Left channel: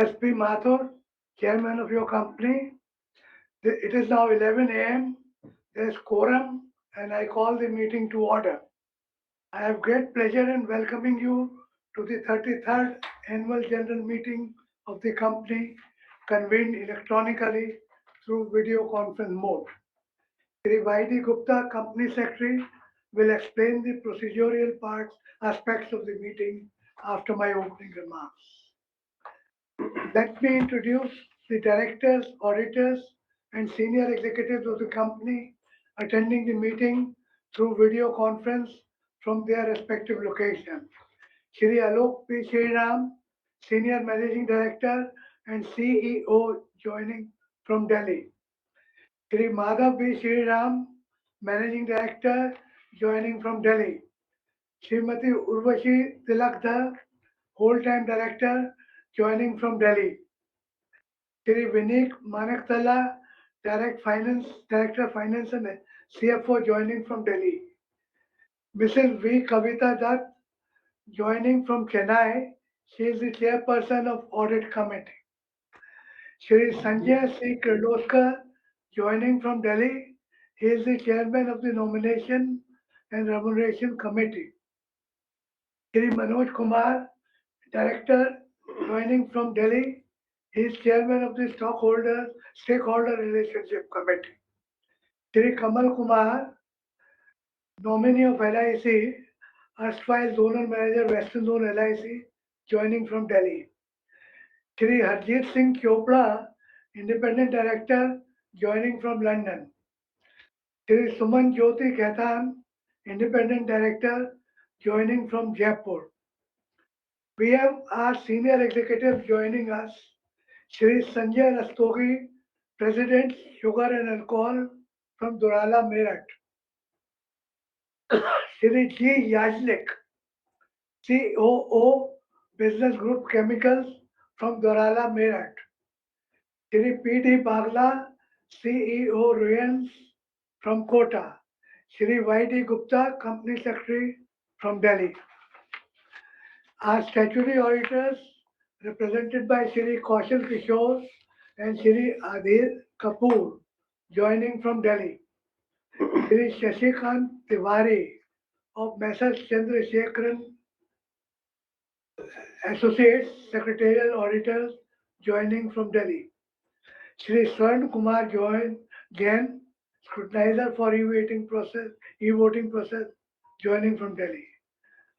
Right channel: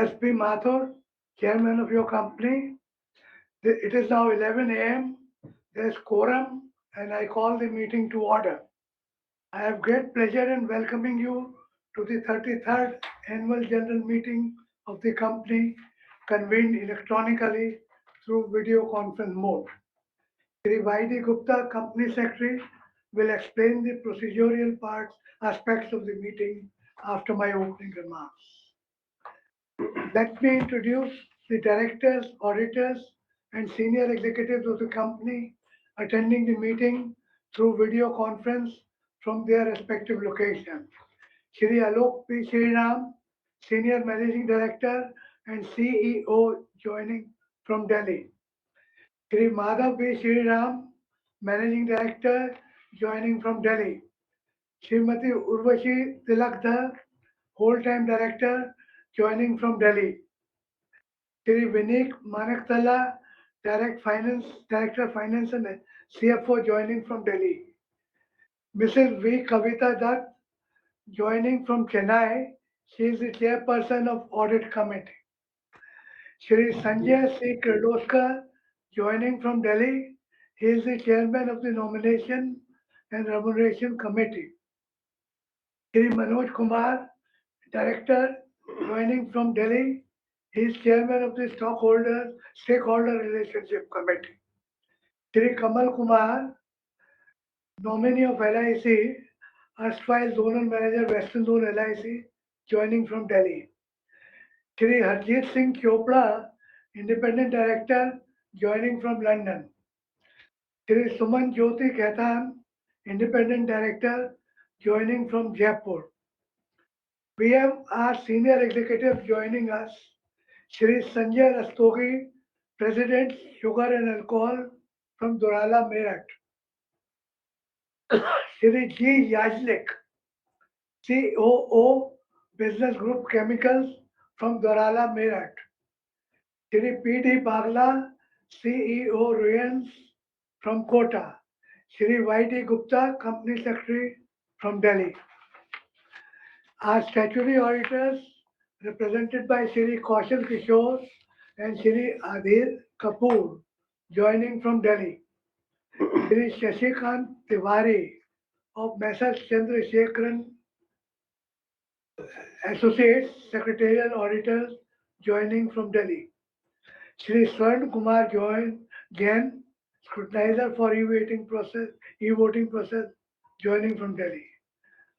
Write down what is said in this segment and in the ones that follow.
SP Mathur, Chairman of your company. It is now 11 a.m. There is quorum, and I call the meeting to order. I have great pleasure in welcoming you to the 33rd Annual General Meeting of the company, convened electronically through video conference mode. Shri Y.D. Gupta, Company Secretary, will explain the procedural aspects of the meeting after my opening remarks. Let me introduce the directors, auditors, and senior executives of the company attending the meeting through video conference from their respective locations. Shri Alok P. Shriram, Senior Managing Director and CEO, joining from Delhi. Shri Madhav P. Shriram, Managing Director, joining from Delhi. Srimati Urvashi Tilakdar, Whole-Time Director, joining from Delhi. Shri Vineek Manaktala, Director Finance and CFO, joining from Delhi. Mrs. V. Kavita Dutt, joining from Chennai. She is the chairperson of Audit Committee. Shri Sanjay C. Kirloskar, joining from Delhi. He is the chairman of the Nomination and Remuneration Committee. Shri Manoj Kumar, director, joining from Delhi. He is chairman of the Stakeholder Relationship Committee. Shri Kamal Kumar, nominee of LIC, erstwhile Zonal Manager, Western Zone LIC, joining from Delhi. Shri Harjeet Singh Chopra, Independent Director, joining from London. Shri Suman Jyoti Khaitan, Independent Director, joining from Jaipur. We have our senior executives joining us. Shri Sanjay Rastogi, President, Sugar and Alcohol from Durala, Meerut. Shri G. Yajlik, COO, Business Group Chemicals from Durala, Meerut. Shri P. D. Bagla, CEO, Ruyans from Kota. Shri Y. D. Gupta, Company Secretary from Delhi. Our statutory auditors, represented by Shri Kaushal Kishore and Shri Adhir Kapoor, joining from Delhi. Shri Shashikant Tiwari of Messrs. Chandrasekharan Associates, Secretarial Auditors, joining from Delhi. Shri Swarn Kumar Jain, Scrutinizer for e-voting process, joining from Delhi.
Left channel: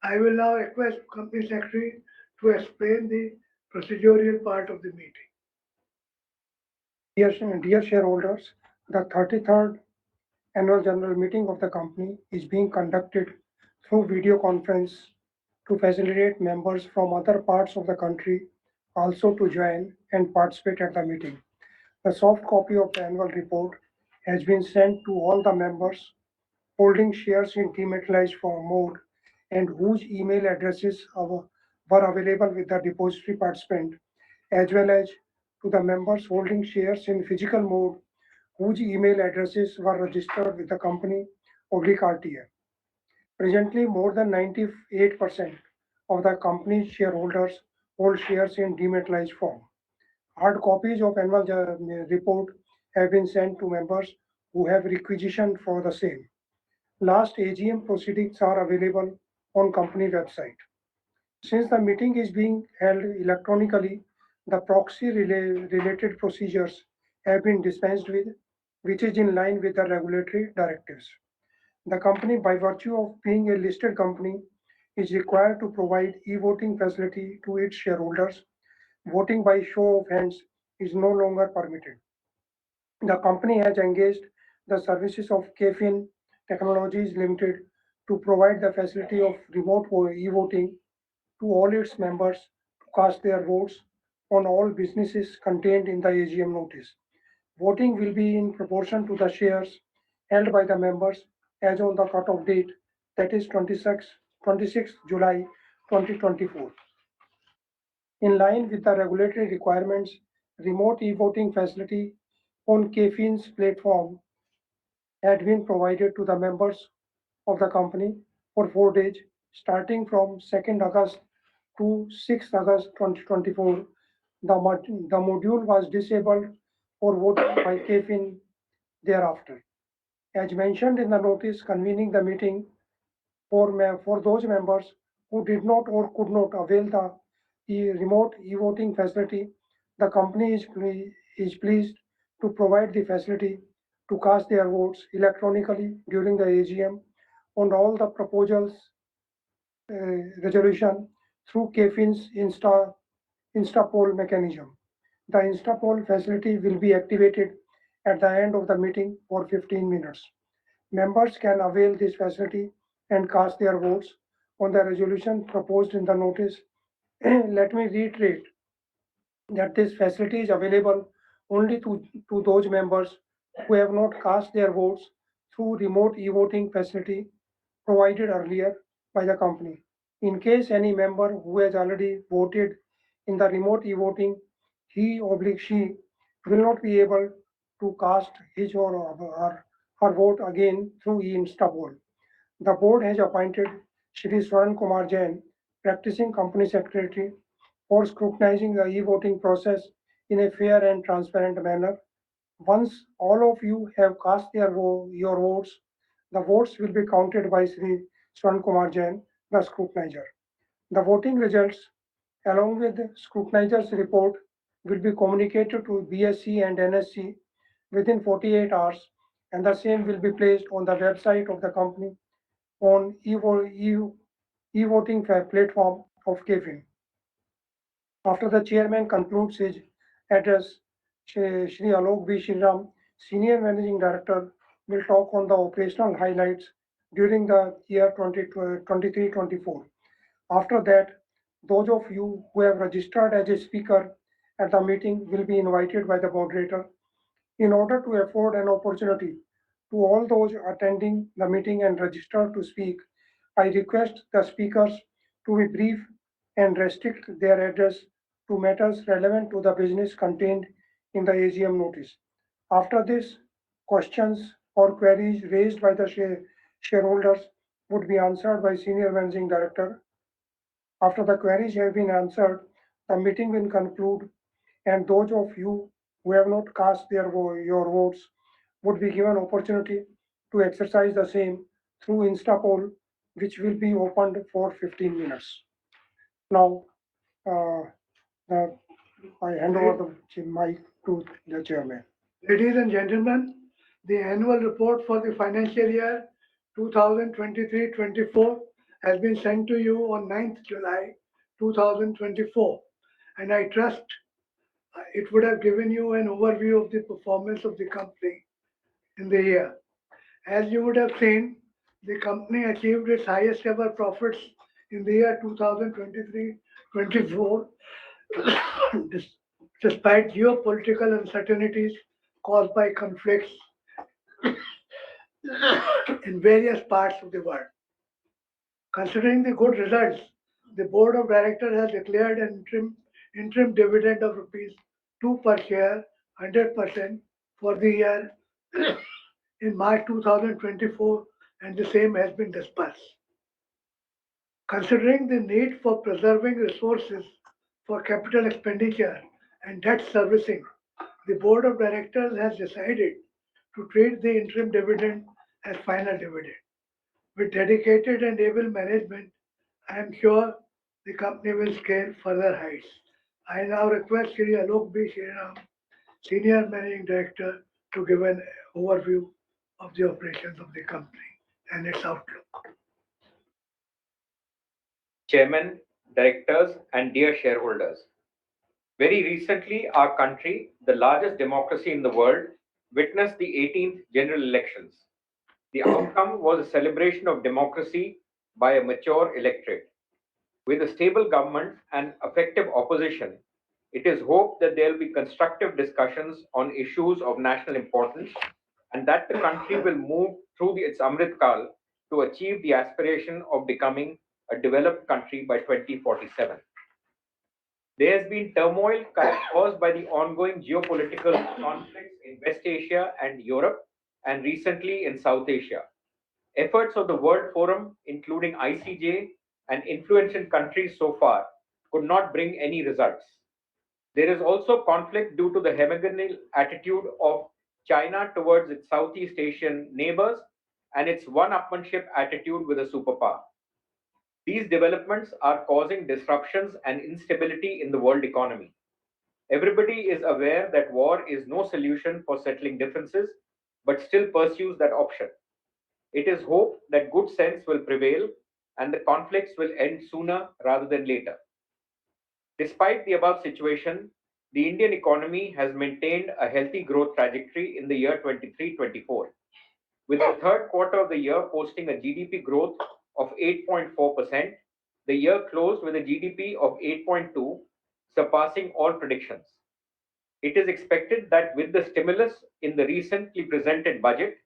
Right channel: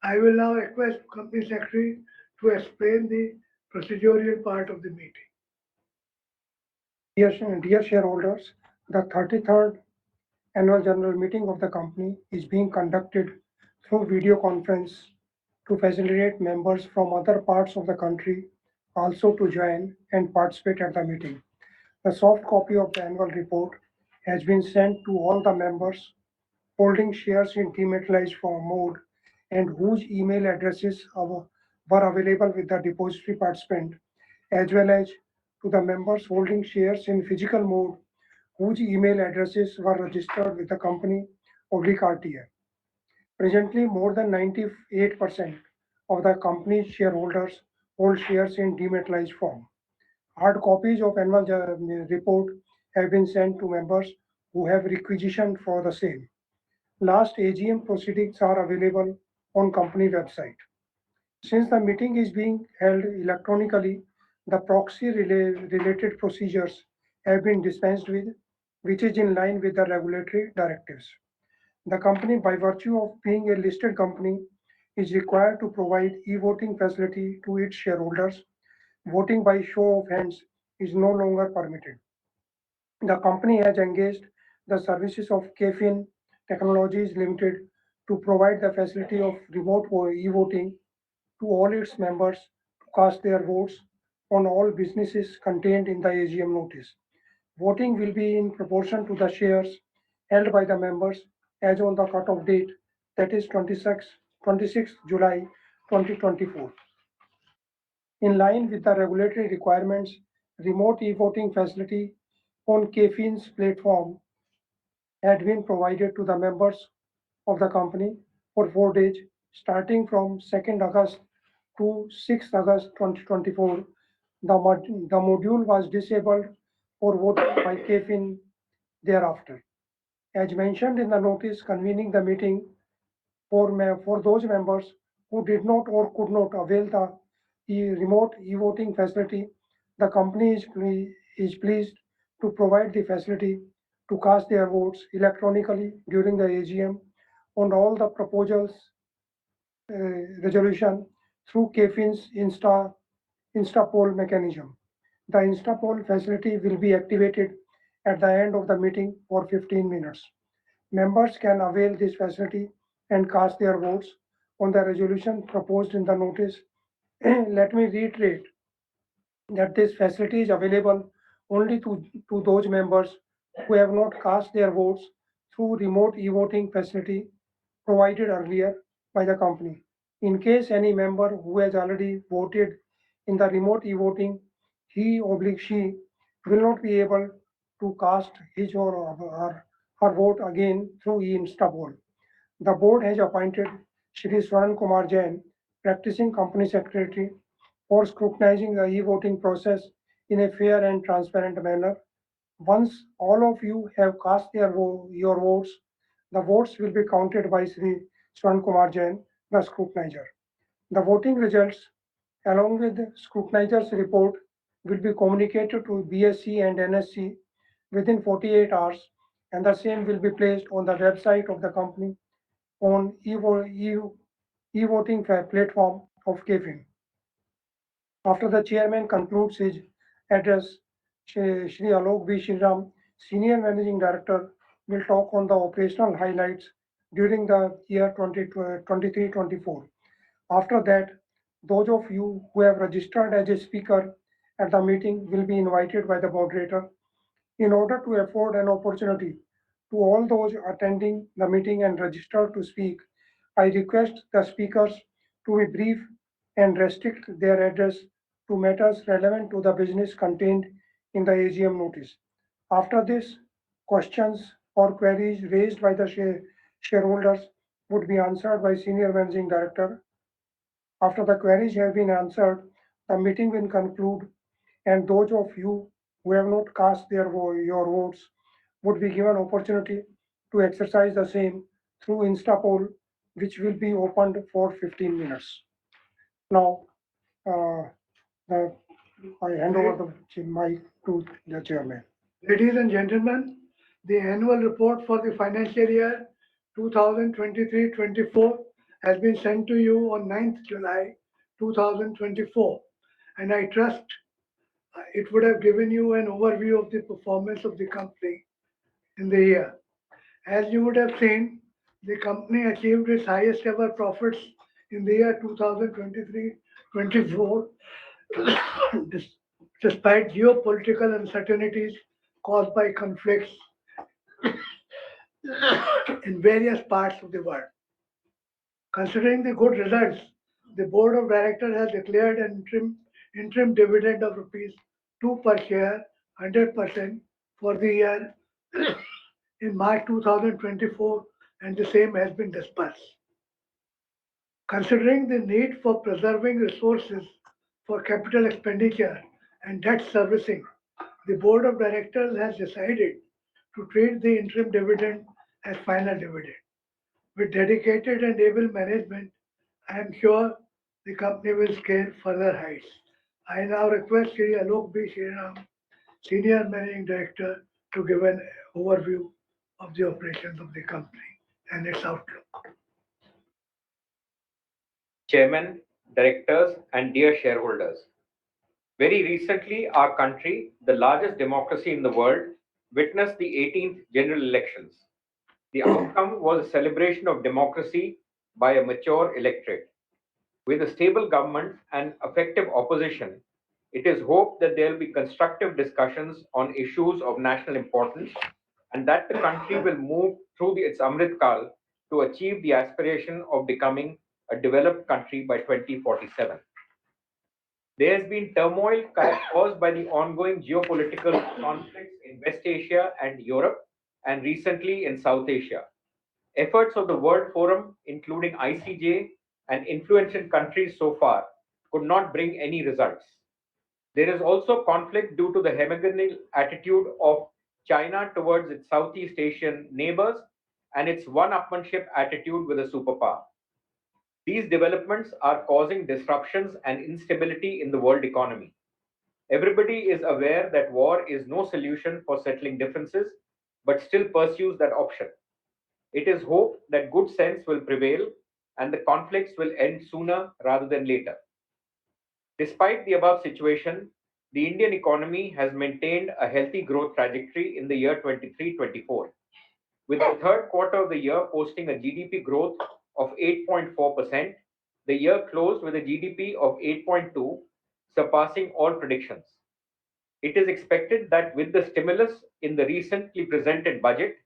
I will now request Company Secretary to explain the procedural part of the meeting. Dear shareholders, the 33rd Annual General Meeting of the company is being conducted through video conference to facilitate members from other parts of the country also to join and participate at the meeting. The soft copy of the annual report has been sent to all the members holding shares in dematerialized form mode and whose email addresses were available with the depository participant, as well as to the members holding shares in physical mode whose email addresses were registered with the company /RTA. Presently, more than 98% of the company's shareholders hold shares in dematerialized form. Hard copies of annual report have been sent to members who have requisitioned for the same. Last AGM proceedings are available on company website. Since the meeting is being held electronically, the proxy related procedures have been dispensed with, which is in line with the regulatory directives. The company, by virtue of being a listed company, is required to provide e-voting facility to its shareholders. Voting by show of hands is no longer permitted. The company has engaged the services of KFIN Technologies Limited to provide the facility of remote e-voting to all its members to cast their votes on all businesses contained in the AGM notice. Voting will be in proportion to the shares held by the members as on the cut-off date, that is 26 July 2024. In line with the regulatory requirements, remote e-voting facility on KFIN's platform had been provided to the members of the company for 4 days, starting from 2nd August to 6th August 2024, The module was disabled for voting by CAFIN thereafter. As mentioned in the notice convening the meeting, for those members who did not or could not avail the remote e-voting facility, the company is pleased to provide the facility to cast their votes electronically during the AGM on all the proposals resolution through CAFIN's Instapoll mechanism. The Instapoll facility will be activated at the end of the meeting for 15 minutes. Members can avail this facility and cast their votes on the resolution proposed in the notice. Let me reiterate that this facility is available only to those members who have not cast their votes through remote e-voting facility provided earlier by the company. In case any member who has already voted in the remote e-voting, he or she will not be able to cast his or her vote again through e-Instapoll. The board has appointed Shri Swaran Kumar Jain, practicing company secretary, for scrutinizing the e-voting process in a fair and transparent manner. Once all of you have cast your votes, the votes will be counted by Sri Swaran Kumar Jain, the scrutinizer. The voting results, along with the scrutinizer's report, will be communicated to BSC and NSC within 48 hours, and the same will be placed on the website of the company on e-voting platform of KFIN. After the chairman concludes his address, Shri Alok B. Shriram, Senior Managing Director, will talk on the operational highlights during the year 2023-24. After that, those of you who have registered as a speaker at the meeting will be invited by the moderator. In order to afford an opportunity to all those attending the meeting and registered to speak, I request the speakers to be brief and restrict their address to matters relevant to the business contained in the AGM notice. After this, questions or queries raised by the shareholders would be answered by Senior Managing Director. After the queries have been answered, the meeting will conclude, and those of you who have not cast your votes would be given opportunity to exercise the same through Instapoll, which will be opened for 15 minutes. Now, uh, the, I hand over the mic to the chairman. Ladies and gentlemen, the annual report for the financial year 2023-24 has been sent to you on 9th July 2024, and I trust it would have given you an overview of the performance of the company in the year. As you would have seen, the company achieved its highest ever profits in the year 2023-24 despite geopolitical uncertainties caused by conflicts in various parts of the world. Considering the good results, the board of directors has declared an interim dividend of rupees 2 per share, 100% for the year in March 2024, and the same has been dispersed. Considering the need for preserving resources for capital expenditure and debt servicing, the board of directors has decided to treat the interim dividend as final dividend. With dedicated and able management, I am sure the company will scale further heights. I now request Shri Alok B. Shriram, Senior Managing Director, to give an overview of the operations of the company and its outlook. Chairman, directors, and dear shareholders. Very recently, our country, the largest democracy in the world, witnessed the 18th general elections. The outcome was a celebration of democracy by a mature electorate. With a stable government and effective opposition, it is hoped that there will be constructive discussions on issues of national importance and that the country will move through its Amrit Kal to achieve the aspiration of becoming a developed country by 2047. There has been turmoil caused by the ongoing geopolitical conflicts in West Asia and Europe, and recently in South Asia. Efforts of the World Forum, including ICJ and influential countries so far, could not bring any results. There is also conflict due to the hegemonial attitude of China towards its Southeast Asian neighbors and its one-upmanship attitude with a superpower. These developments are causing disruptions and instability in the world economy. Everybody is aware that war is no solution for settling differences, but still pursues that option. It is hoped that good sense will prevail and the conflicts will end sooner rather than later. Despite the above situation, the Indian economy has maintained a healthy growth trajectory in the year 23-24, with the third quarter of the year posting a GDP growth of 8.4%. The year closed with a GDP of 8.2, surpassing all predictions. It is expected that with the stimulus in the recently presented budget,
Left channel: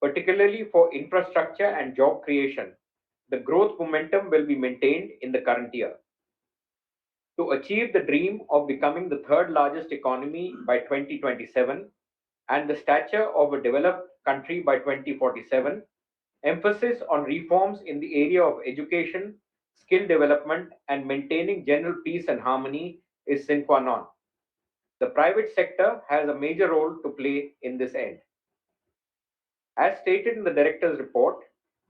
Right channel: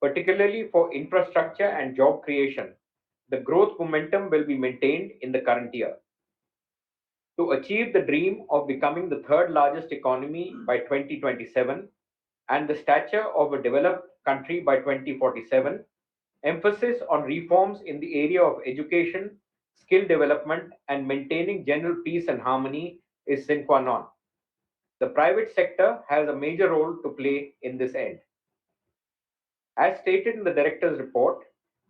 particularly for infrastructure and job creation, the growth momentum will be maintained in the current year. To achieve the dream of becoming the third largest economy by 2027 and the stature of a developed country by 2047, emphasis on reforms in the area of education, skill development, and maintaining general peace and harmony is sine qua non. The private sector has a major role to play in this end. As stated in the director's report,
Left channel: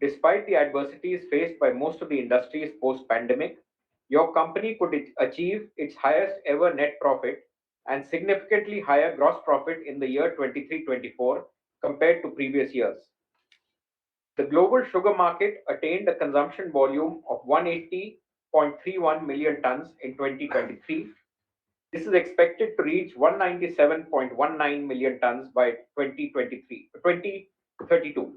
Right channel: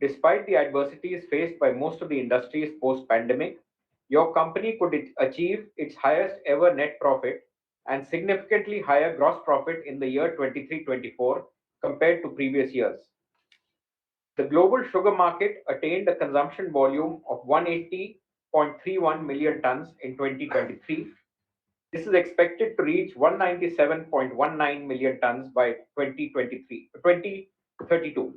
despite the adversities faced by most of the industries post pandemic, your company could achieve its highest ever net profit and significantly higher gross profit in the year 23-24 compared to previous years. The global sugar market attained a consumption volume of 180.31 million tons in 2023. This is expected to reach 197.19 million tons by 2032.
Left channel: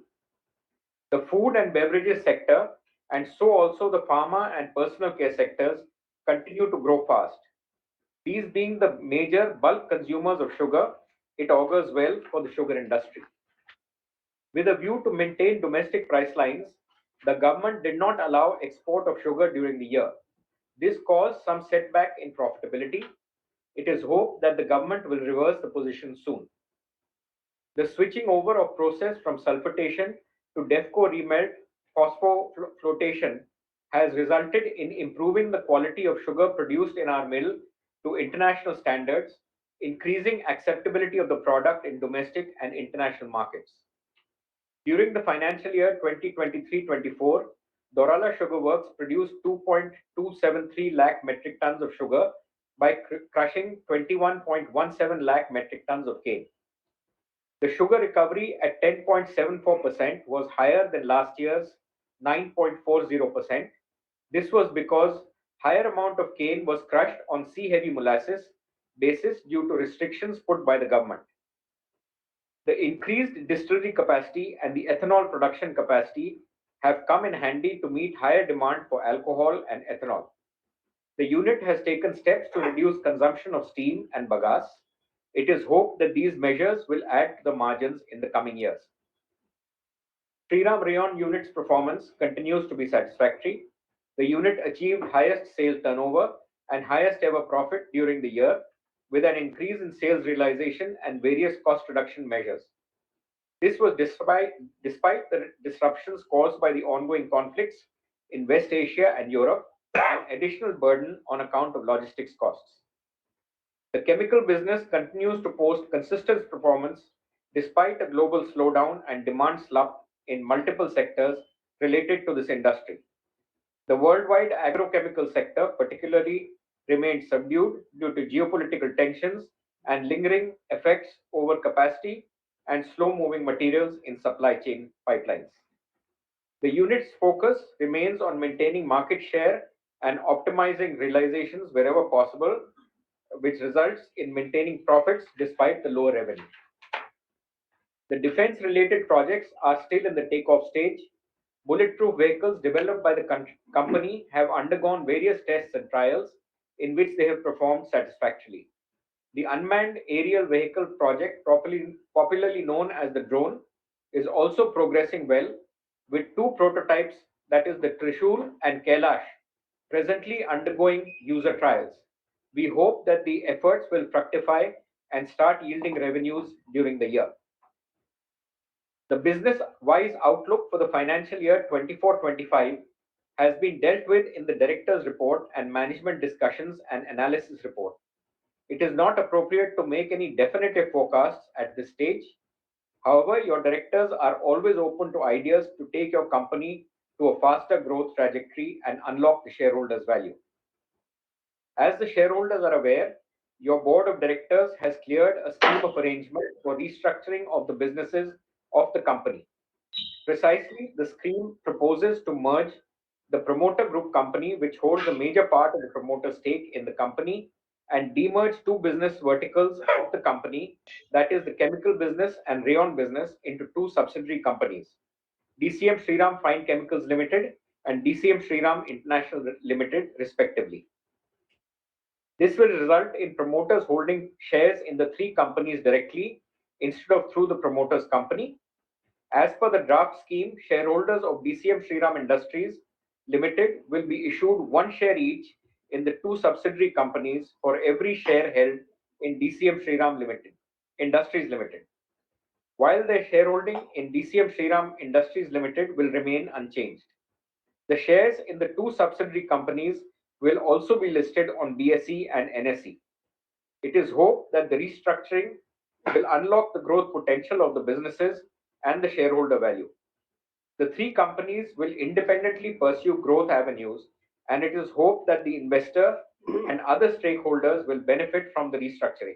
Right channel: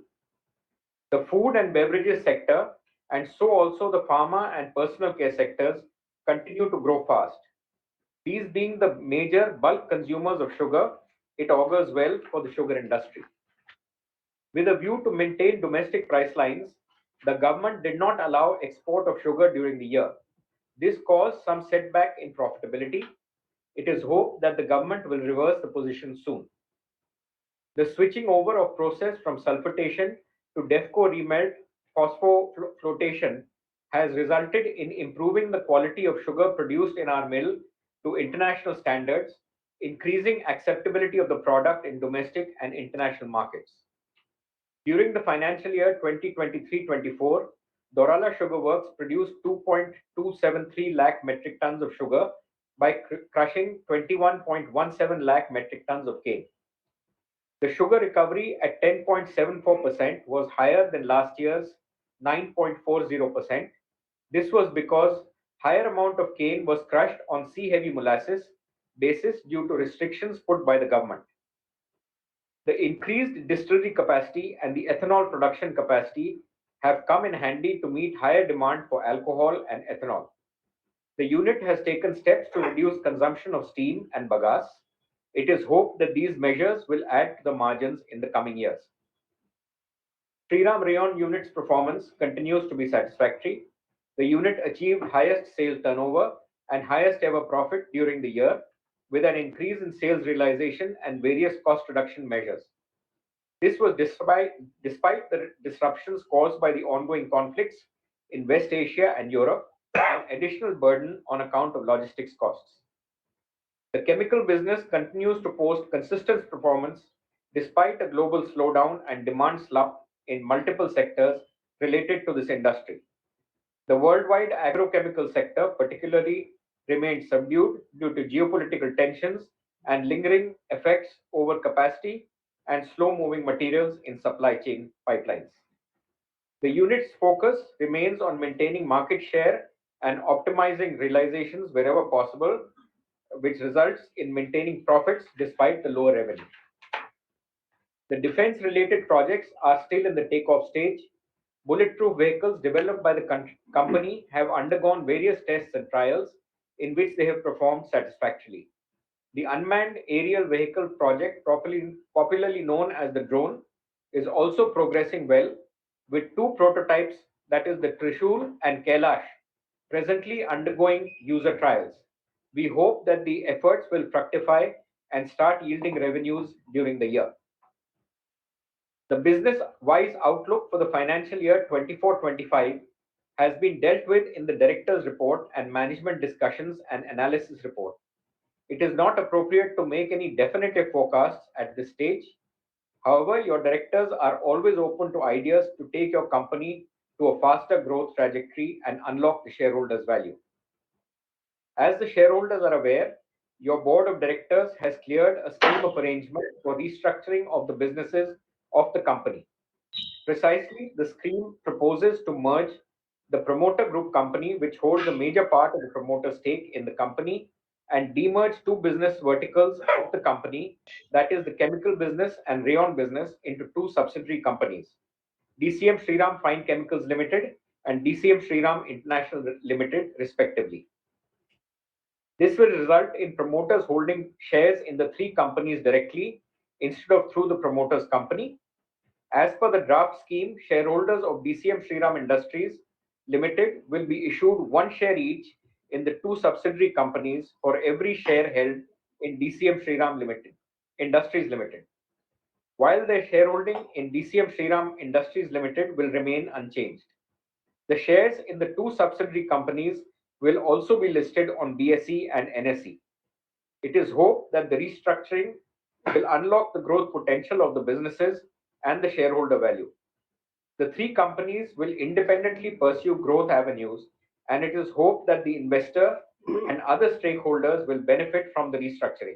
The food and beverages sector, and so also the pharma and personal care sectors, continue to grow fast. These being the major bulk consumers of sugar, it augurs well for the sugar industry. With a view to maintain domestic price lines, the government did not allow export of sugar during the year. This caused some setback in profitability. It is hoped that the government will reverse the position soon. The switching over of process from sulfitation to DEFCO remelt phosphoflotation has resulted in improving the quality of sugar produced in our mill to international standards, increasing acceptability of the product in domestic and international markets. During the financial year 2023-24, Dorala Sugar Works produced 2.273 lakh metric tons of sugar by crushing 21.17 lakh metric tons of cane. The sugar recovery at 10.74% was higher than last year's 9.40%. This was because higher amount of cane was crushed on C-heavy molasses basis due to restrictions put by the government. The increased distillery capacity and the ethanol production capacity have come in handy to meet higher demand for alcohol and ethanol. The unit has taken steps to reduce consumption of steam and bagasse. It is hoped that these measures will add to the margins in the coming years. Shriram Rayon unit's performance continues to be satisfactory. The unit achieved highest sales turnover and highest ever profit during the year, with an increase in sales realization and various cost reduction measures. This was despite the disruptions caused by the ongoing conflicts in West Asia and Europe, and additional burden on account of logistics costs. The chemical business continues to post consistent performance despite a global slowdown and demand slump in multiple sectors related to this industry. The worldwide agrochemical sector particularly remained subdued due to geopolitical tensions and lingering effects over capacity and slow moving materials in supply chain pipelines. The unit's focus remains on maintaining market share and optimizing realizations wherever possible, which results in maintaining profits despite the lower revenue. The defense related projects are still in the takeoff stage. Bulletproof vehicles developed by the company have undergone various tests and trials in which they have performed satisfactorily. The unmanned aerial vehicle project, popularly known as the drone, is also progressing well with two prototypes, that is the Trishul and Kailash, presently undergoing user trials. We hope that the efforts will fructify and start yielding revenues during the year. The business-wise outlook for the financial year 24-25 has been dealt with in the director's report and management discussions and analysis report. It is not appropriate to make any definitive forecasts at this stage. However, your directors are always open to ideas to take your company to a faster growth trajectory and unlock the shareholders' value. As the shareholders are aware, your board of directors has cleared a scheme of arrangement for restructuring of the businesses of the company. Precisely, the scheme proposes to merge the promoter group company, which holds a major part of the promoter stake in the company, and demerge two business verticals of the company, that is, the chemical business and rayon business, into two subsidiary companies, DCM Shriram Fine Chemicals Limited and DCM Shriram International Limited, respectively. This will result in promoters holding shares in the three companies directly instead of through the promoters company. As per the draft scheme, shareholders of DCM Shriram Industries Limited will be issued one share each in the two subsidiary companies for every share held in DCM Shriram Limited Industries Limited, while their shareholding in DCM Shriram Industries Limited will remain unchanged. The shares in the two subsidiary companies will also be listed on BSE and NSE. It is hoped that the restructuring will unlock the growth potential of the businesses and the shareholder value. The three companies will independently pursue growth avenues, and it is hoped that the investor and other stakeholders will benefit from the restructuring.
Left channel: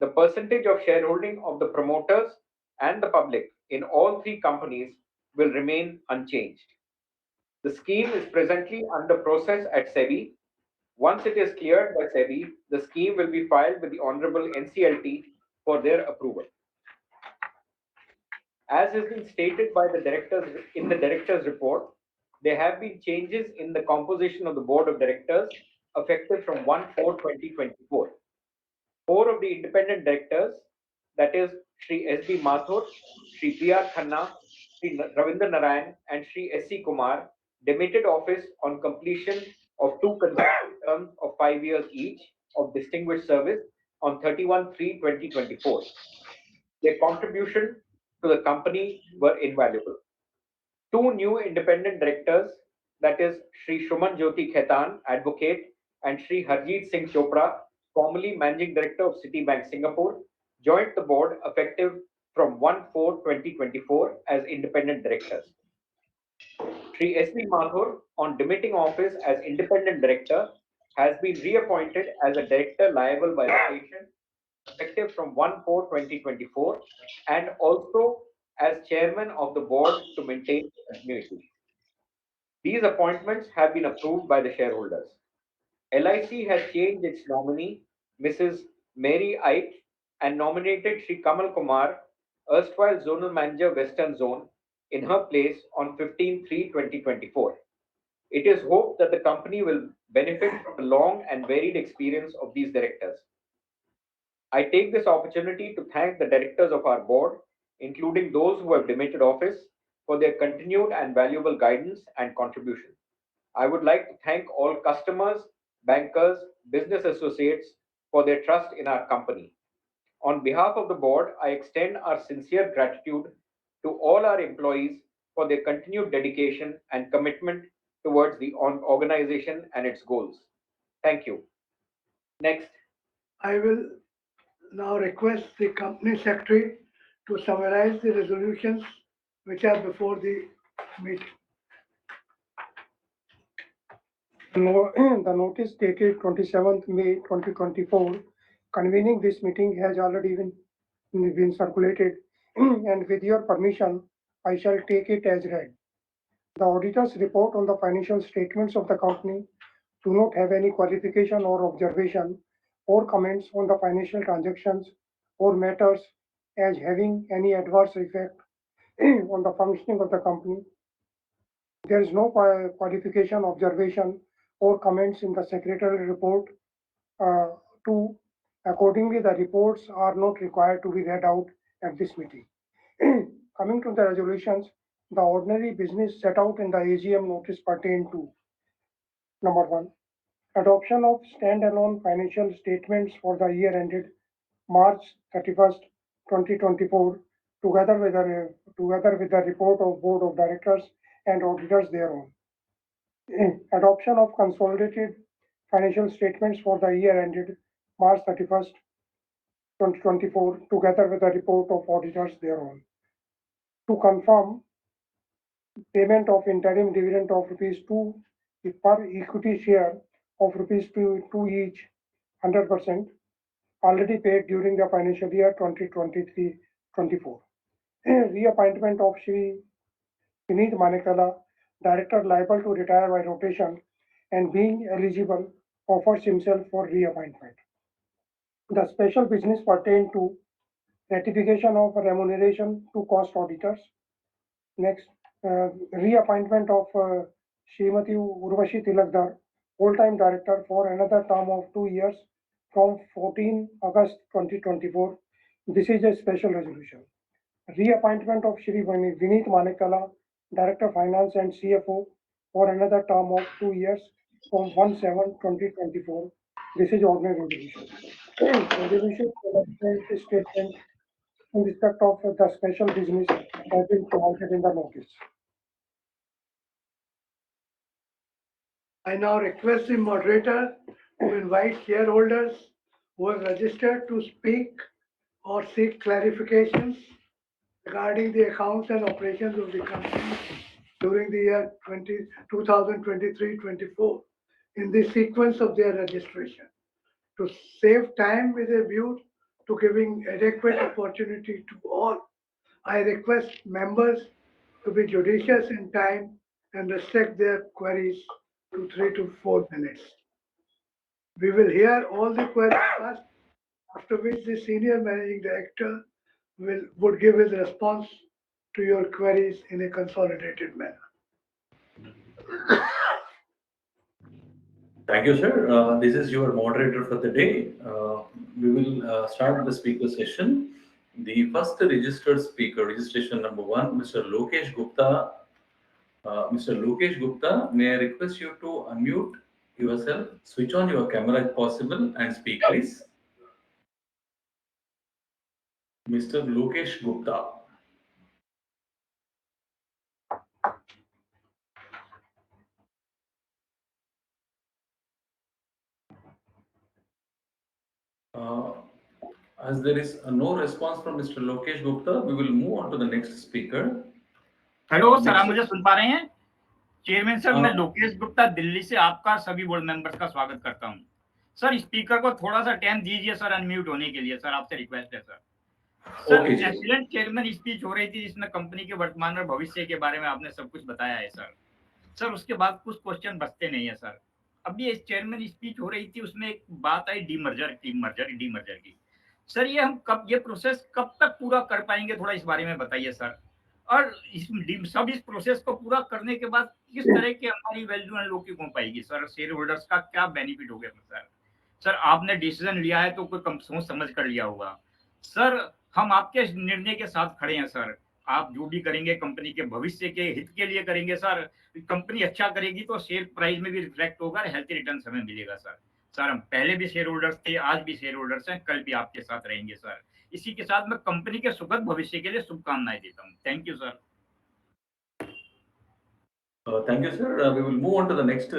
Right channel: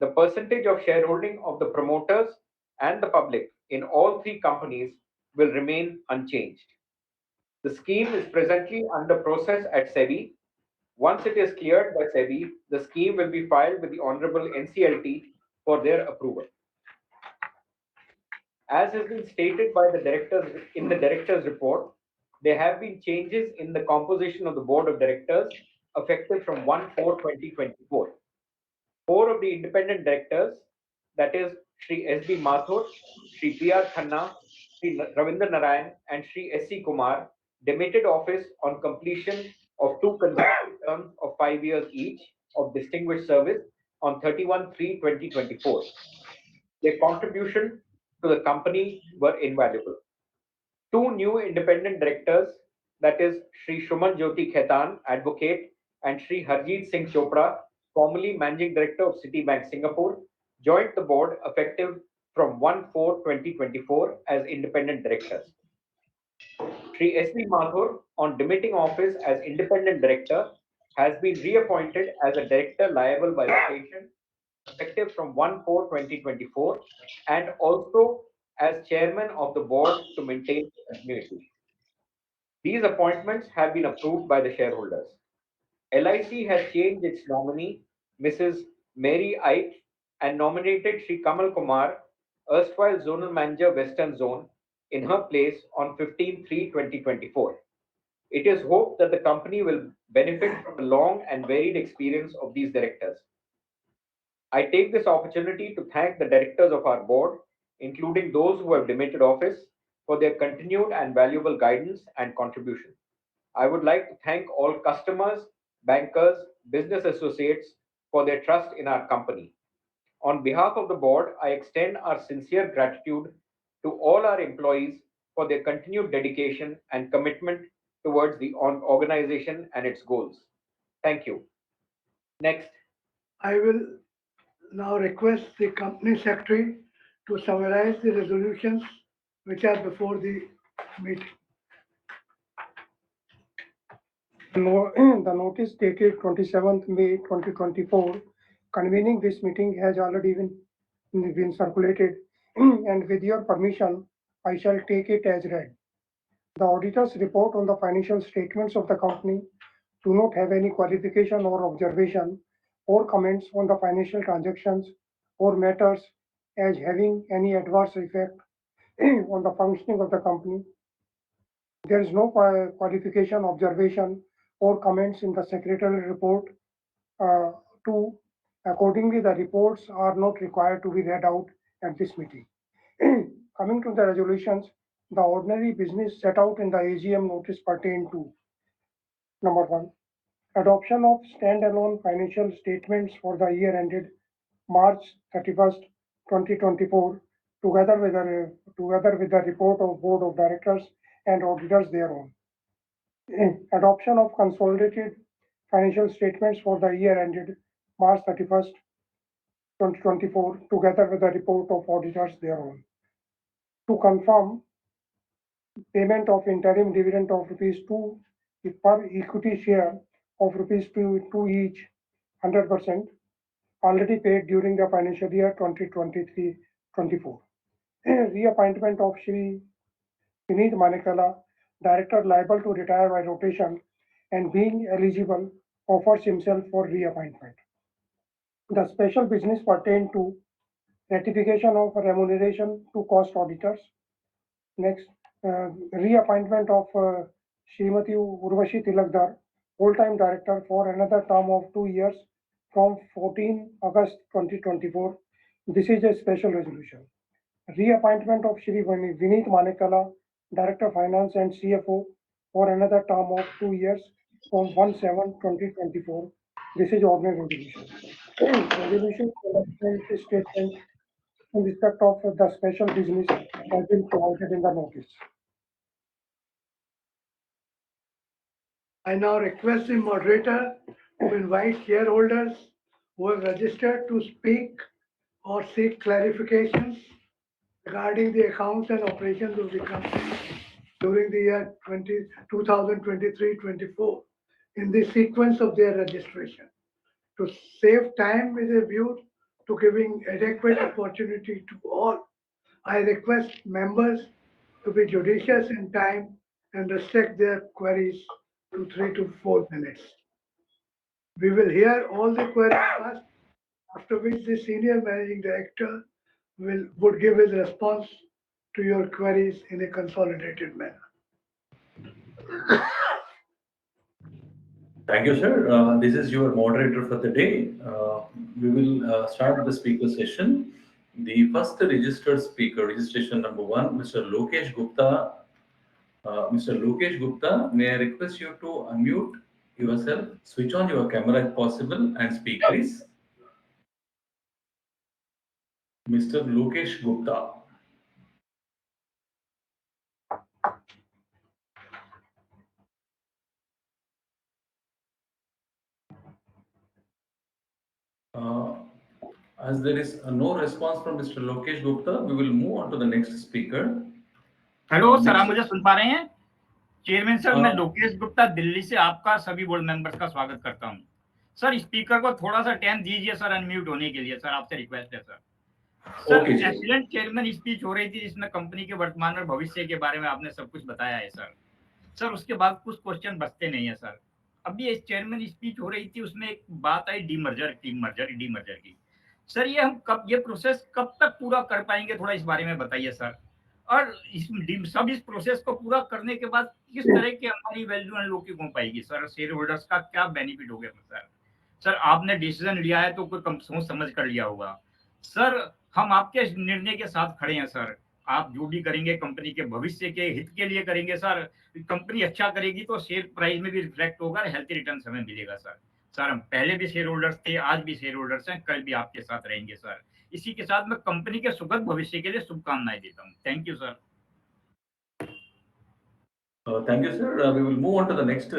The percentage of shareholding of the promoters and the public in all three companies will remain unchanged. The scheme is presently under process at SEBI. Once it is cleared by SEBI, the scheme will be filed with the Honorable NCLT for their approval. As has been stated by the directors in the directors' report, there have been changes in the composition of the board of directors effective from 1/4/2024. Four of the independent directors, that is, Shri S.B. Mathur, Shri P.R. Khanna, Shri Ravinder Narayan, and Shri S.C. Kumar, demitted office on completion of two consecutive terms of 5 years each of distinguished service on 31/3/2024. Their contribution to the company were invaluable. Two new independent directors, that is, Shri Shuman Jyoti Khaitan, advocate, and Shri Harjeet Singh Chopra, formerly Managing Director of Citibank Singapore, joined the board effective from 1/4/2024 as independent directors. Shri S.B. Mathur, on demitting office as independent director, has been reappointed as a director liable by rotation effective from 1/4/2024 and also as chairman of the board to maintain continuity. These appointments have been approved by the shareholders. LIC has changed its nominee, Mrs. Mary Ike, and nominated Sri Kamal Kumar, erstwhile Zonal Manager Western Zone, in her place on 15/3/2024. It is hoped that the company will benefit from the long and varied experience of these directors. I take this opportunity to thank the directors of our board, including those who have demitted office, for their continued and valuable guidance and contribution. I would like to thank all customers, bankers, business associates for their trust in our company. On behalf of the board, I extend our sincere gratitude to all our employees for their continued dedication and commitment towards the organization and its goals. Thank you. Next. I will now request the company secretary to summarize the resolutions which are before the meeting. The notice dated 27th May 2024 convening this meeting has already been circulated, and with your permission, I shall take it as read. The auditor's report on the financial statements of the company do not have any qualification or observation or comments on the financial transactions or matters as having any adverse effect on the functioning of the company. There is no qualification, observation, or comments in the secretarial report. Uh, to Accordingly, the reports are not required to be read out at this meeting. Coming to the resolutions, the ordinary business set out in the AGM notice pertain to: number one, adoption of standalone financial statements for the year ended March 31st, 2024, together with the report of Board of Directors and auditors thereon. Adoption of consolidated financial statements for the year ended March 31st, 2024, together with the report of auditors thereon. To confirm, payment of interim dividend of rupees 2 per equity share of rupees 2 each, 100%, already paid during the financial year 2023-24. Reappointment of Shri Vineet Manekala, Director liable to retire by rotation and being eligible, offers himself for reappointment. The special business pertained to ratification of remuneration to cost auditors. Next, reappointment of Srimati Urvashi Tilakdar, full-time director for another term of 2 years from 14 August 2024. This is a special resolution. Reappointment of Shri Vineet Manekala, Director Finance and CFO for another term of 2 years from 1/7/2024. This is ordinary resolution. Resolution statement in respect of the special business has been provided in the notice. I now request the moderator to invite shareholders who have registered to speak or seek clarifications regarding the accounts and operations of the company during the year 2023-24 in the sequence of their registration. To save time with a view to giving adequate opportunity to all, I request members to be judicious in time and restrict their queries to 3 to 4 minutes. We will hear all the queries first, after which the senior managing director would give his response to your queries in a consolidated manner. Thank you, sir. This is your moderator for the day. We will start the speaker session. The first registered speaker, registration number 1, Mr. Lokesh Gupta. Mr. Lokesh Gupta, may I request you to unmute yourself, switch on your camera if possible, and speak, please. Mr. Lokesh Gupta. Uh, as there is no response from Mr. Lokesh Gupta, we will move on to the next speaker. Hello sir, next- आप मुझे सुन पा रहे हैं? Chairman sir, मैं हाँ। लोकेश गुप्ता दिल्ली से आपका सभी बोर्ड मेंबर्स का स्वागत करता हूं। सर, स्पीकर को थोड़ा सा टाइम दीजिए सर अनम्यूट होने के लिए। सर, आपसे रिक्वेस्ट है सर। सर, Okay, जी। एक्सीलेंट चेयरमैन स्पीच हो रही थी जिसमें कंपनी के वर्तमान और भविष्य के बारे में आपने सब कुछ बताया है सर। सर, उसके बाद कुछ क्वेश्चन बचते नहीं है सर। अभी ये चेयरमैन स्पीच हो रही थी, उसमें एक बात आई डीमर्जर की। सर, ये हम कब, ये प्रोसेस कब तक पूरा कर पाएंगे, थोड़ा इस बारे में बताइए सर। और इस प्रोसेस को पूरा करने के बाद किस तरह की हमारी वैल्यू अनलॉकिंग हो पाएगी सर, शेयर होल्डर्स का क्या बेनिफिट होगा सर। सर, आपने डिसीजन लिया है तो कोई सोच समझ कर लिया होगा सर। हम आपके निर्णय के साथ खड़े हैं सर। आप जो भी करेंगे कंपनी के भविष्य के हित के लिए करेंगे सर। कंपनी अच्छा करेगी तो शेयर प्राइस में भी रिफ्लेक्ट होगा और हेल्थी रिटर्न हमें मिलेगा सर। सर, हम पहले भी शेयर होल्डर्स थे, आज भी शेयर होल्डर्स हैं, कल भी आपके साथ रहेंगे सर। इसी के साथ मैं कंपनी के सुखद भविष्य के लिए शुभकामनाएं देता हूं। Thank you sir. Thank you, sir. We will move on to the next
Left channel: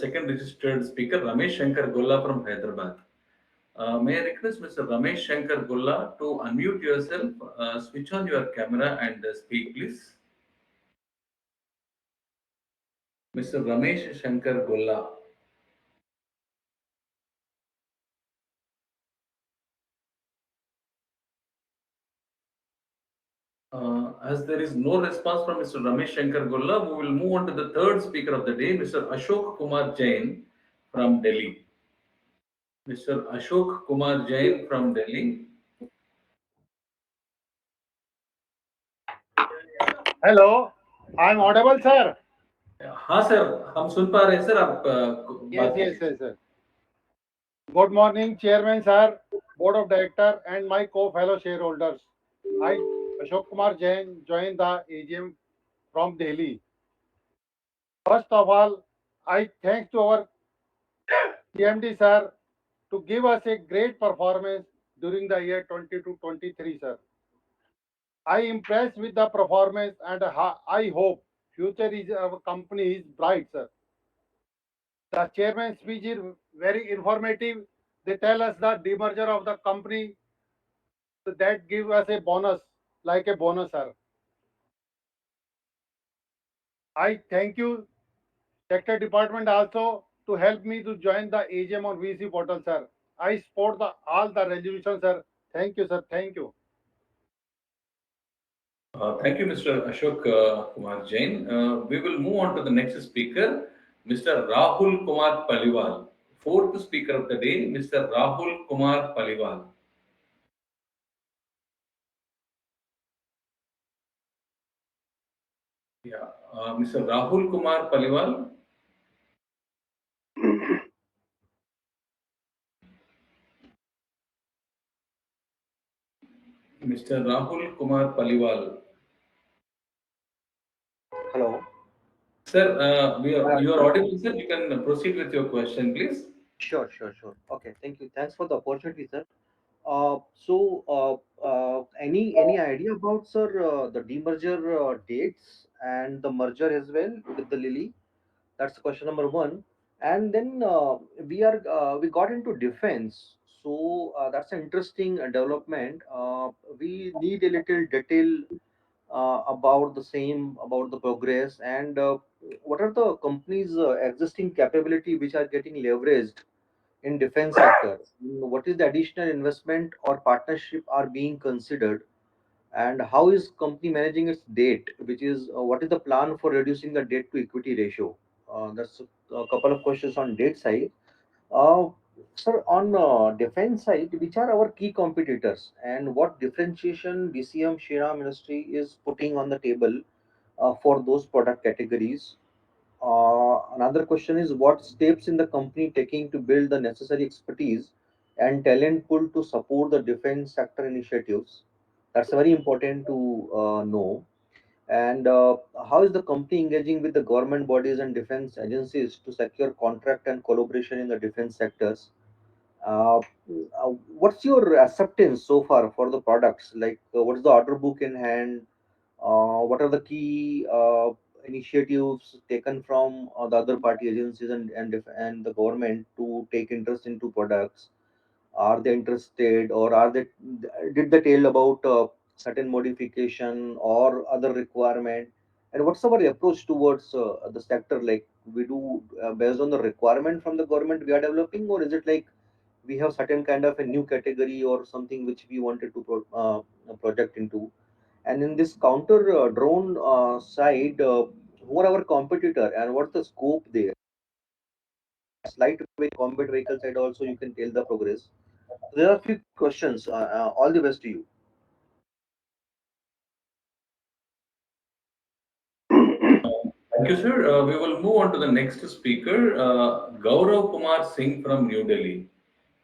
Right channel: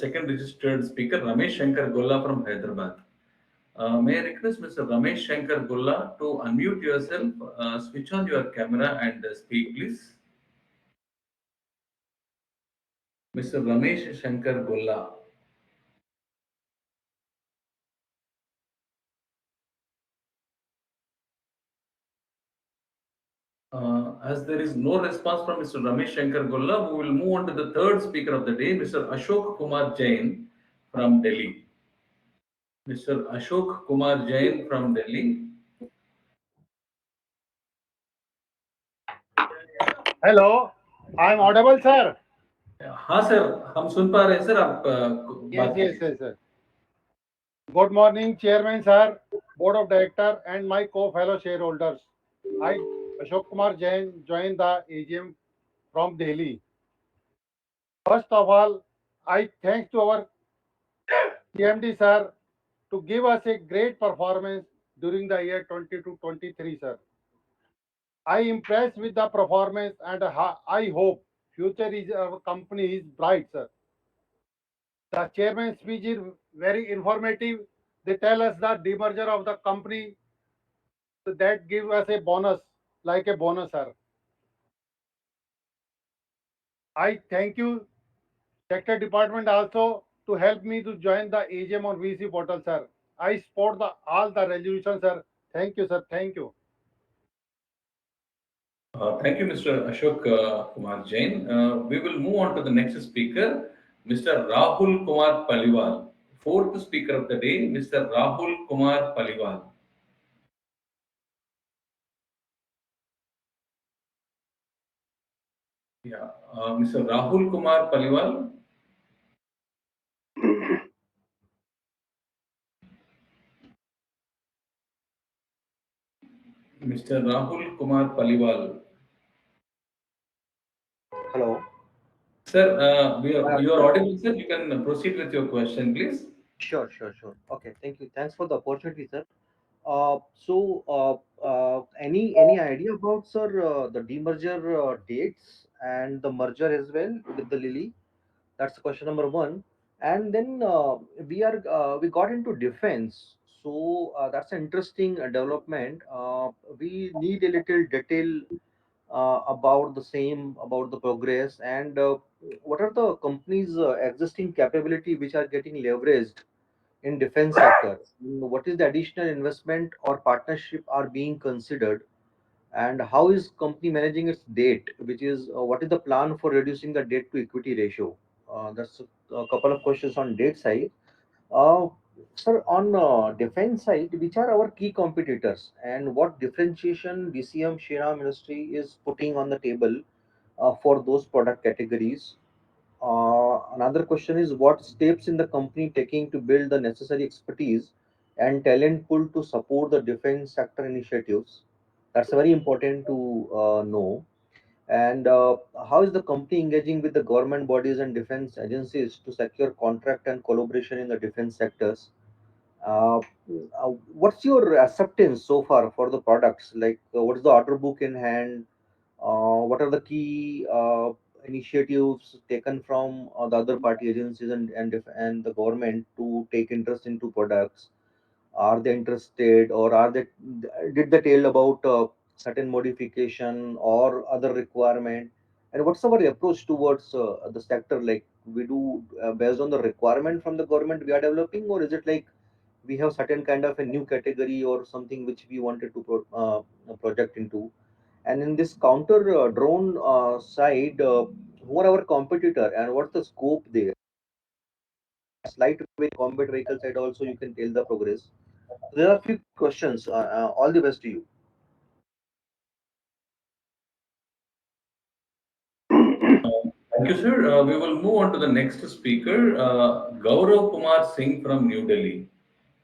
second registered speaker, Ramesh Shankar Golla from Hyderabad. May I request Mr. Ramesh Shankar Golla to unmute yourself, switch on your camera and speak, please. Mr. Ramesh Shankar Golla. As there is no response from Mr. Ramesh Shankar Golla, we will move on to the third speaker of the day, Mr. Ashok Kumar Jain from Delhi. Mr. Ashok Kumar Jain from Delhi. Hello, I am audible sir? हाँ sir, हम सुन पा रहे हैं sir, आप बात yes yes sir. Good morning chairman sir, board of director and my co fellow shareholders. I Ashok Kumar Jain joined the AGM from Delhi. First of all, I thank to our CMD sir to give us a great performance during the year 22-23 sir. I impressed with the performance and I hope future is our company is bright sir. The chairman's speech is very informative. They tell us the demerger of the company that give us a bonus, like a bonus, sir. I thank you, sector department also to help me to join the AGM on VC portal, sir. I support all the resolutions, sir. Thank you, sir. Thank you. Thank you, Mr. Ashok Kumar Jain. We will move on to the next speaker, Mr. Rahul Kumar Paliwal. Fourth speaker of the day, Mr. Rahul Kumar Paliwal. Yeah, Mr. Rahul Kumar Paliwal. Mr. Rahul Kumar Paliwal. Hello. Sir, you are Sir. audible, sir. You can proceed with your question, please. Sure. Okay, thank you. Thanks for the opportunity, sir. Any idea about, sir, the demerger dates and the merger as well with the Lily? That's question number one. And then we got into defense. So that's an interesting development. We need a little detail about the same, about the progress, and what are the company's existing capability which are getting leveraged in defense sector. What is the additional investment or partnership are being considered, and how is company managing its debt, which is what is the plan for reducing the debt to equity ratio? That's a couple of questions on debt side. uh, Sir, on defense side, which are our key competitors and what differentiation DCM Shriram Ministry is putting on the table for those product categories? Another question is what steps in the company taking to build the necessary expertise and talent pool to support the defense sector initiatives? That's very important to know. And how is the company engaging with the government bodies and defense agencies to secure contract and collaboration in the defense sectors? Uh, what's your acceptance so far for the products? Like, what is the order book in hand? What are the key initiatives taken from the other party agencies and the government to take interest into products? Are they interested, or are they did they tell about certain modification or other requirement? And what's our approach towards the sector? Like, we do based on the requirement from the government we are developing, or is it like we have certain kind of a new category or something which we wanted to project into? And in this counter drone side, who are our competitor and what's the scope there? Slight way combat vehicle side also you can tell the progress. There are a few questions. All the best to you. Thank you, sir. We will move on to the next speaker, Gaurav Kumar Singh from New Delhi.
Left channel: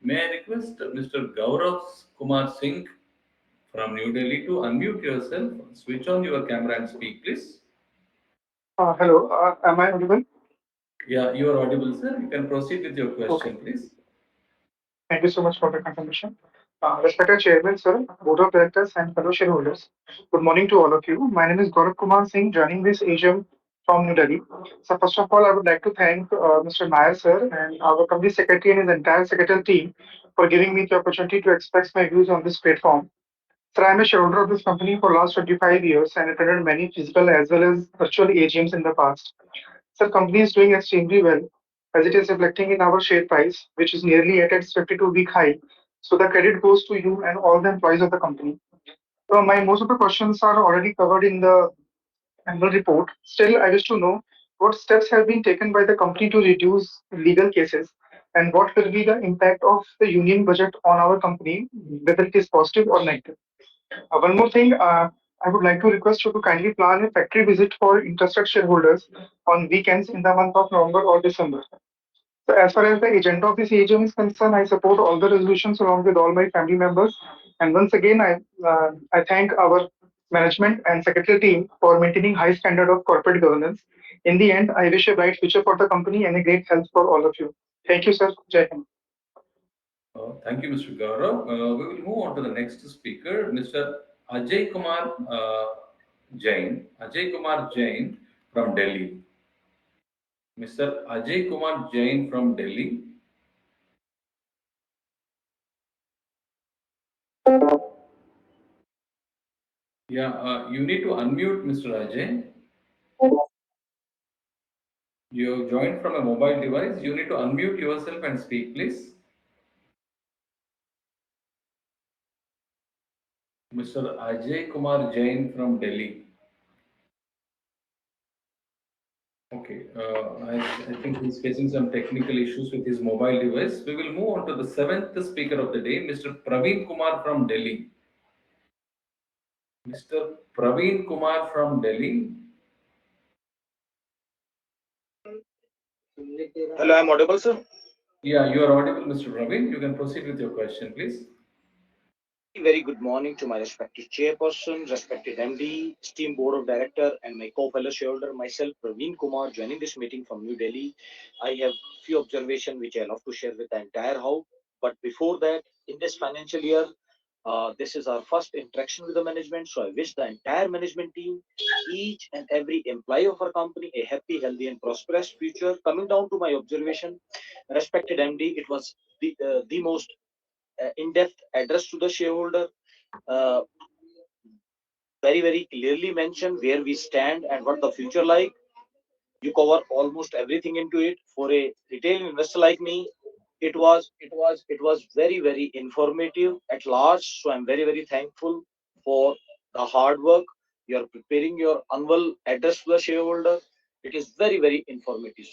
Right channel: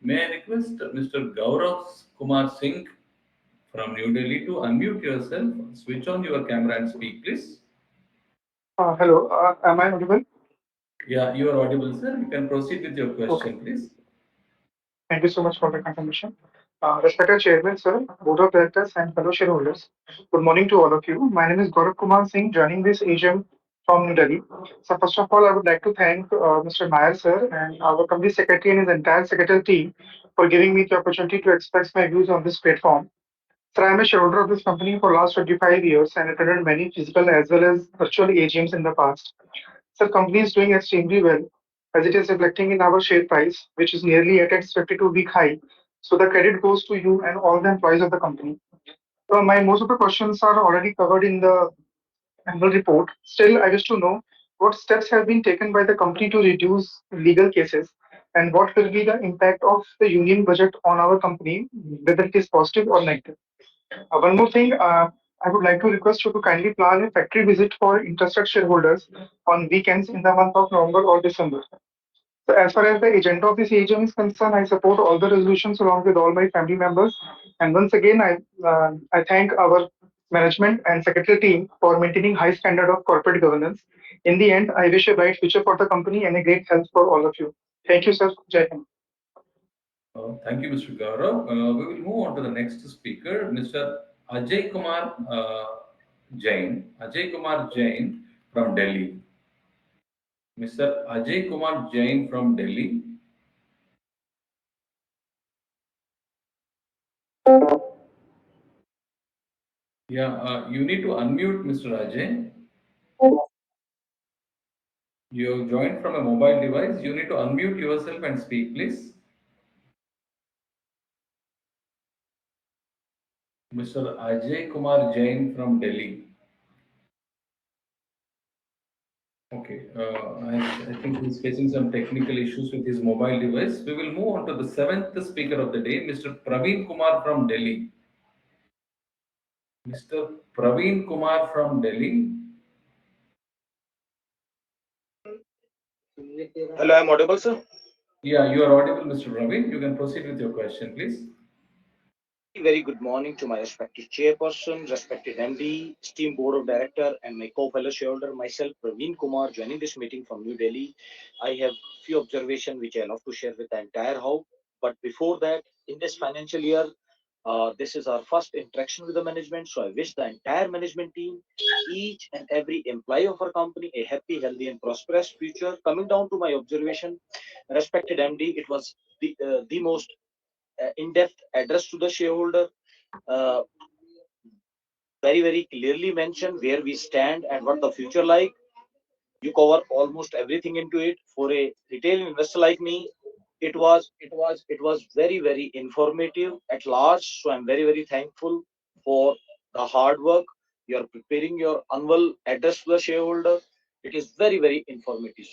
May I request Mr. Gaurav Kumar Singh from New Delhi to unmute yourself, switch on your camera and speak, please. Hello, am I audible? Yeah, you are audible, sir. You can proceed with your Okay, question, please. thank you so much for the confirmation. Respected Chairman, sir, Board of Directors, and fellow shareholders, good morning to all of you. My name is Gaurav Kumar Singh, joining this AGM from New Delhi. So, first of all, I would like to thank Mr. Nair, sir, and our company secretary and his entire secretarial team for giving me the opportunity to express my views on this platform. Sir, I am a shareholder of this company for last 25 years and attended many physical as well as virtual AGMs in the past. Sir, company is doing extremely well as it is reflecting in our share price, which is nearly at its 52-week high. So the credit goes to you and all the employees of the company. So my most of the questions are already covered in the annual report. Still, I wish to know what steps have been taken by the company to reduce legal cases and what will be the impact of the union budget on our company, whether it is positive or negative. One more thing, I would like to request you to kindly plan a factory visit for interested shareholders on weekends in the month of November or December. So as far as the agenda of this AGM is concerned, I support all the resolutions along with all my family members. And once again, I thank our management and secretary team for maintaining high standard of corporate governance. In the end, I wish a bright future for the company and a great health for all of you. Thank you, sir. Jai Hind. Thank you, Mr. Gaurav. We will move on to the next speaker, Mr. Ajay Kumar Jain. Ajay Kumar Jain from Delhi. Mr. Ajay Kumar Jain from Delhi. Yeah, you need to unmute Mr. Ajay. You joined from a mobile device. You need to unmute yourself and speak, please. Mr. Ajay Kumar Jain from Delhi. Okay, I think he's facing some technical issues with his mobile device. We will move on to the seventh speaker of the day, Mr. Praveen Kumar from Delhi. Mr. Praveen Kumar from Delhi. Hello, I'm audible, sir. Yeah, you are audible, Mr. Praveen. You can proceed with your question, please. Very good morning to my respected chairperson, respected MD, esteemed board of director, and my co-fellow shareholder, myself, Praveen Kumar, joining this meeting from New Delhi. I have few observations which I love to share with the entire house. But before that, in this financial year, this is our first interaction with the management. So I wish the entire management team, each and every employee of our company, a happy, healthy, and prosperous future. Coming down to my observation, respected MD, it was the most in-depth address to the shareholder, uh, very clearly mentioned where we stand and what the future like. You cover almost everything into it. For a retail investor like me, it was very informative at large. So I'm very thankful for the hard work. You're preparing your annual address to the shareholder. It is very informative.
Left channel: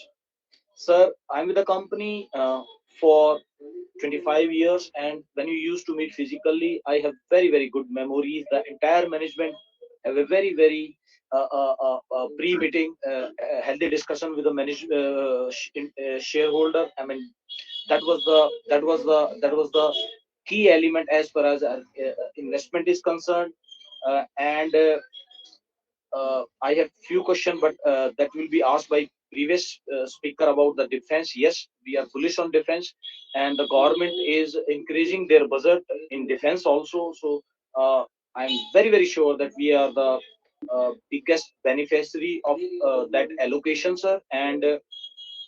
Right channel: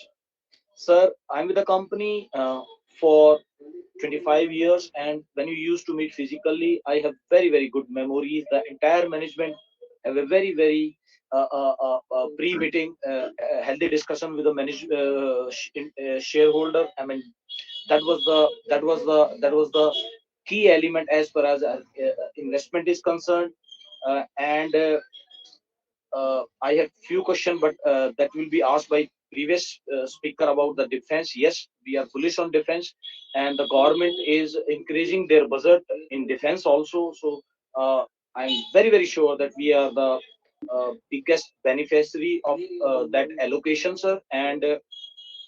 Sir, I'm with the company for 25 years, and when you used to meet physically, I have very good memories. The entire management have a very pre-meeting, healthy discussion with the shareholder. I mean, that was the key element as far as investment is concerned. And I have few questions, but that will be asked by previous speaker about the defense. Yes, we are bullish on defense, and the government is increasing their budget in defense also. So I'm very sure that we are the biggest beneficiary of that allocation, sir. And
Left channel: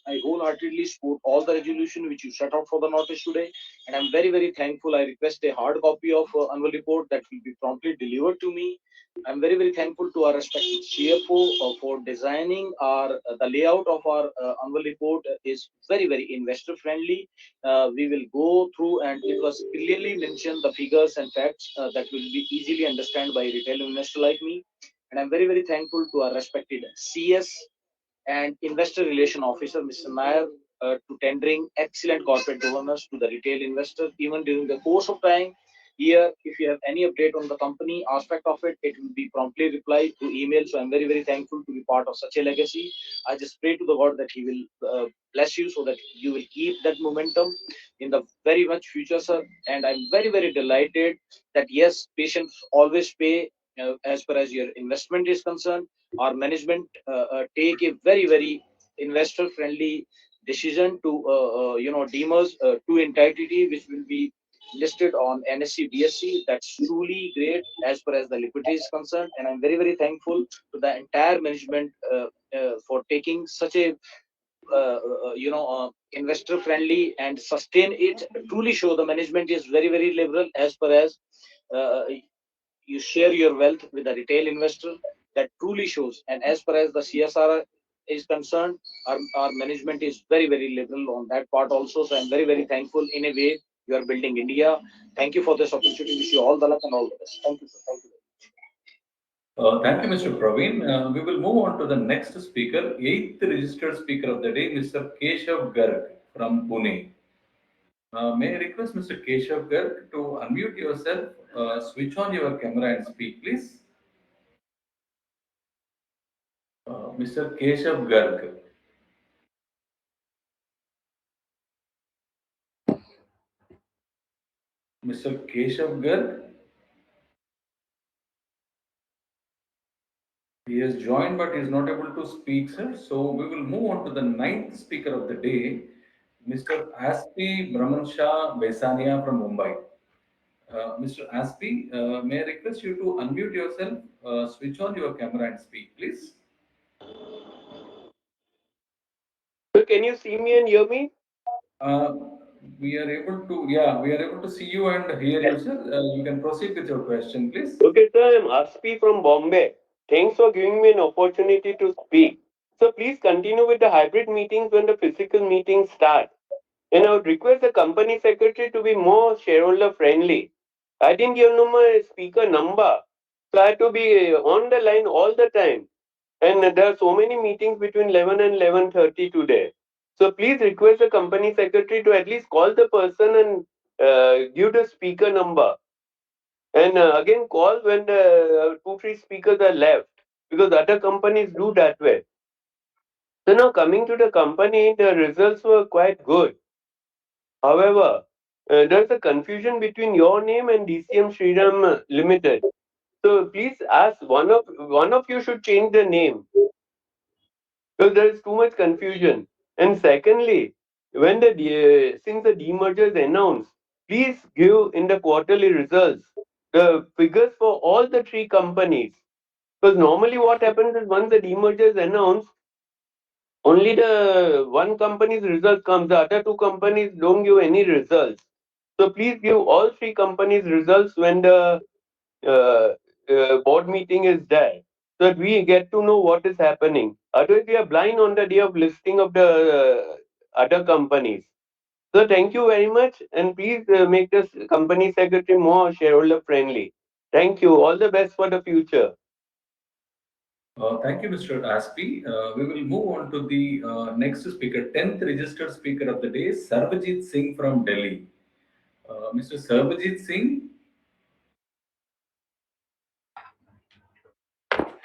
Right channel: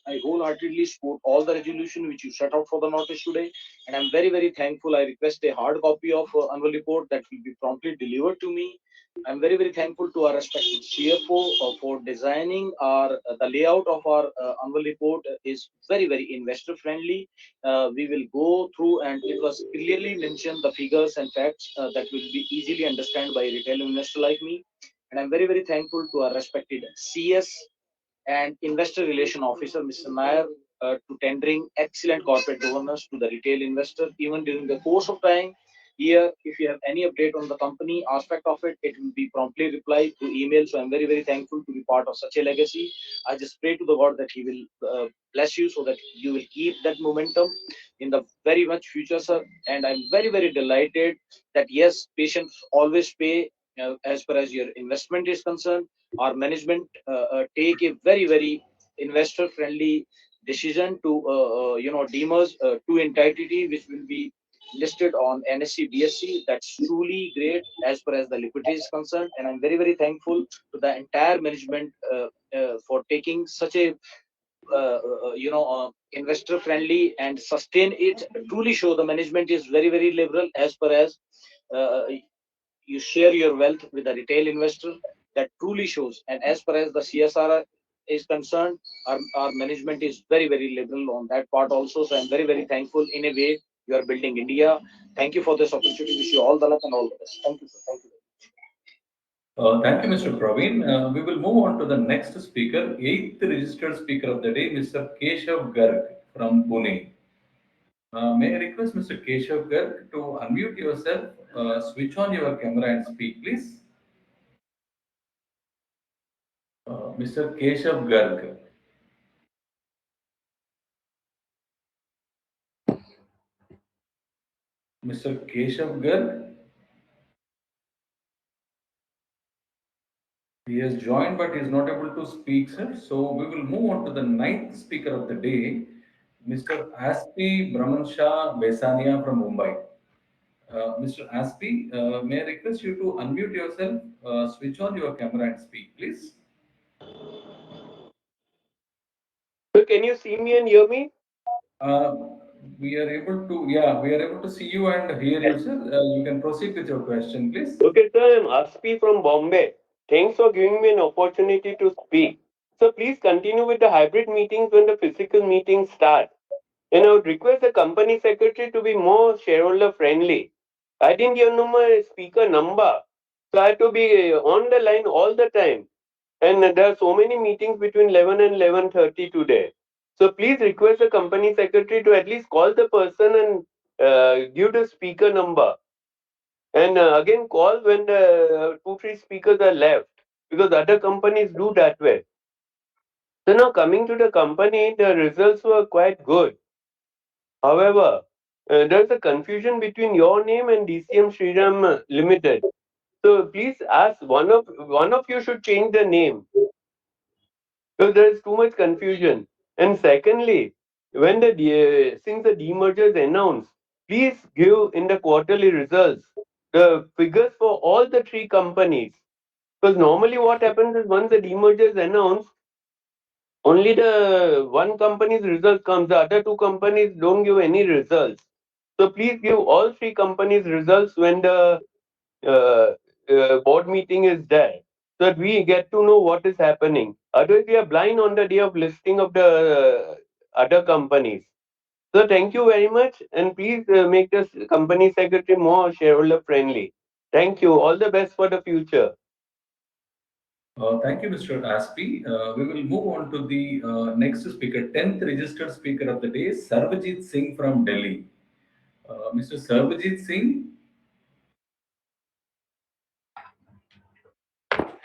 I wholeheartedly support all the resolution which you set out for the notice today, and I'm very thankful. I request a hard copy of annual report that will be promptly delivered to me. I'm very thankful to our respected CFO for designing our the layout of our annual report is very investor friendly. We will go through, and it was clearly mentioned the figures and facts that will be easily understand by a retail investor like me. And I'm very thankful to our respected CS and Investor Relation Officer, Mr. Nair, to tendering excellent corporate governance to the retail investor, even during the course of time. Here, if you have any update on the company aspect of it, it will be promptly replied to email. So I'm very thankful to be part of such a legacy. I just pray to the God that He will bless you so that you will keep that momentum in the very much future, sir. And I'm very delighted that yes, patients always pay as far as your investment is concerned. Our management take a very investor friendly decision to demerge two entity which will be listed on NSE BSC. That's truly great as far as the liquidity is concerned, and I'm very thankful to the entire management for taking such a investor friendly and sustain it. Truly show the management is very liberal as far as uh, you share your wealth with a retail investor. That truly shows. And as far as the CSR is concerned, our management is very liberal on that part also. So I'm very thankful. In a way, you are building India. Thank you for this opportunity. Wish you all the luck and all the best. Thank you, sir. Thank you. Thank you, Mr. Praveen. We will move on to the next speaker, eighth registered speaker of the day, Mr. Keshav Garg from Pune. May I request Mr. Keshav Garg to unmute yourself, switch on your camera and speak, please. Mr. Keshav Garg. Mr. Keshav Garg. He has joined but is not able to speak, sir. So we will move on to the ninth speaker of the day, Mr. Aspi Brahmansha Vesania from Mumbai. Mr. Aspi, may I request you to unmute yourself, switch on your camera and speak, please. can you see me and hear me? Uh, we are able to, yeah, we are able to see you and hear you, sir. You can proceed with your question, please. Okay, sir, I'm Aspi from Bombay. Thanks for giving me an opportunity to speak. So please continue with the hybrid meetings when the physical meetings start. And I would request the company secretary to be more shareholder friendly. I didn't give no my speaker number, so I have to be on the line all the time. And there are so many meetings between 11 and 11:30 today. So please request the company secretary to at least call the person and give the speaker number. And again, call when the two, three speakers are left, because other companies do that way. So now coming to the company, the results were quite good. However, there's a confusion between your name and DCM Shriram Limited. So please ask one of you should change the name, because there is too much confusion. And secondly, when since the demerger is announced, please give in the quarterly results the figures for all the three companies. Because normally what happens is once the demerger is announced, only the one company's result comes. The other two companies don't give any results. So please give all three companies results when the uh, board meeting is there, so that we get to know what is happening. Otherwise, we are blind on the day of listing of the other companies. So thank you very much, and please make this company secretary more shareholder friendly. Thank you. All the best for the future. Thank you, Mr. Aspi. We will move on to the next speaker, 10th registered speaker of the day, Sarvajit Singh from Delhi. Mr. Sarvajit Singh,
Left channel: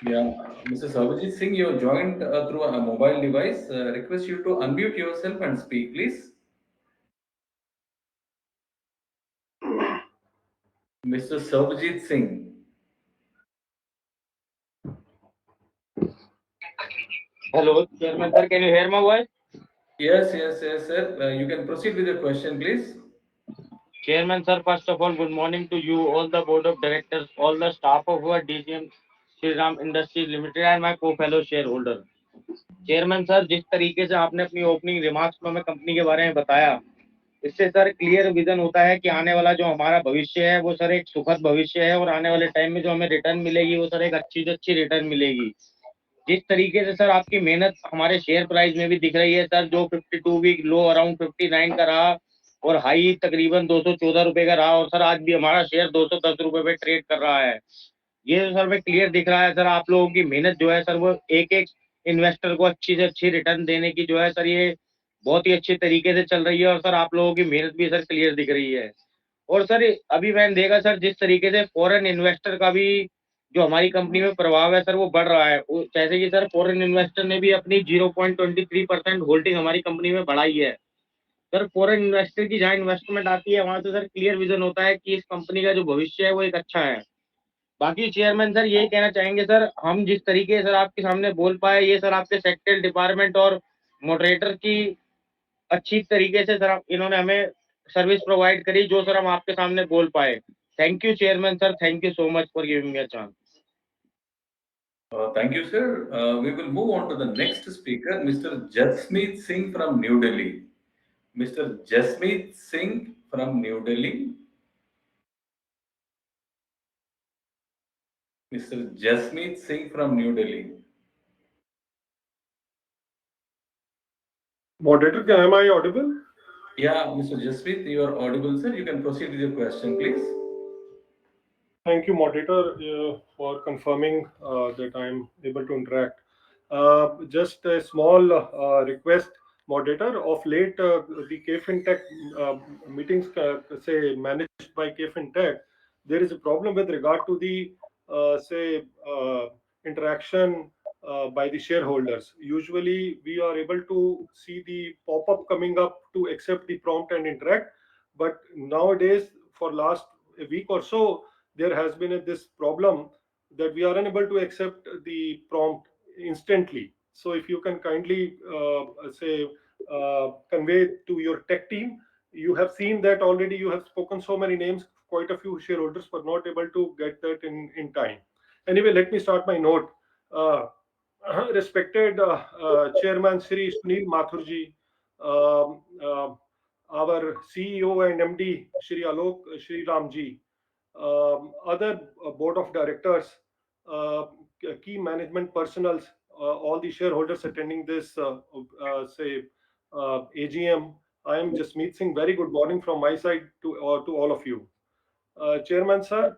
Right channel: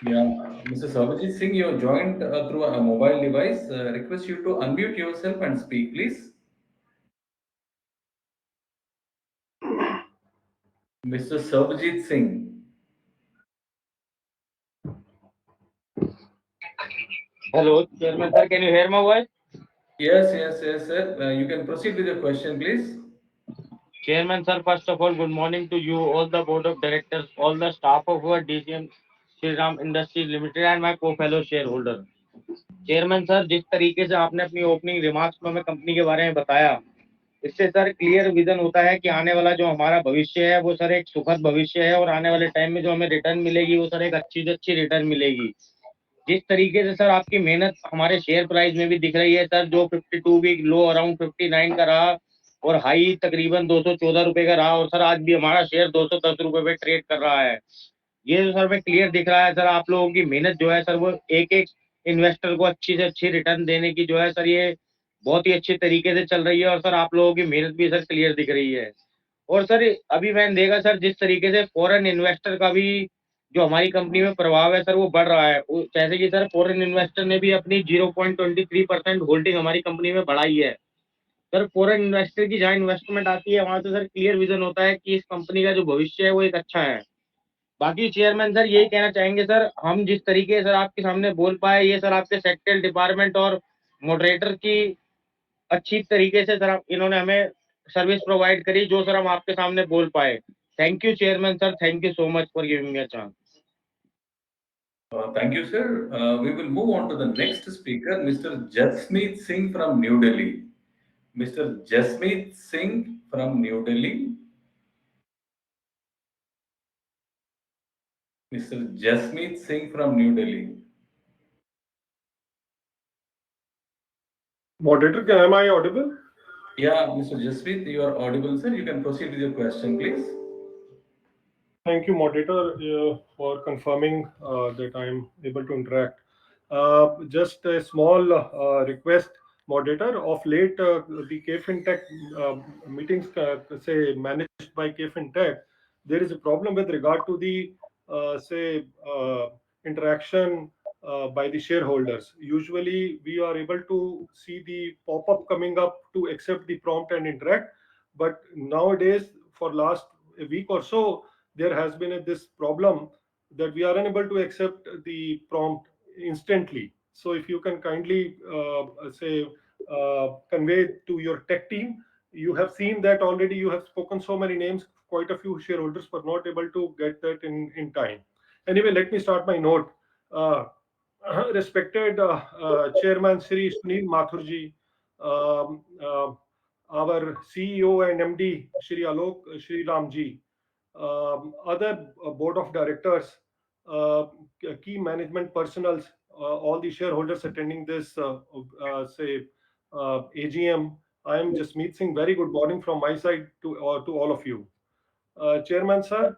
yeah, Mr. Sarvajit Singh, you have joined through a mobile device. Request you to unmute yourself and speak, please. Mr. Sarvajit Singh. Hello, Chairman sir, can you hear my voice? Yes, yes, yes, sir. You can proceed with your question, please. Chairman sir, first of all, good morning to you, all the board of directors, all the staff of our DCM Shriram Industries Limited and my co-fellow shareholder. Chairman sir, जिस तरीके से आपने अपनी opening remarks में हमें company के बारे में बताया, इससे सर क्लियर विजन होता है कि आने वाला जो हमारा भविष्य है वो सर एक सुखद भविष्य है और आने वाले टाइम में जो हमें रिटर्न मिलेगी वो सर एक अच्छी से अच्छी रिटर्न मिलेगी। जिस तरीके से सर आपकी मेहनत हमारे शेयर प्राइस में भी दिख रही है सर, जो 52 वीक लो अराउंड 59 का रहा और हाई तकरीबन 214 रुपए का रहा और सर आज भी हमारा शेयर 210 रुपए पे ट्रेड कर रहा है। ये जो सर में क्लियर दिख रहा है सर, आप लोगों की मेहनत जो है सर वो एक एक इन्वेस्टर को अच्छी से अच्छी रिटर्न देने की जो है सर ये बहुत ही अच्छी तरीके से चल रही है और सर आप लोगों की मेहनत भी सर क्लियर दिख रही है। और सर अभी मैंने देखा सर जिस तरीके से फॉरेन इन्वेस्टर का भी जो हमारी कंपनी में प्रभाव है सर वो बढ़ रहा है। जैसे कि सर फॉरेन इन्वेस्टर ने भी अपनी 0.23% होल्डिंग हमारी कंपनी में बढ़ाई है। सर फॉरेन इन्वेस्टर की जहाँ इन्वेस्टमेंट आती है वहां से सर क्लियर विजन होता है कि इस कंपनी का जो भविष्य है वो एक अच्छा है। बाकी चेयरमैन सर यही कहना चाहेंगे सर, हम जिस तरीके से सर आपके सामने बोल पाए ये सर आपके सेक्रेटरी डिपार्टमेंट और मॉडरेटर की अच्छी तरीके से सर इन्होंने हमें सर्विस प्रोवाइड करी जो सर हम आपके सामने बोल पाए। Thank you chairman sir, thank you so much for giving me a chance. Thank you, sir. We will move on to the next speaker, Mr. Jasmeet Singh from New Delhi. Mr. Jasmeet Singh from New Delhi. Mr. Jasmeet Singh from New Delhi. Moderator, am I audible? Yeah, Mr. Jasmeet, you are audible, sir. You can proceed with your question, please. Thank you, moderator, for confirming that I'm able to interact. Just a small request, moderator. Of late, the KFinTech meetings, say managed by KFinTech, there is a problem with regard to the say interaction by the shareholders. Usually, we are able to see the pop-up coming up to accept the prompt and interact, but nowadays, for last a week or so, there has been this problem that we are unable to accept the prompt instantly. So if you can kindly say convey to your tech team, you have seen that already. You have spoken so many names. Quite a few shareholders were not able to get that in time. Anyway, let me start my note. Uh, respected Chairman Sri Sunil Mathurji, our CEO and MD Shri Alok Shriram ji, other board of directors, key management personals, all the shareholders attending this AGM. I am Jasmeet Singh. Very good morning from my side to all of you. Chairman sir,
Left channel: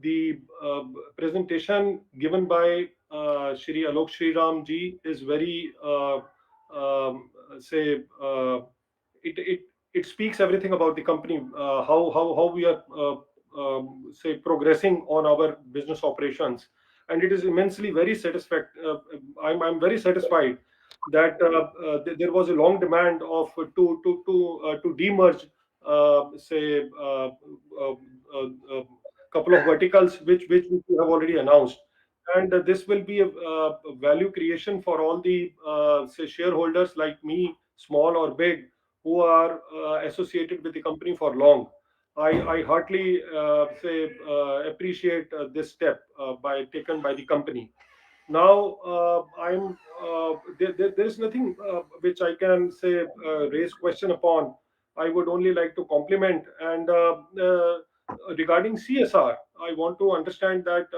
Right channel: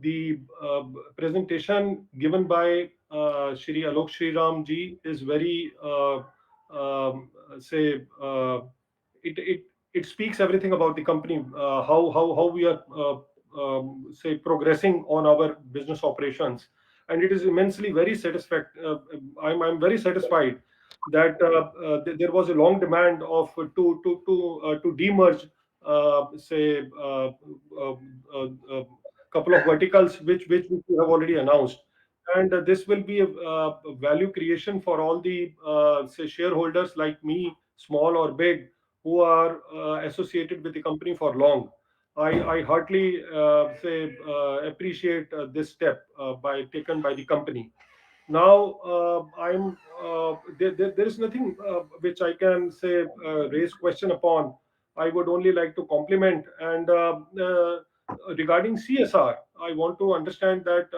the presentation given by Shri Alok Shriram ji is very say it it speaks everything about the company, how we are say progressing on our business operations, and it is immensely very I'm very satisfied that there was a long demand of to demerge say couple of verticals which we have already announced, and this will be a value creation for all the say shareholders like me, small or big, who are associated with the company for long. I heartily say appreciate this step by taken by the company. Now, there is nothing which I can say raise question upon. I would only like to compliment. And regarding CSR, I want to understand that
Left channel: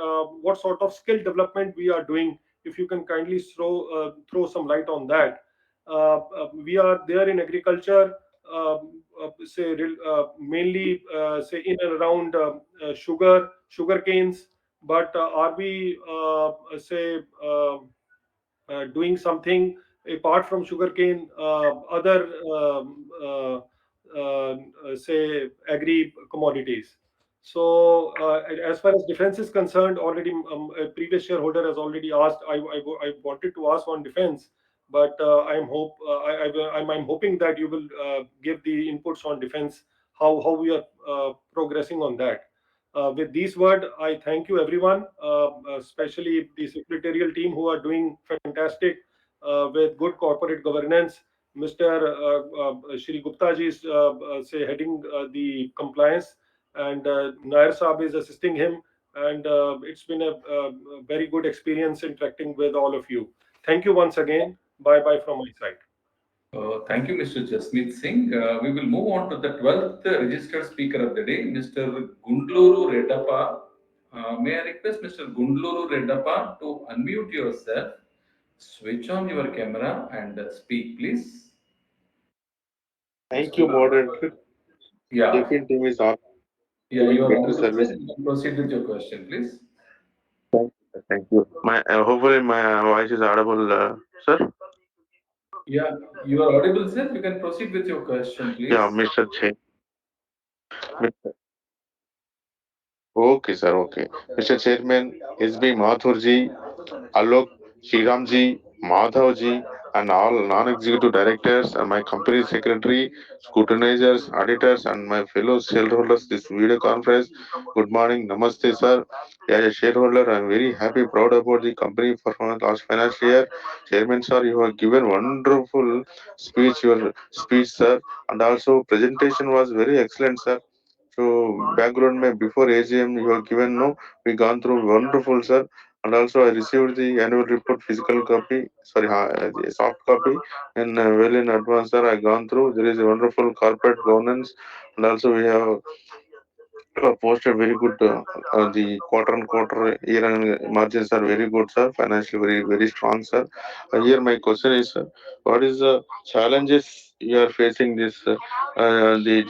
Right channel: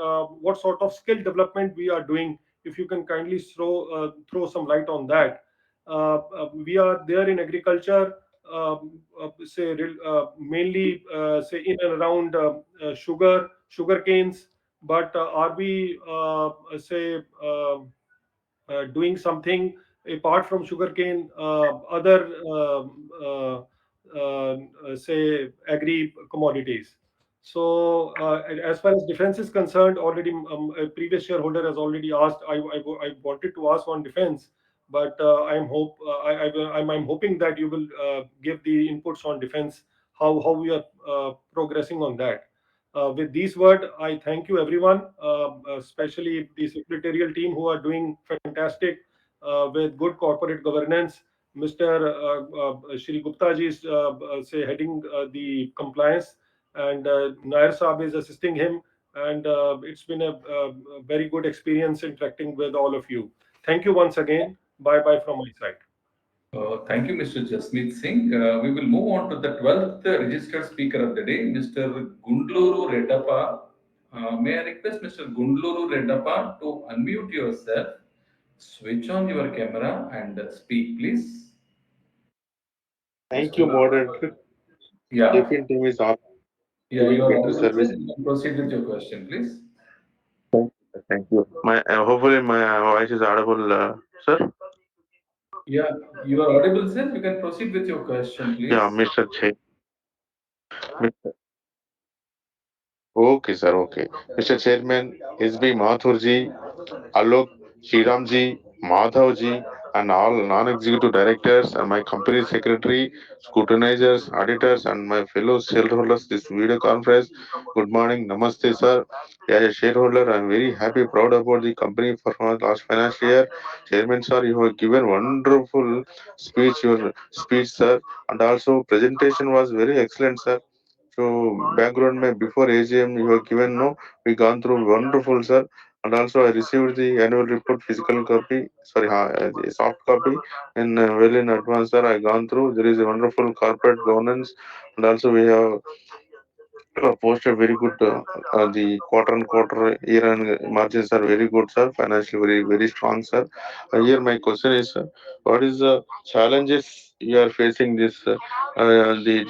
what sort of skill development we are doing. If you can kindly throw some light on that. We are there in agriculture, mainly say in and around sugar canes, but are we say doing something apart from sugarcane, other say agri commodities? So, as far as defense is concerned, already a previous shareholder has already asked. I wanted to ask on defense, but I'm hoping that you will give the inputs on defense, how we are progressing on that. With these words, I thank you everyone, especially the secretarial team who are doing fantastic with good corporate governance. Mr. Shri Gupta ji is say heading the compliance, and Nair Saab is assisting him. And it's been a very good experience interacting with all of you. Thank you once again. Bye bye from my side. Thank you, Mr. Jasmeet Singh. We will move on to the 12th registered speaker of the day, Mr. Gundluru Reddappa. May I request Mr. Gundluru Reddappa to unmute yourself, switch on your camera, and speak, please. Thank you, moderator. Yeah, Tiffin team is on yeah, giving you are better audible, sir. service. You can proceed with your question, please. Thank you. My hopefully my voice is audible, sir. Yeah, you are audible, sir. You can proceed with your question, Yeah, please. Mr. Che. Okay, sir. Okay, Mr. Chairman, SB Mathurji, Alok, Shriramji, Madhavji, and all non-executive directors and my company secretary, scrutinizers, auditors, and my fellow shareholders this video conference. Good morning, Namaste, sir. As a shareholder, I am very happy, proud about the company performance last financial year. Chairman, sir, you have given wonderful speech, your speech, sir, and also presentation was very excellent, sir. So background mein before AGM you have given no, we gone through wonderful, sir, and also I received the annual report physical copy, sorry, the soft copy, and well in advance, sir. I gone through. There is a wonderful corporate governance, and also we have posted very good. The quarter and quarter year and margins are very good, sir. Financially very strong, sir. Here my question is, what is the challenges you are facing this the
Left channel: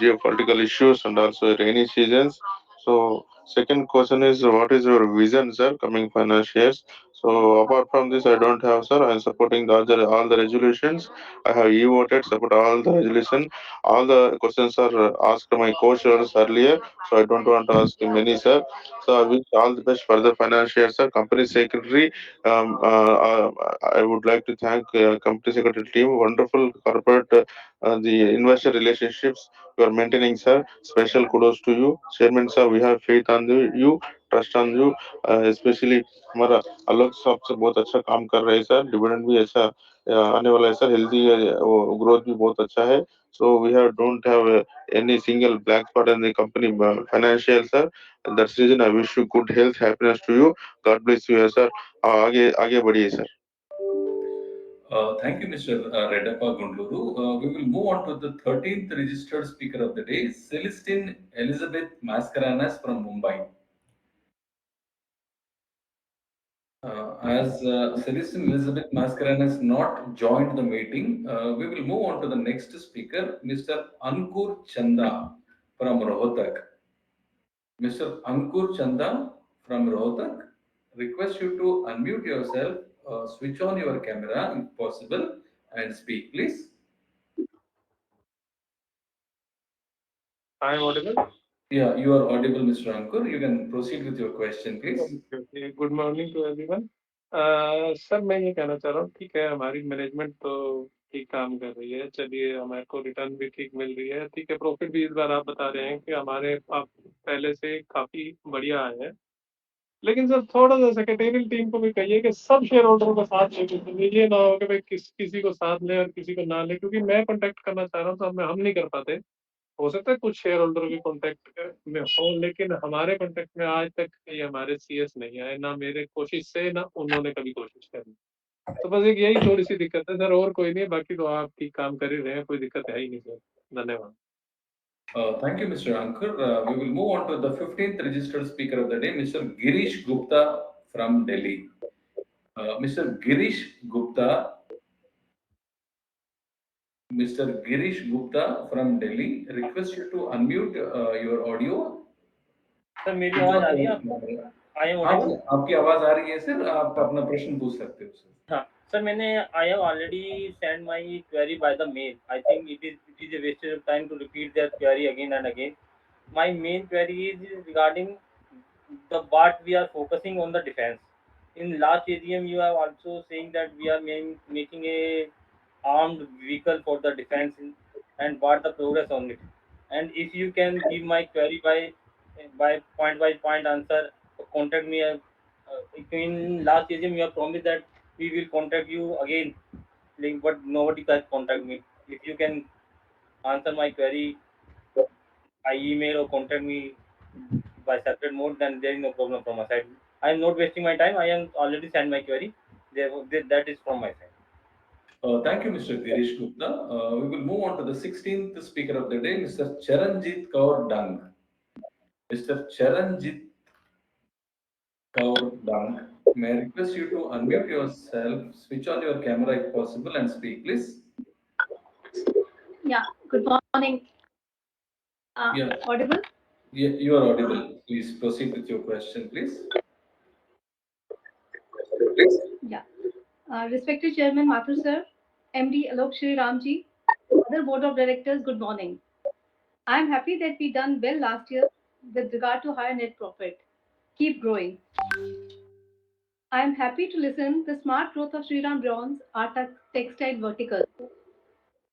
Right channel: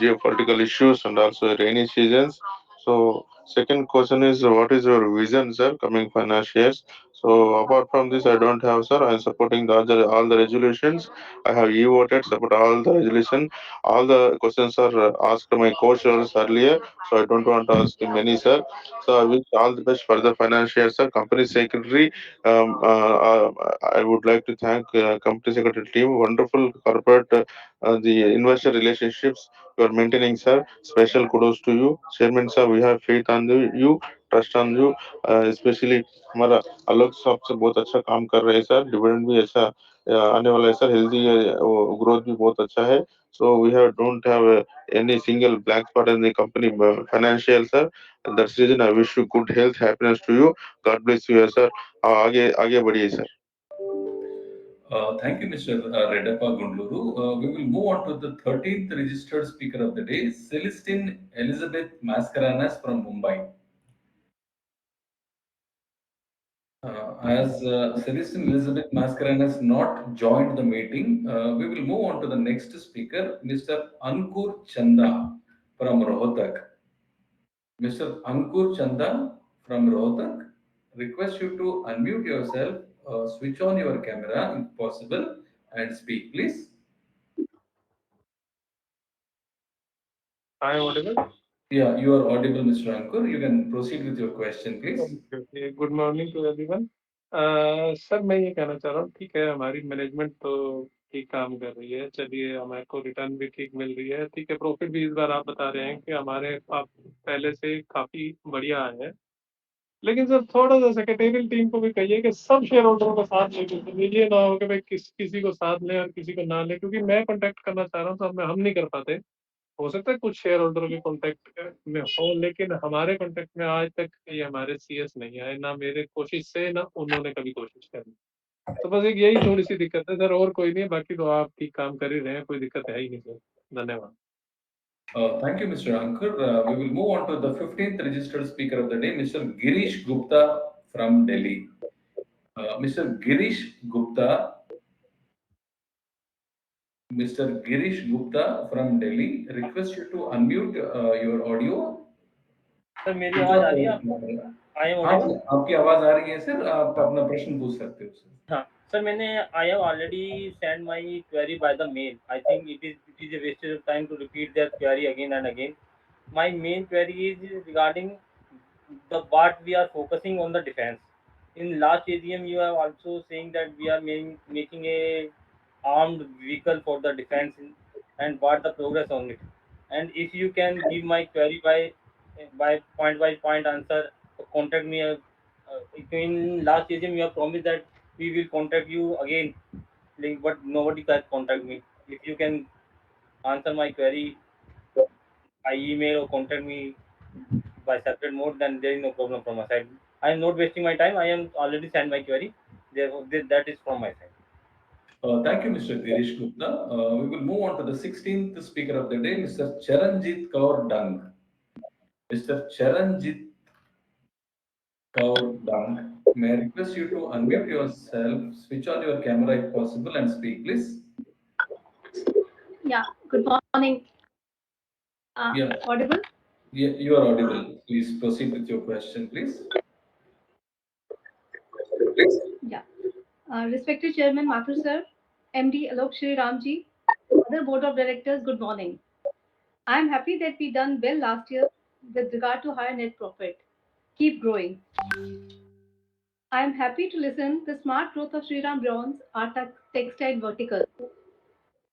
geopolitical issues and also rainy seasons? So second question is, what is your vision, sir, coming financial years? So apart from this, I don't have, sir. I am supporting all the resolutions. I have e-voted, support all the resolution. All the questions are asked to my co-chairs earlier, so I don't want to ask many, sir. So I wish all the best for the financial year, sir. Company secretary, I would like to thank company secretary team. Wonderful corporate, the investor relationships you are maintaining, sir. Special kudos to you, chairman, sir. We have faith on you, trust on you, especially हमारा अलग साहब से बहुत अच्छा काम कर रहे हैं, सर. डिविडेंड भी अच्छा आने वाला है, सर. हेल्दी ग्रोथ भी बहुत अच्छा है. So we have don't have any single black spot in the company financial, sir. And that's the reason I wish you good health, happiness to you. God bless you, sir. आगे आगे बढ़िए sir. Thank you, Mr. Redappa Gundluru. We will move on to the 13th registered speaker of the day, Celestine Elizabeth Mascarenas from Mumbai. As Celestine Elizabeth Mascarenas not joined the meeting, we will move on to the next speaker, Mr. Ankur Chanda from Rohtak. Mr. Ankur Chanda from Rohtak, request you to unmute yourself, switch on your camera if possible, and speak, please. I am audible? Yeah, you are audible, Mr. Ankur. You can proceed with your question, please. Okay. Good morning to everyone. Sir मैं ये कहना चाह रहा हूँ, ठीक है हमारी management तो ठीक काम कर रही है, चलिए हमारे को रिटर्न भी ठीक मिल रही है, ठीक है प्रॉफिट भी इस बार आप बता रहे हैं कि हमारे आप पहले से काफी बढ़िया आए हैं। लेकिन सर थोड़ा सा सेक्रेटेरियल टीम को भी कहिए कि सब शेयर होल्डरों को साथ लेके चलिए, ये ना हो कि भाई किसी को साथ ले और किसी को ना ले, क्योंकि मैं कॉन्टेक्ट करना चाह रहा हूँ तो हम नहीं कर पाते। हो सकता है कुछ शेयर होल्डर के कॉन्टेक्ट में हो, लेकिन हमारे कॉन्टेक्ट में आज तक ये हमारे सीएस नहीं आए, ना मेरे कोशिश से ना उन्होंने कभी कोशिश करी। तो बस एक यही थोड़ी सी दिक्कत है सर, और कोई नहीं है, बाकी तो आप ठीक काम कर ही रहे हैं, कोई दिक्कत है ही नहीं सर। धन्यवाद। Thank you, Mr. Ankur. We will move on to the 15th registered speaker of the day, Mr. Girish Gupta from Delhi. Mr. Girish Gupta, Mr. Girish Gupta from Delhi, request you to unmute your audio. Sir मेरी आवाज आ रही है आपको? I am हाँ, Audible? आपकी आवाज आ रही है सर, आप अपना प्रश्न पूछ सकते हो सर। हाँ सर, मैंने I have already send my query by the mail. I think it is a wastage of time to repeat their query again and again. My main query is regarding the what we are focusing on the defense. In last AGM, you have also saying that we are making a armed vehicle for the defense and what the progress on it. And if you can give my query by point answer, contact me. In last AGM, you have promised that we will contact you again, link, but nobody can contact me. If you can answer my query by email or contact me by separate mode, then there is no problem from my side. I am not wasting my time. I am already sent my query. Therefore, that is from my side. Thank you, Mr. Girish Gupta. We will move on to the 16th speaker of the day, Mr. Charanjit Kaur Dung. Mr. Charanjit Kaur Dung, may I request you to unmute yourself, switch on your camera if possible, and speak, please. Yeah, good morning. Yeah. Audible? Yeah, you are audible. Please proceed with your question, please. Yeah. Respected Chairman Mathur sir, MD Alok Shriram ji, other board of directors, good morning. I am happy that we done well last year with regard to higher net profit. Keep growing. I am happy to listen the smart growth of Shriram Bronze, our textile vertical.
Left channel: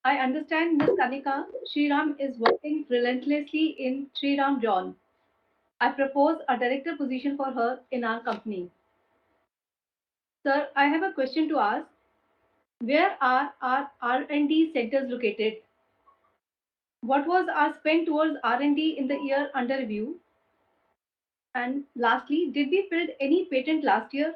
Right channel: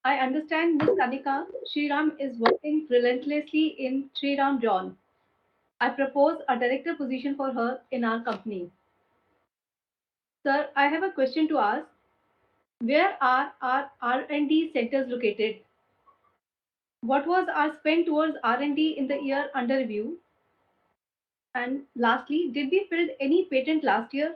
I understand Ms. Kanika Shriram is working relentlessly in Shriram John. I propose a director position for her in our company. Sir, I have a question to ask. Where are our R&D centers located? What was our spend towards R&D in the year under review? And lastly, did we build any patent last year?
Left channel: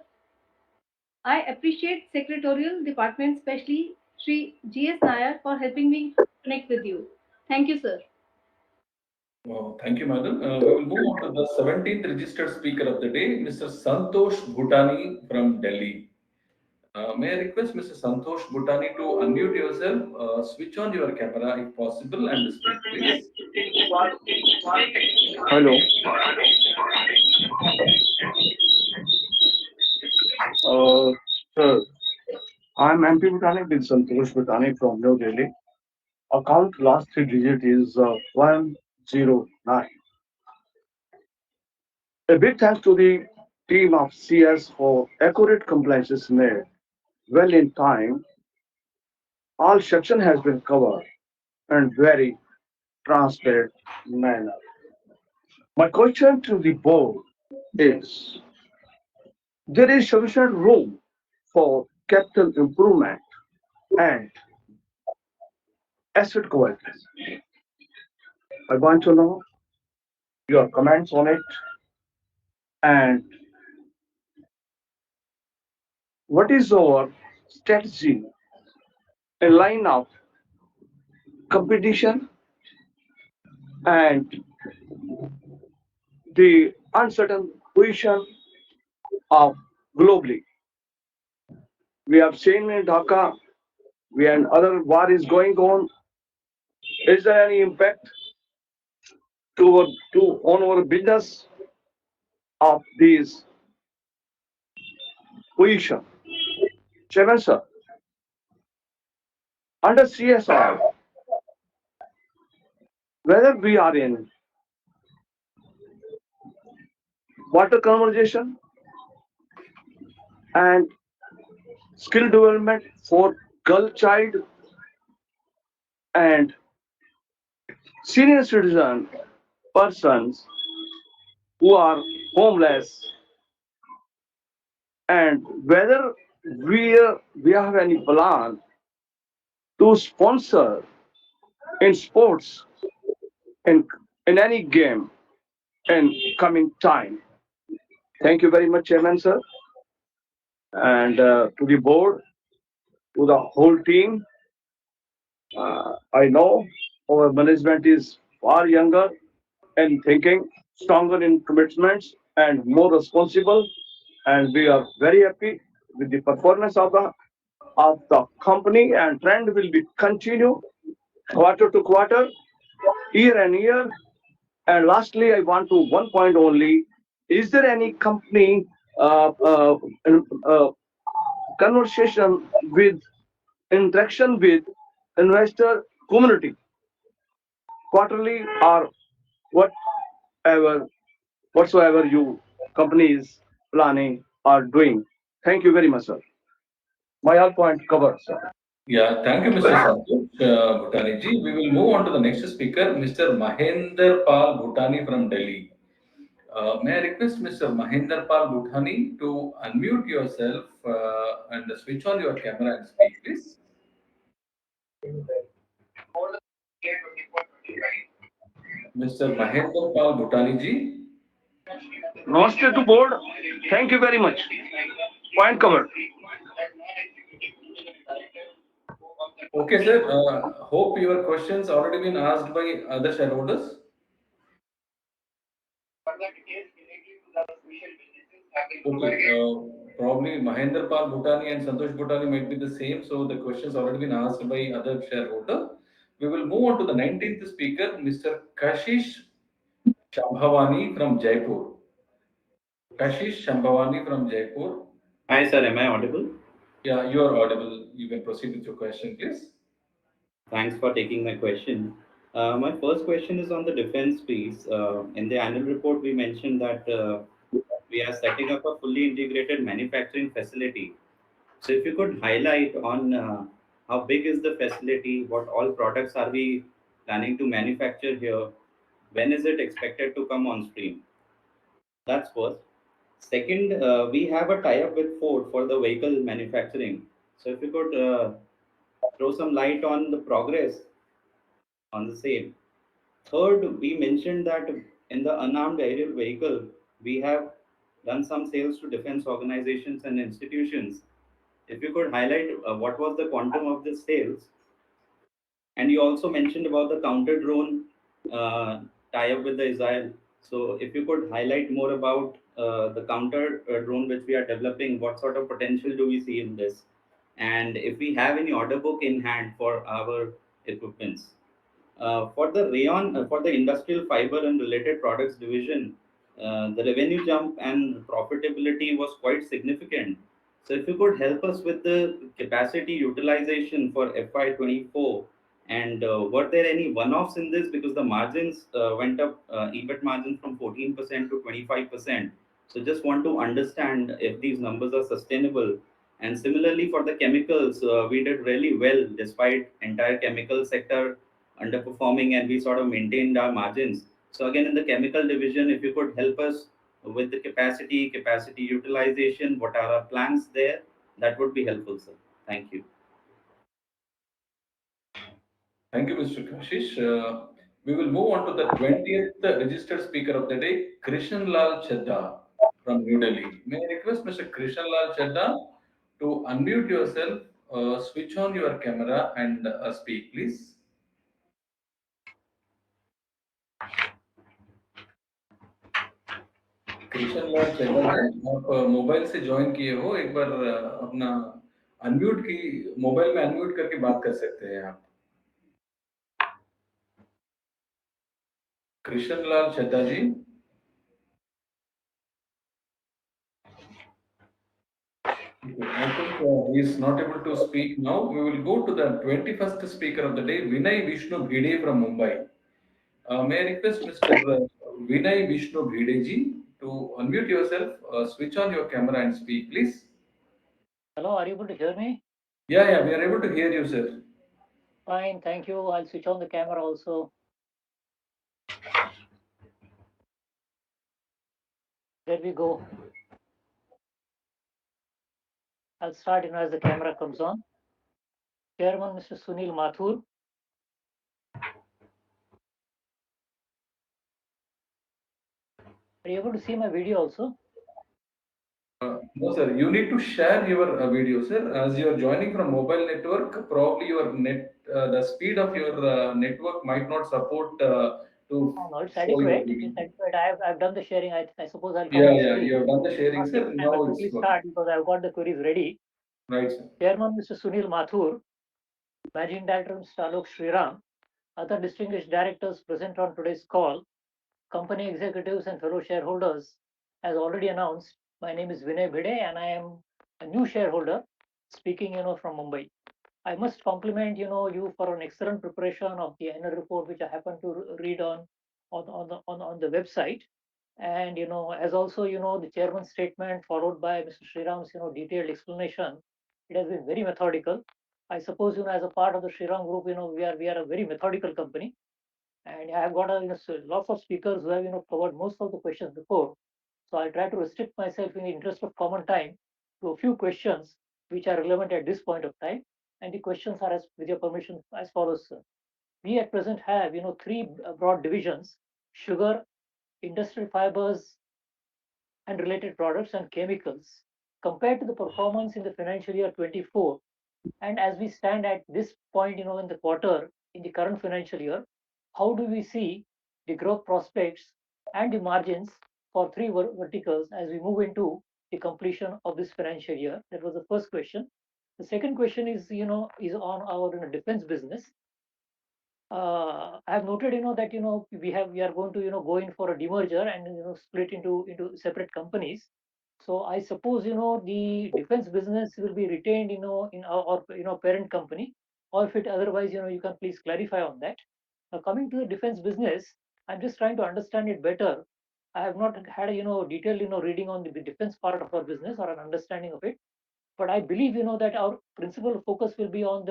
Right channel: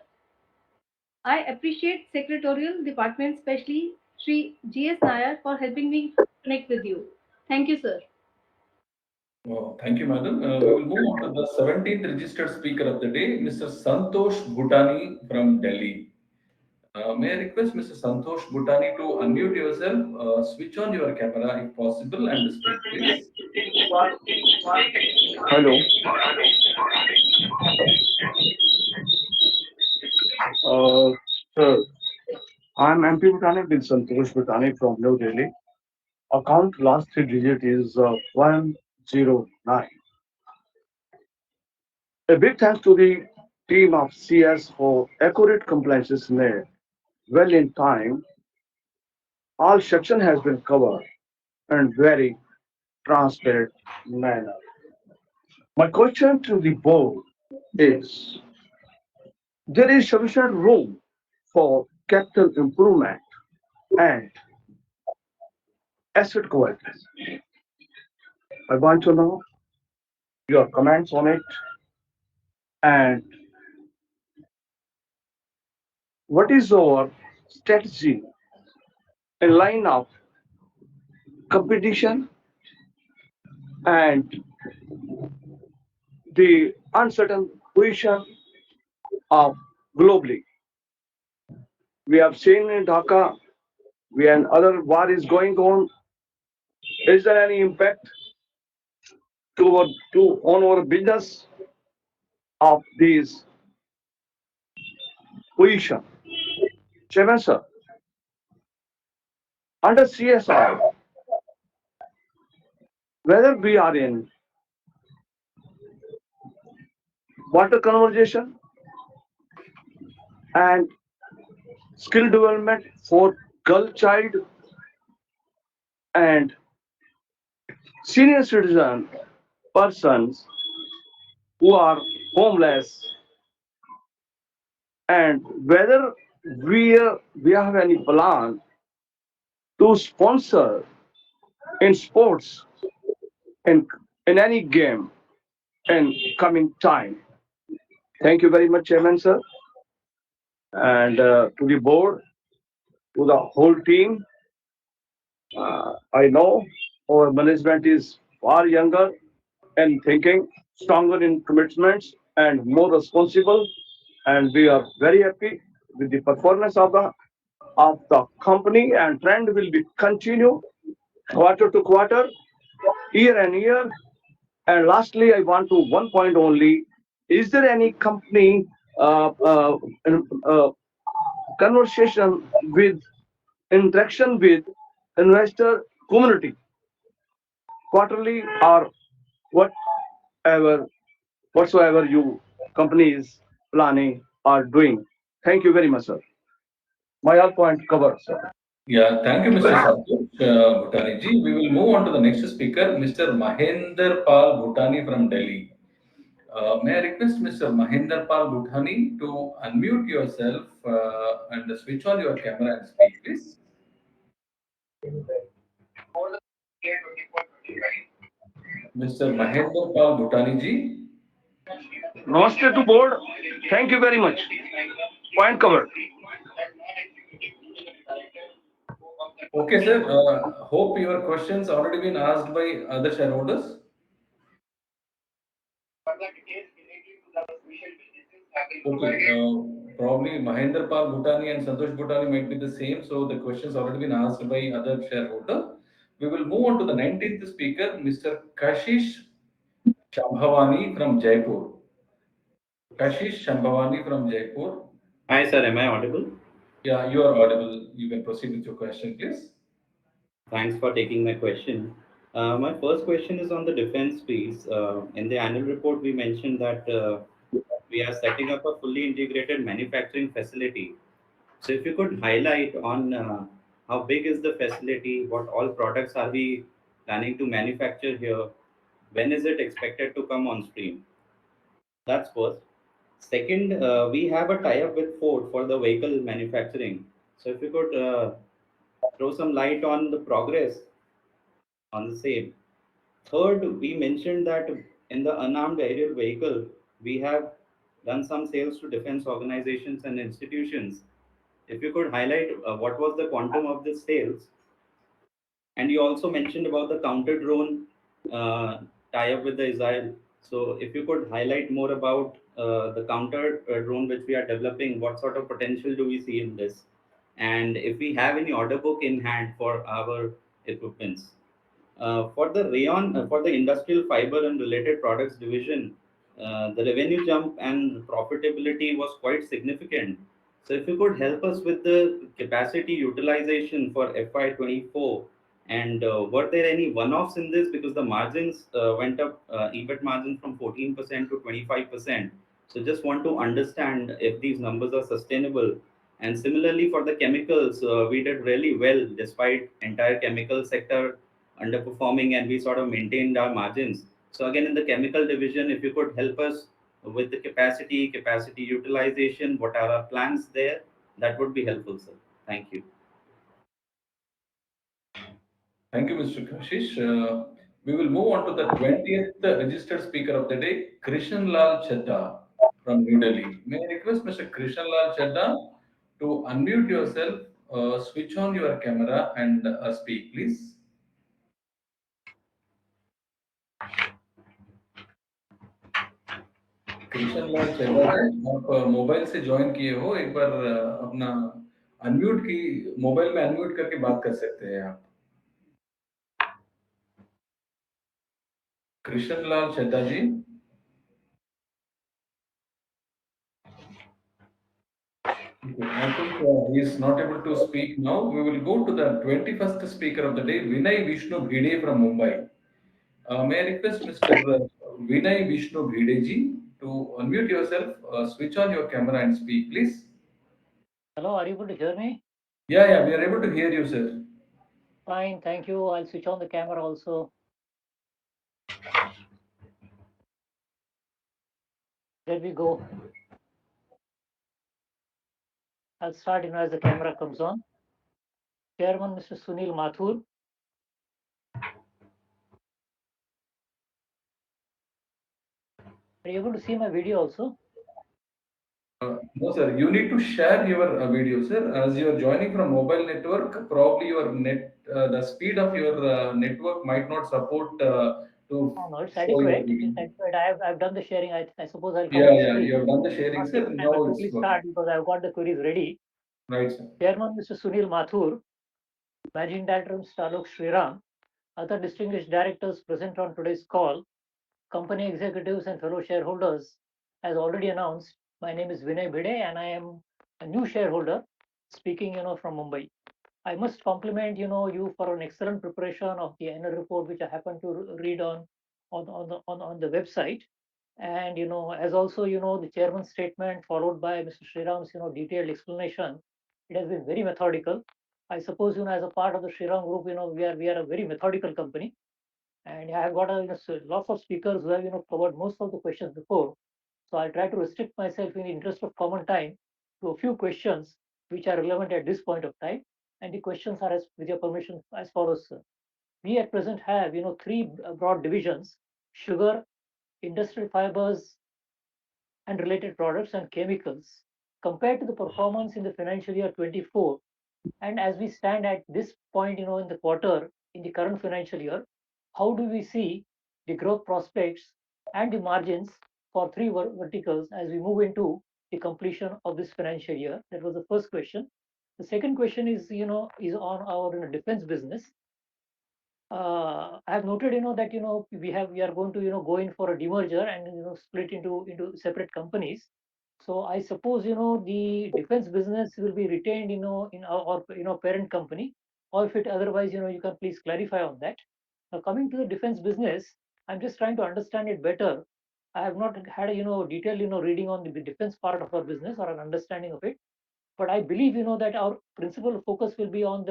I appreciate secretarial department, especially Sri G.S. Nair, for helping me connect with you. Thank you, sir. Thank you, madam. We will move on to the 17th registered speaker of the day, Mr. Santosh Bhutani from Delhi. May I request Mr. Santosh Bhutani to unmute yourself, switch on your camera if possible, and speak, please. Hello. Sir, I'm MP Bhutani with Santosh Bhutani from New Delhi. Account last three digit is 109. A big thanks to the team of CS for accurate compliances made well in time. All section has been covered and very transparent manner. My question to the board is, there is sufficient room for capital improvement and asset quality. I want to know your comments on it and what is our strategy in line of competition and the uncertain position of globally. We have seen in Dhaka when other war is going on. Is there any impact to on our business of this position? Chairman sir, under CSR, whether we are in water conservation and skill development for girl child and senior citizen persons who are homeless, and whether we have any plan to sponsor in sports in any game in coming time. Thank you very much, Chairman sir, and to the board, to the whole team. I know our management is far younger and thinking, stronger in commitments and more responsible. And we are very happy with the performance of the company, and trend will be continue quarter to quarter, year and year. And lastly, I want to one point only. Is there any company uh, conversation with interaction with investor community quarterly or whatever whatsoever you companies planning or doing? Thank you very much, sir. My all point covered, sir. Yeah, thank you, Mr. Santosh Bhutani ji. We will move on to the next speaker, Mr. Mahender Pal Bhutani from Delhi. May I request Mr. Mahender Pal Bhutani to unmute yourself and switch on your camera and speak, please. Mr. Mahender Pal Bhutani ji. Namaste to board. Thank you very much. Point covered. Okay, sir. Hope your questions already been asked by other shareholders. Okay, probably Mahendra Pal Bhutani and Santosh Bhutani might be the same, so the questions already been asked by other shareholder. We will move on to the 19th speaker, Mr. Kashish Shambhavani from Jaipur. Kashish Shambhavani from Jaipur. Hi, sir. Am I audible? Yeah, you are audible. You can proceed with your question, please. Thanks for taking my question. My first question is on the defense piece. In the annual report, we mentioned that we are setting up a fully integrated manufacturing facility. So, if you could highlight on how big is the facility, what all products are we planning to manufacture here, when is it expected to come on stream? That's first. Second, we have a tie-up with Ford for the vehicle manufacturing. So, if you could throw some light on the progress on the same. Third, we mentioned that in the unarmed aerial vehicle, we have done some sales to defense organizations and institutions. If you could highlight what was the quantum of the sales, and you also mentioned about the counter drone tie-up with the Israel. So, if you could highlight more about the counter drone which we are developing, what sort of potential do we see in this? And if we have any order book in hand for our equipments. For the rayon, for the industrial fiber and related products division, the revenue jump and profitability was quite significant. So, if you could help us with the capacity utilization for FY24, and were there any one-offs in this because the margins went up, EBIT margin from 14% to 25%. So, just want to understand if these numbers are sustainable. And similarly, for the chemicals, we did really well despite entire chemical sector underperforming, and we sort of maintained our margins. So again, in the chemical division, if you could help us with the capacity utilization, what are our plans there? That would be helpful, sir. Thank you. Thank you, Mr. Kashish. We will move on to the 20th registered speaker of the day, Krishan Lal Chadda from New Delhi. May I request Mr. Krishan Lal Chadda to unmute yourself, switch on your camera and speak, please. Krishna Lal Chadha ji, आप mobile से join किए हो, एक बार अपना unmute की mobile में unmute करके बात कर सकते हैं आप। कृष्ण लाल चड्ढा जी, I think he is not able to speak now. We will go to the 21st speaker of the day, Vinay Vishnu Bhide from Mumbai. May I request Mr. Vinay Vishnu Bhide ji to unmute yourself, switch on your camera and speak, please. Hello, are you able to hear me? Yeah, we are able to hear you, sir. Fine, thank you. I'll switch on the camera also. There we go. I'll start, as the camera comes on. Chairman, Mr. Sunil Mathur. Are you able to see my video also? No, sir. You need to share your video, sir. As you are joining from mobile network, probably your the speed of your network might not support to Oh, no, it's show your adequate. video. It's adequate. I've done the sharing. I suppose I'll come Yeah, on the yeah, screen. you have done the sharing, Okay, sir. I Now will it's quickly working. start because I've got the queries ready. Right, sir. Chairman, Mr. Sunil Mathur. Managing Director, Mr. Alok Shriram. Other distinguished directors present on today's call. Company executives and fellow shareholders. As already announced, my name is Vinay Bhide and I am a new shareholder speaking, from Mumbai. I must compliment, you for an excellent preparation of the annual report, which I happen to read on the website. And, as also, the chairman's statement followed by Mr. Shriram's, detailed explanation, it has been very methodical. I suppose, as a part of the Shriram group, we are a very methodical company. And I have got lots of speakers who have, covered most of the questions before. So I'll try to restrict myself in the interest of common time to a few questions which are relevant at this point of time. And the questions are, as with your permission, as follows, sir. We at present have, three broad divisions: sugar, industrial fibers, and related products, and chemicals. Compared to the performance in the financial year 24, and as we stand at this point, in the quarter, in the current financial year, how do we see the growth prospects and the margins for three verticals as we move into the completion of this financial year? That was the first question. The second question is, is on our defense business. I have noted, that we are going to go in for a demerger and split into separate companies. So I suppose the defense business will be retained in our parent company, or if it otherwise you can please clarify on that. Now coming to the defense business, I'm just trying to understand it better. I have not had a detailed reading on the defense part of our business or an understanding of it, but I believe that our principal focus will be on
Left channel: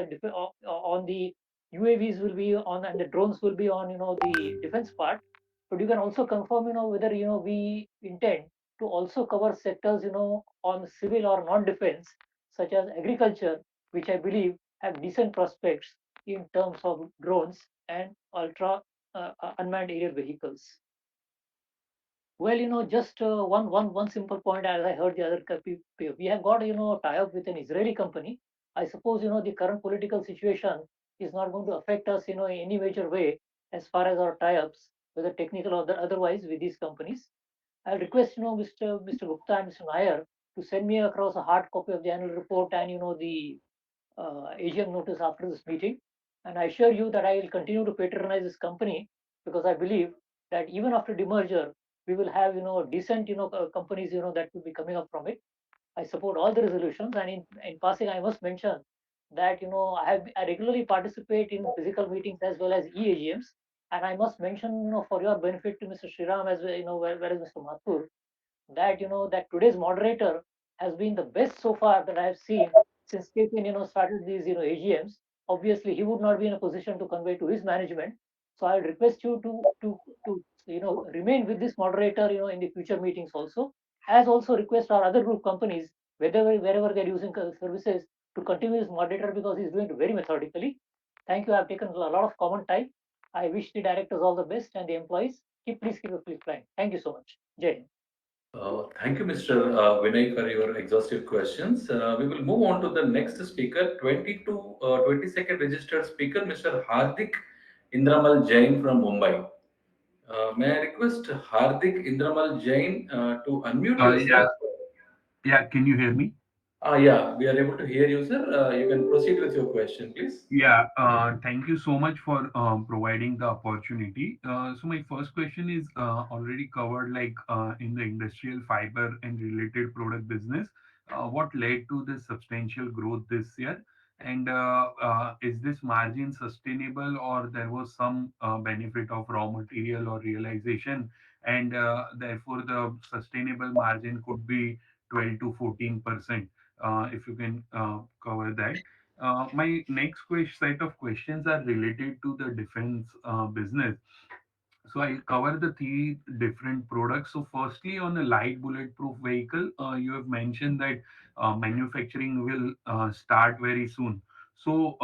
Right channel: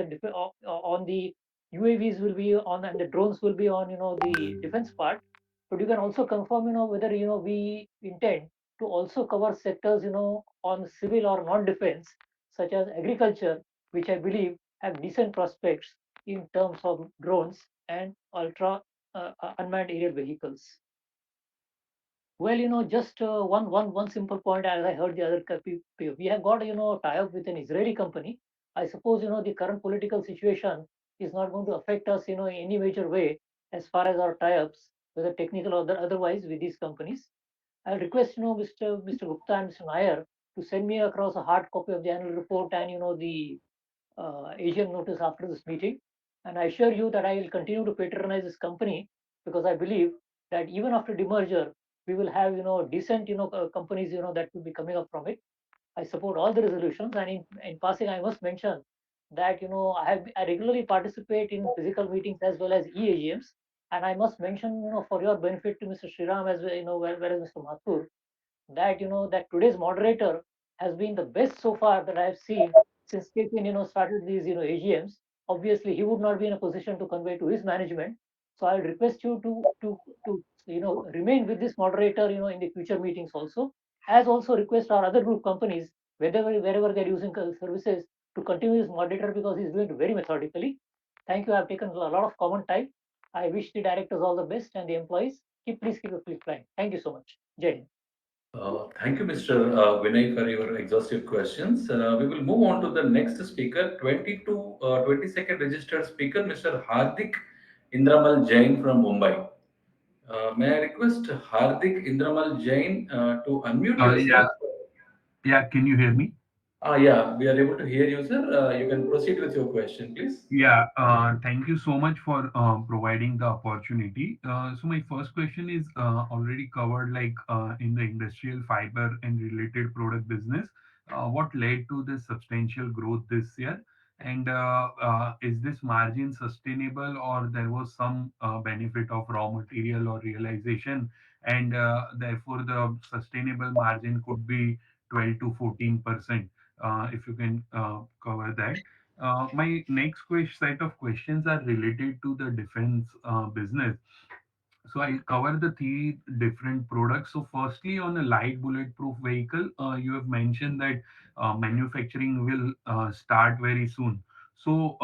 on the UAVs will be on, and the drones will be on the defense part. But you can also confirm whether we intend to also cover sectors on civil or non-defense, such as agriculture, which I believe have decent prospects in terms of drones and ultra unmanned aerial vehicles. Well, just one simple point. As I heard the other we have got tie-up with an Israeli company. I suppose the current political situation is not going to affect us in any major way as far as our tie-ups, whether technical or otherwise, with these companies. I'll request Mr. Gupta and Mr. Nair to send me across a hard copy of the annual report and the AGM notice after this meeting. And I assure you that I will continue to patronize this company, because I believe that even after demerger, we will have decent companies that will be coming up from it. I support all the resolutions, and in passing, I must mention that I regularly participate in physical meetings as well as EAGMs, and I must mention for your benefit to Mr. Shriram as well, whereas Mr. Mathur, that that today's moderator has been the best so far that I have seen since KPN started these AGMs. Obviously, he would not be in a position to convey to his management. So I'll request you to remain with this moderator in the future meetings also, as also request our other group companies, wherever they're using services, to continue this moderator, because he's doing it very methodically. Thank you. I've taken a lot of common time. I wish the directors all the best and the employees. Please keep your flip flying. Thank you so much. Jai Hind. Thank you, Mr. Vinay, for your exhaustive questions. We will move on to the next speaker, 22 22nd registered speaker, Mr. Hardik Indramal Jain from Mumbai. May I request Hardik Indramal Jain to unmute Yeah, yourself? yeah. Can you hear me? Yeah, we are able to hear you, sir. You can proceed with your question, please. Yeah. Thank you so much for providing the opportunity. So my first question is already covered, like in the industrial fiber and related product business. What led to this substantial growth this year? And is this margin sustainable, or there was some benefit of raw material or realization, and therefore the sustainable margin could be 12 to 14%? If you can cover that. My next set of questions are related to the defense business. So I'll cover the three different products. So firstly, on a light bulletproof vehicle, you have mentioned that manufacturing will start very soon. So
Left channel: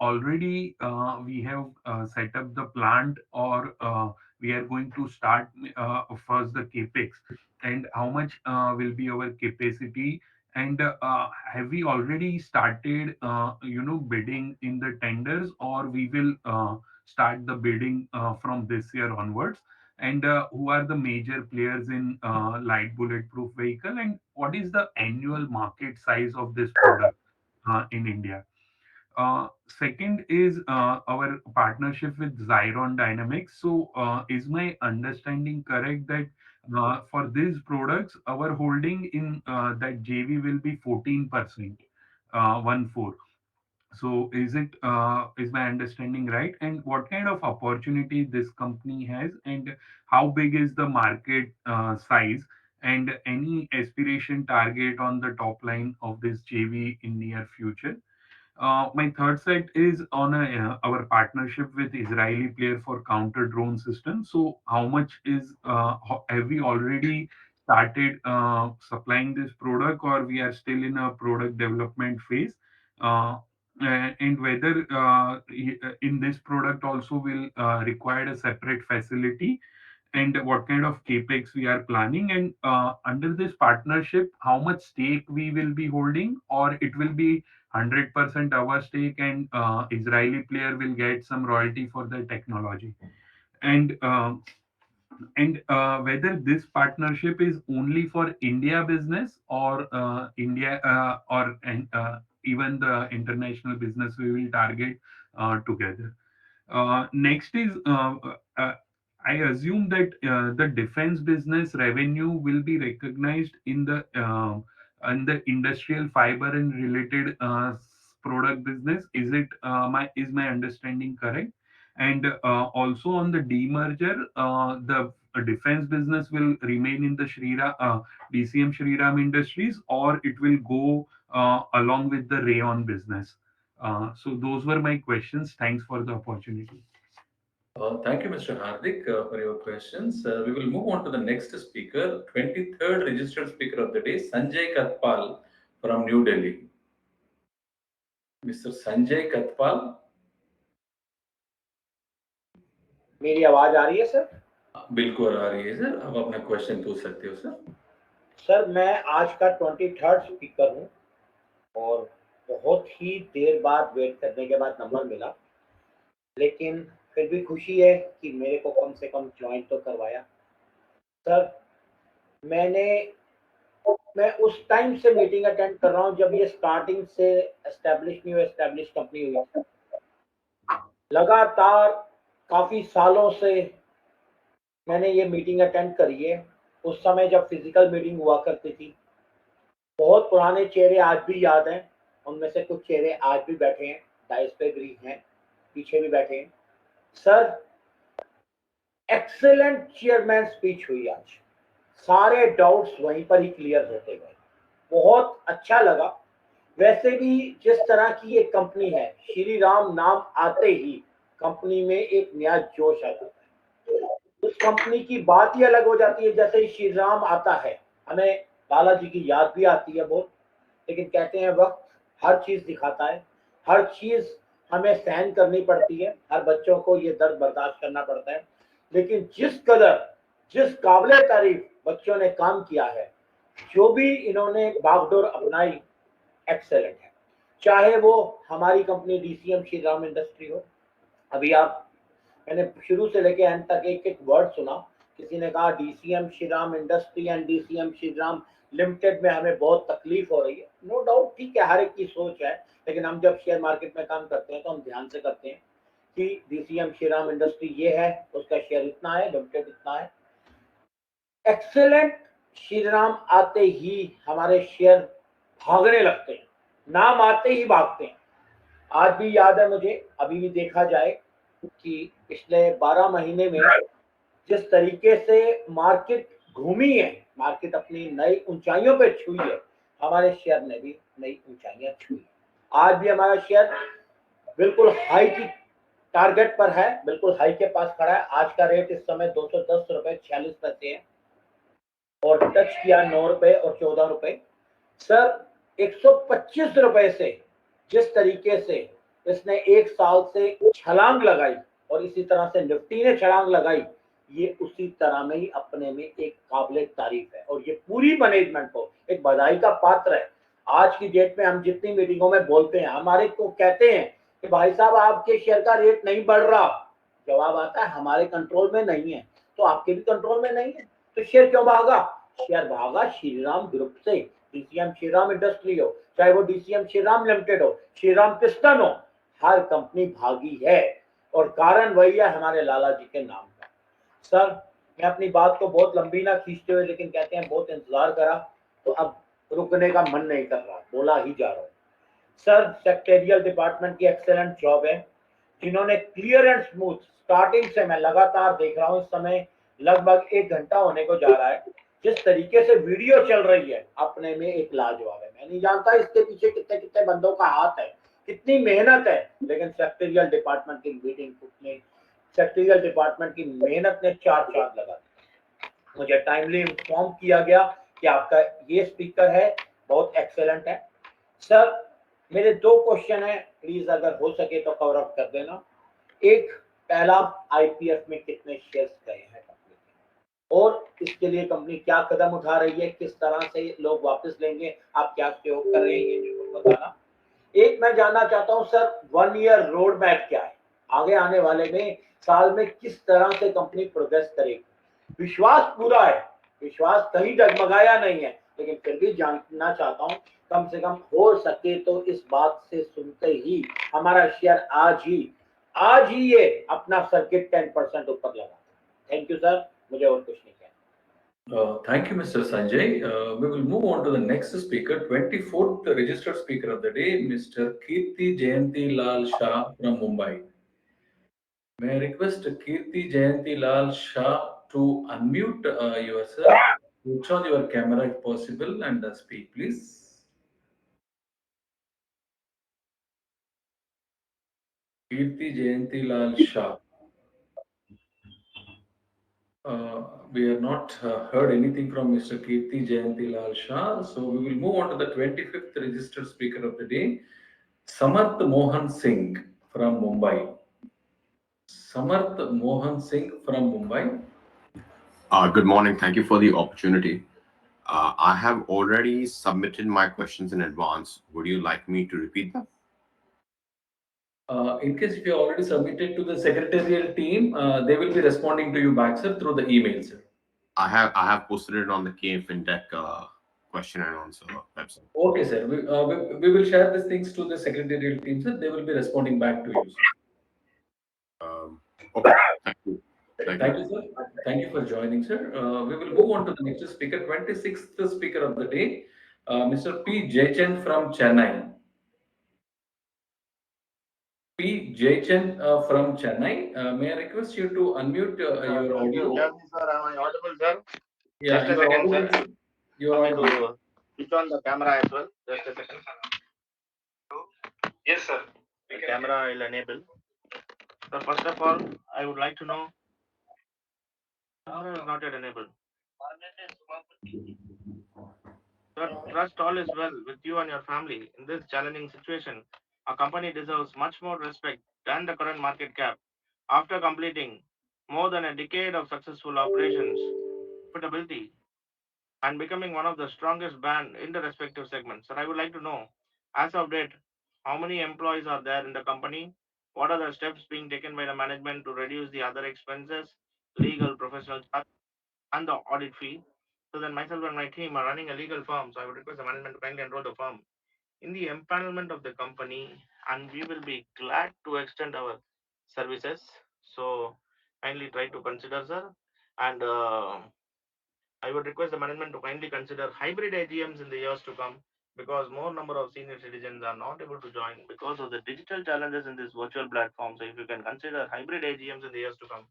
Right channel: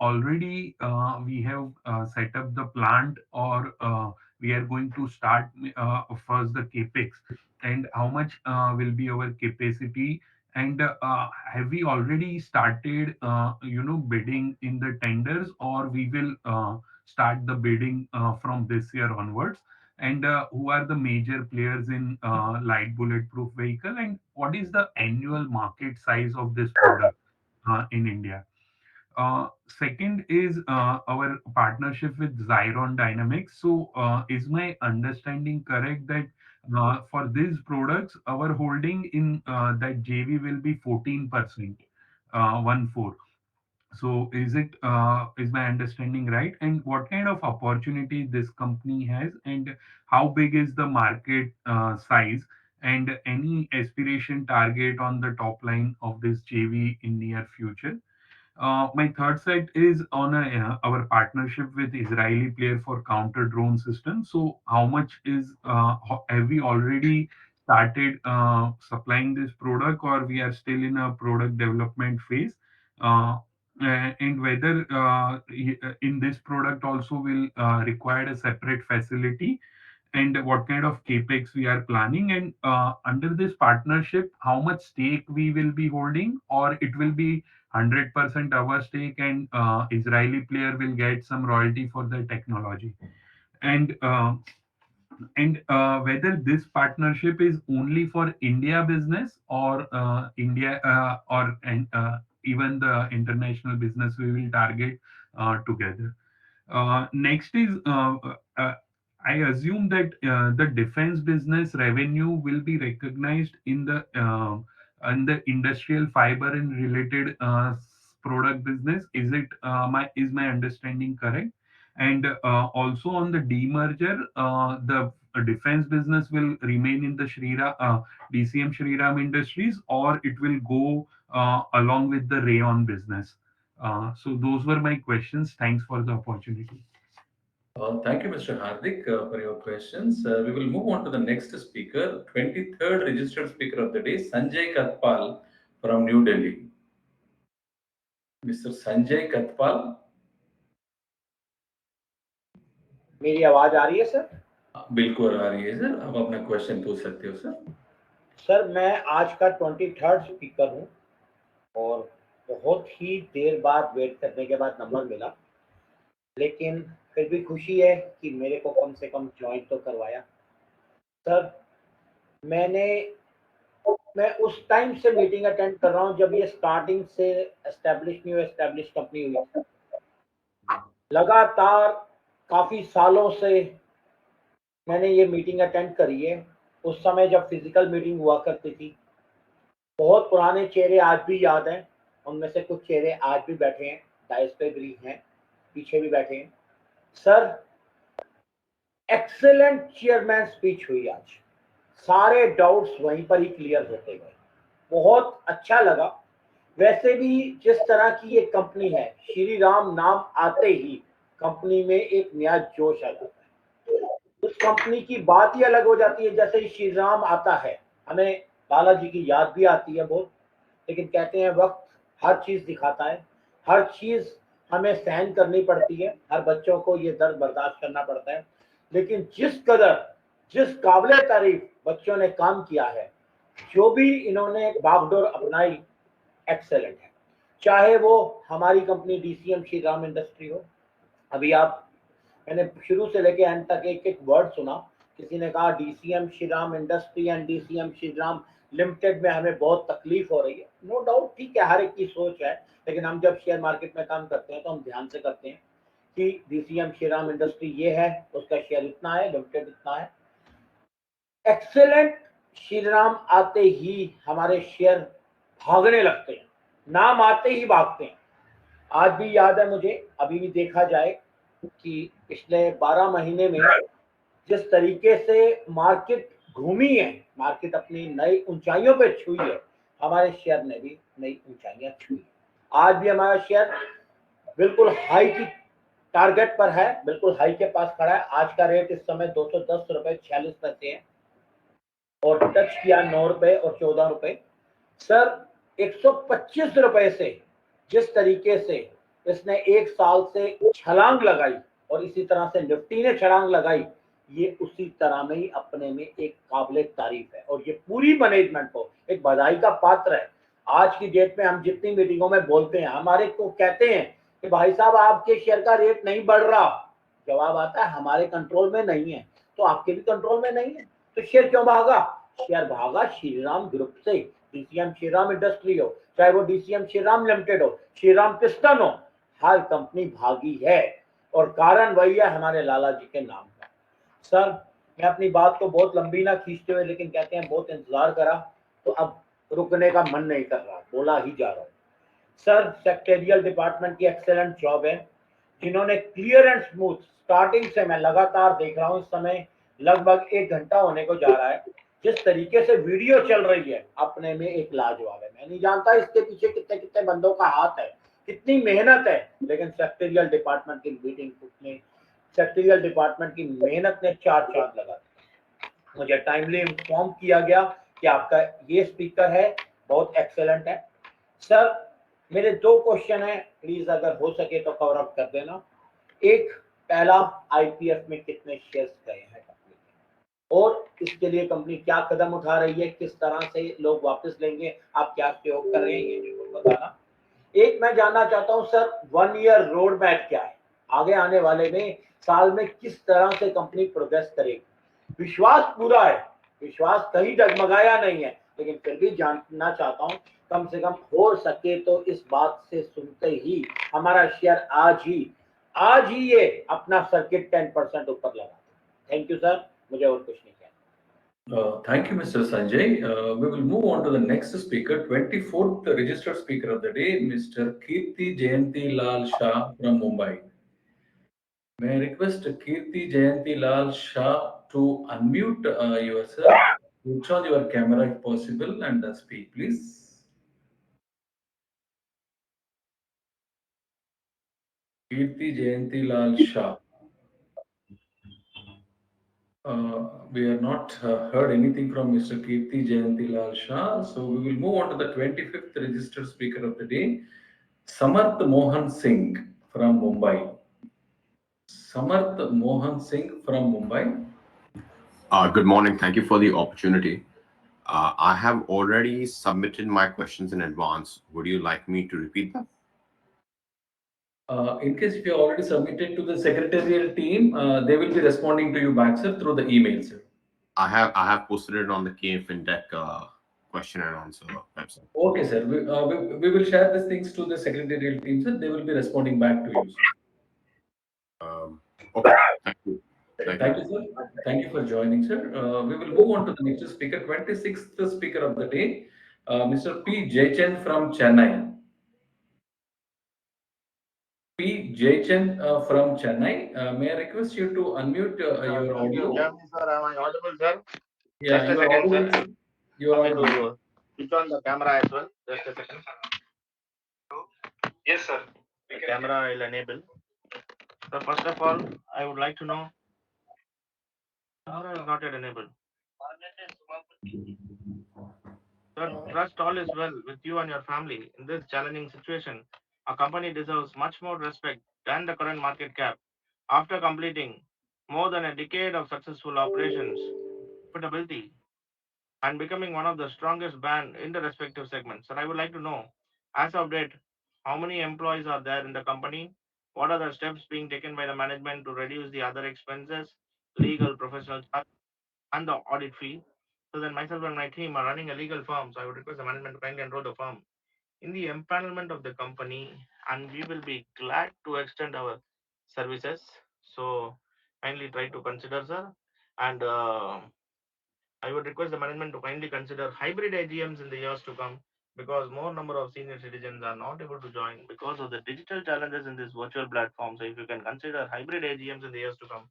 already we have set up the plant, or we are going to start first the capex, and how much will be our capacity, and have we already started bidding in the tenders, or we will start the bidding from this year onwards? And who are the major players in light bulletproof vehicle, and what is the annual market size of this product in India? Second is our partnership with Zyron Dynamics. So, is my understanding correct that for these products, our holding in that JV will be 14%, 1/4? So is my understanding right? And what kind of opportunity this company has, and how big is the market size, and any aspiration target on the top line of this JV in near future? My third site is on our partnership with Israeli player for counter drone system. So how much have we already started supplying this product, or we are still in a product development phase? Uh, and whether in this product also will require a separate facility, and what kind of capex we are planning, and under this partnership, how much stake we will be holding, or it will be 100% our stake, and Israeli player will get some royalty for the technology. And whether this partnership is only for India business, or India or and even the international business we will target together. Next is, I assume that the defense business revenue will be recognized in the industrial fiber and related product business. Is my understanding correct? And also on the demerger, the defense business will remain in the DCM Shriram Industries, or it will go along with the Rayon business. So those were my questions. Thanks for the opportunity. Thank you, Mr. Hardik, for your questions. We will move on to the next speaker, 23rd registered speaker of the day, Sanjay Katpal from New Delhi. Mr. Sanjay Katpal. मेरी आवाज आ रही है sir? बिल्कुल आ रही है sir, आप अपना question पूछ सकते हो सर। सर मैं आज का 23rd स्पीकर हूं और बहुत ही देर बाद वेट करने के बाद नंबर मिला, लेकिन फिर भी खुशी है कि मेरे को कम से कम ज्वाइन तो करवाया। सर मैं उस टाइम से मीटिंग अटेंड कर रहा हूं जब ये स्टार्टिंग से एस्टेब्लिश कंपनी हुई थी। लगातार काफी सालों से मैंने ये मीटिंग अटेंड करी है। उस समय जब फिजिकल मीटिंग हुआ करती थी, बहुत पुराने चेहरे आज भी याद हैं, उनमें से कुछ चेहरे आज भी बैठे हैं, डाइस पे भी हैं, पीछे भी बैठे हैं। सर एक्सेलेंट चेयरमैन स्पीच हुई आज, सारे डाउट्स वहीं पर ही क्लियर होते गए, बहुत अच्छा लगा। वैसे भी जिस तरह की ये कंपनी है, श्री राम नाम आते ही कंपनी में एक नया जोश आ जाता है। उस कंपनी की बात ही अलग हो जाती है। जैसे ही श्री राम आता है, हमें बालाजी की याद भी आती है बहुत, लेकिन कहते हैं वक्त हर चीज दिखाता है, हर चीज हमें सहन करनी पड़ती है, हर बच्चों को ये दर्द बर्दाश्त करना पड़ता है, लेकिन जिस काबिले तारीफ बच्चों ने काम किया है, जो भी इन्होंने बागडोर अपनाई, एक्सेलेंट है। चाहे वो हमारी कंपनी डीसीएम श्रीराम इंडस्ट्री हो, अभी आप, मैंने शुरू से लेके एंड तक एक एक वर्ड सुना। किसी ने कहा DCM Shriram industry and DCM Shriram limited में हमें बहुत तकलीफ हो रही है। नो डाउट, ठीक है, हर एक की सोच है, लेकिन हम जब शेयर मार्केट में काम करते हैं तो हम ध्यान से करते हैं कि डीसीएम श्रीराम इंडस्ट्री ये है, उसका शेयर इतना है, लिमिटेड इतना है। एक्सेलेंट श्रीराम आते ही हमारे शेयर भागने लगते हैं, नाम आते ही भागते हैं। आज भी याद है मुझे, अभी भी देखा जाए कि पिछले 12 महीने में जिस तरीके से मार्केट घूमी है, मार्केट अपनी नई ऊंचाइयों पे छुई है, हमारे शेयर ने भी नई ऊंचाइयां छुई। आज भी हमारा शेयर बिल्कुल हाई की टारगेट पर है, बिल्कुल हाई के पास खड़ा है। आज का रेट इस समय 210 रुपए 46 पैसे है और टच किया 9 रुपए और 14 रुपए। सर, 125 रुपए से जिस तरीके से इसने एक साल से छलांग लगाई और इसी तरह से निफ्टी ने छलांग लगाई, ये उसी तरह में ही अपने में एक काबिले तारीफ है और ये पूरी मैनेजमेंट को एक बधाई का पात्र है। आज की डेट में हम जितनी मीटिंगों में बोलते हैं, हमारे को कहते हैं कि भाई साहब आपके शेयर का रेट नहीं बढ़ रहा, जवाब आता है हमारे कंट्रोल में नहीं है। तो आपके भी कंट्रोल में नहीं है तो शेयर क्यों भागा? शेयर भागा श्रीराम ग्रुप से। डीसीएम श्रीराम इंडस्ट्री हो, चाहे वो डीसीएम श्रीराम लिमिटेड हो, श्रीराम पिस्टन हो, हर कंपनी भागी है और कारण वही है हमारे लाला जी के नाम का। सर, मैं अपनी बात को बहुत लंबी ना खींचते हुए, लेकिन कहते हैं बहुत इंतजार करा तो अब रुकने का मन नहीं कर रहा, बोला ही जा रहा हूं। सर, सेक्रेटरियल डिपार्टमेंट की एक्सेलेंट जॉब है, जिन्होंने क्लियर एंड स्मूथ स्टार्टिंग से, मैं लगातार देख रहा हूं, इस समय लगभग 1 घंटा होने को जा रहा है, जिस तरीके से वीडियो चल रही है अपने में एक लाजवाब है। मैं नहीं जानता इसके पीछे कितने कितने बंदों का हाथ है, कितनी मेहनत है, लेकिन सेक्रेटरियल डिपार्टमेंट की मीटिंग में सेक्रेटरियल डिपार्टमेंट की मेहनत ने चार चांद लगा दिए। मुझे टाइमली इन्फॉर्म किया गया कि आपका ये स्पीकर है, बहुत एक्सेलेंट है। सर, मेरे 2 क्वेश्चन है, प्लीज अगर हो सके तो कवर अप कर देना। एक, पहला, आईपीएफ में कितने शेयर्स गए हैं कंपनी के और इसके लिए कंपनी क्या कदम उठा रही है, किस तरह से लोग वापस लेंगे, आप क्या सहयोग कर रहे हैं, ये जरूर बताना। एक मैं जानना चाहता हूं सर, 1 ईयर रोड मैप क्या है, आगे आने वाले में साल में किस तरह से कंपनी प्रोग्रेस करेगी? विश्वास पूरा है, विश्वास कहीं डगमगाया नहीं है, लेकिन फिर भी जानना चाहता हूं, कम से कम हो सके तो इस बात से सुनते ही हमारा शेयर आज ही ये अपना सर्किट 10% ऊपर लगा। थैंक यू सर, मुझे और कुछ नहीं कहना। Thank you, Mr. Sanjay. We will move on to the next speaker, 24th registered speaker of the day, Mr. Kirti Jayanti Lal Shah from Mumbai. May I request Kirti Jayanti Lal Shah to unmute yourself, switch on your camera if possible, and speak, please. Kirti Jayanti Lal Shah. We have not heard anything from Mr. Kirti Jayanti Lal Shah, so we will move on to the 25th registered speaker of the day, Samarth Mohan Singh from Mumbai. Samarth Mohan Singh from Mumbai. Good morning. Thank you for the opportunity. I have already submitted my questions in advance. Would you like me to repeat them? In case if you already submitted to the secretarial team, they will be responding to you back, sir, through the email, sir. I have posted it on the KFinTech question and answer website. Okay, sir. We will share these things to the secretarial team, sir. They will be responding back to you, sir. Okay. Thank you. Thank you, sir. Thank you for joining, sir. We will move on to the next speaker, 26th speaker of the day, Mr. P. Jaychand from Chennai. P. Jaychand from Chennai. May I request you to unmute your audio? Sir, am I audible, sir? Yeah, Just a you are second, audible. sir. You are Let me audible. to switch on the camera as well. Just a second. Yes, sir. The camera I will enable. So first of all, I would like to know. Camera is not yet enabled. Sir, trust all is well with you and your family in this challenging situation. A company deserves much more respect than the current market cap after completing more than a decade of successful operations, profitability, and becoming one of the strongest brand in the respective segments. And I would like to know, as of date, how many employees are there in the company? What are the steps being taken by the management to reduce the other expenses, legal, professional charge, and the audit fee? So then myself and my team are running a legal firm, so I would request the management to kindly enroll the firm in the empanelment of the company, and we will be glad to extend our services. So kindly try to consider, sir. And I would request the management to kindly consider hybrid AGMs in the years to come, because more number of senior citizens are not able to join because of the digital challenges in this virtual platform. So if you can consider hybrid AGMs in the years to come,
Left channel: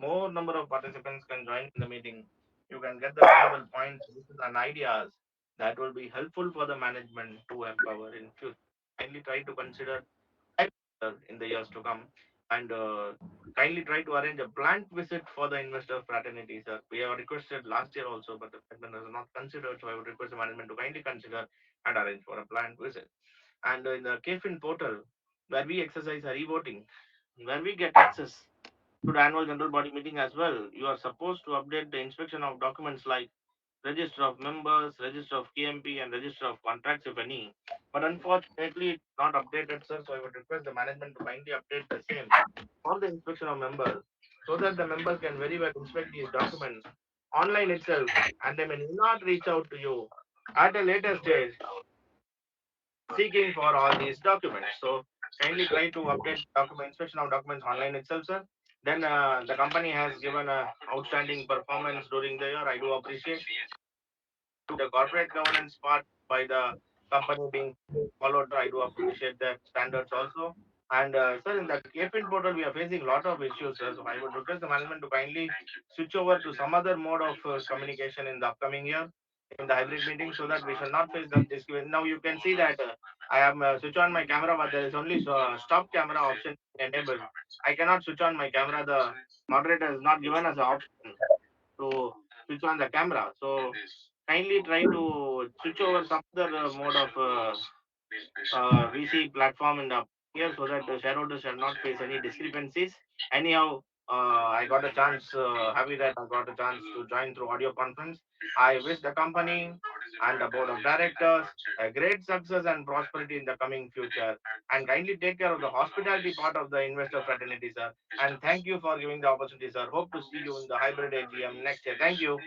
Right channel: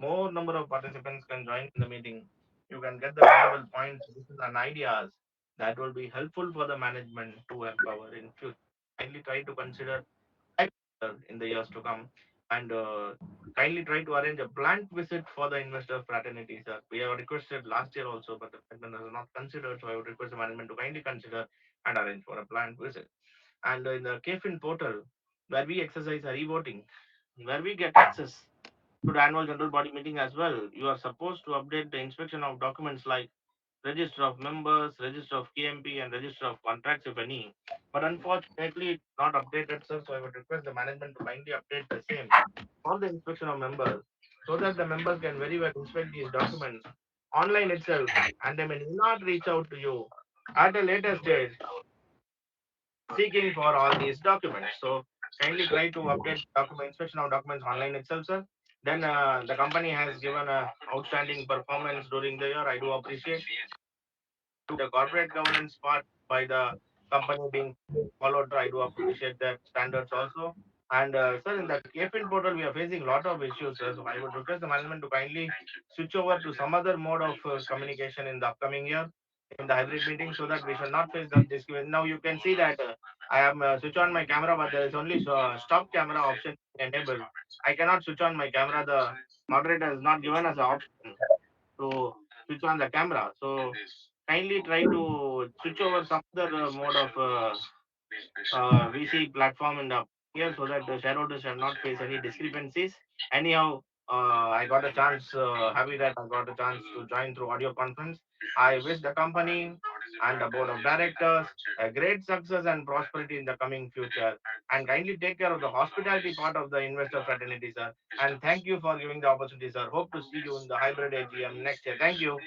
more number of participants can join in the meeting. You can get the valuable points, suggestions, and ideas that will be helpful for the management to empower in future. Kindly try to consider in the years to come, and kindly try to arrange a plant visit for the investor fraternity, sir. We have requested last year also, but the management has not considered, so I would request the management to kindly consider and arrange for a plant visit. And in the KFIN portal, where we exercise our e-voting, where we get access to the annual general body meeting as well, you are supposed to update the inspection of documents like register of members, register of KMP, and register of contracts, if any. But unfortunately, it's not updated, sir. So I would request the management to kindly update the same for the inspection of members, so that the members can very well inspect these documents online itself, and they may not reach out to you at a later stage seeking for all these documents. So kindly try to update document inspection of documents online itself, sir. Then the company has given a outstanding performance during the year. I do appreciate the corporate governance part by the company being followed. I do appreciate that standards also. And sir, in the KFIN portal, we are facing a lot of issues, sir. So I would request the management to kindly switch over to some other mode of communication in the upcoming year in the hybrid meeting, so that we shall not face this. Now you can see that I am switch on my camera, but there is only stop camera option enabled. I cannot switch on my camera. The moderator has not given us an option to switch on the camera. So kindly try to switch over some other mode of VC platform in the here, so that the shareholders shall not face any discrepancies. Anyhow, I got a chance, happy that I got a chance to join through audio conference. I wish the company and the board of directors a great success and prosperity in the coming future. And kindly take care of the hospitality part of the investor fraternity, sir. And thank you for giving the opportunity, sir. Hope to see you in the hybrid AGM next year. Thank you.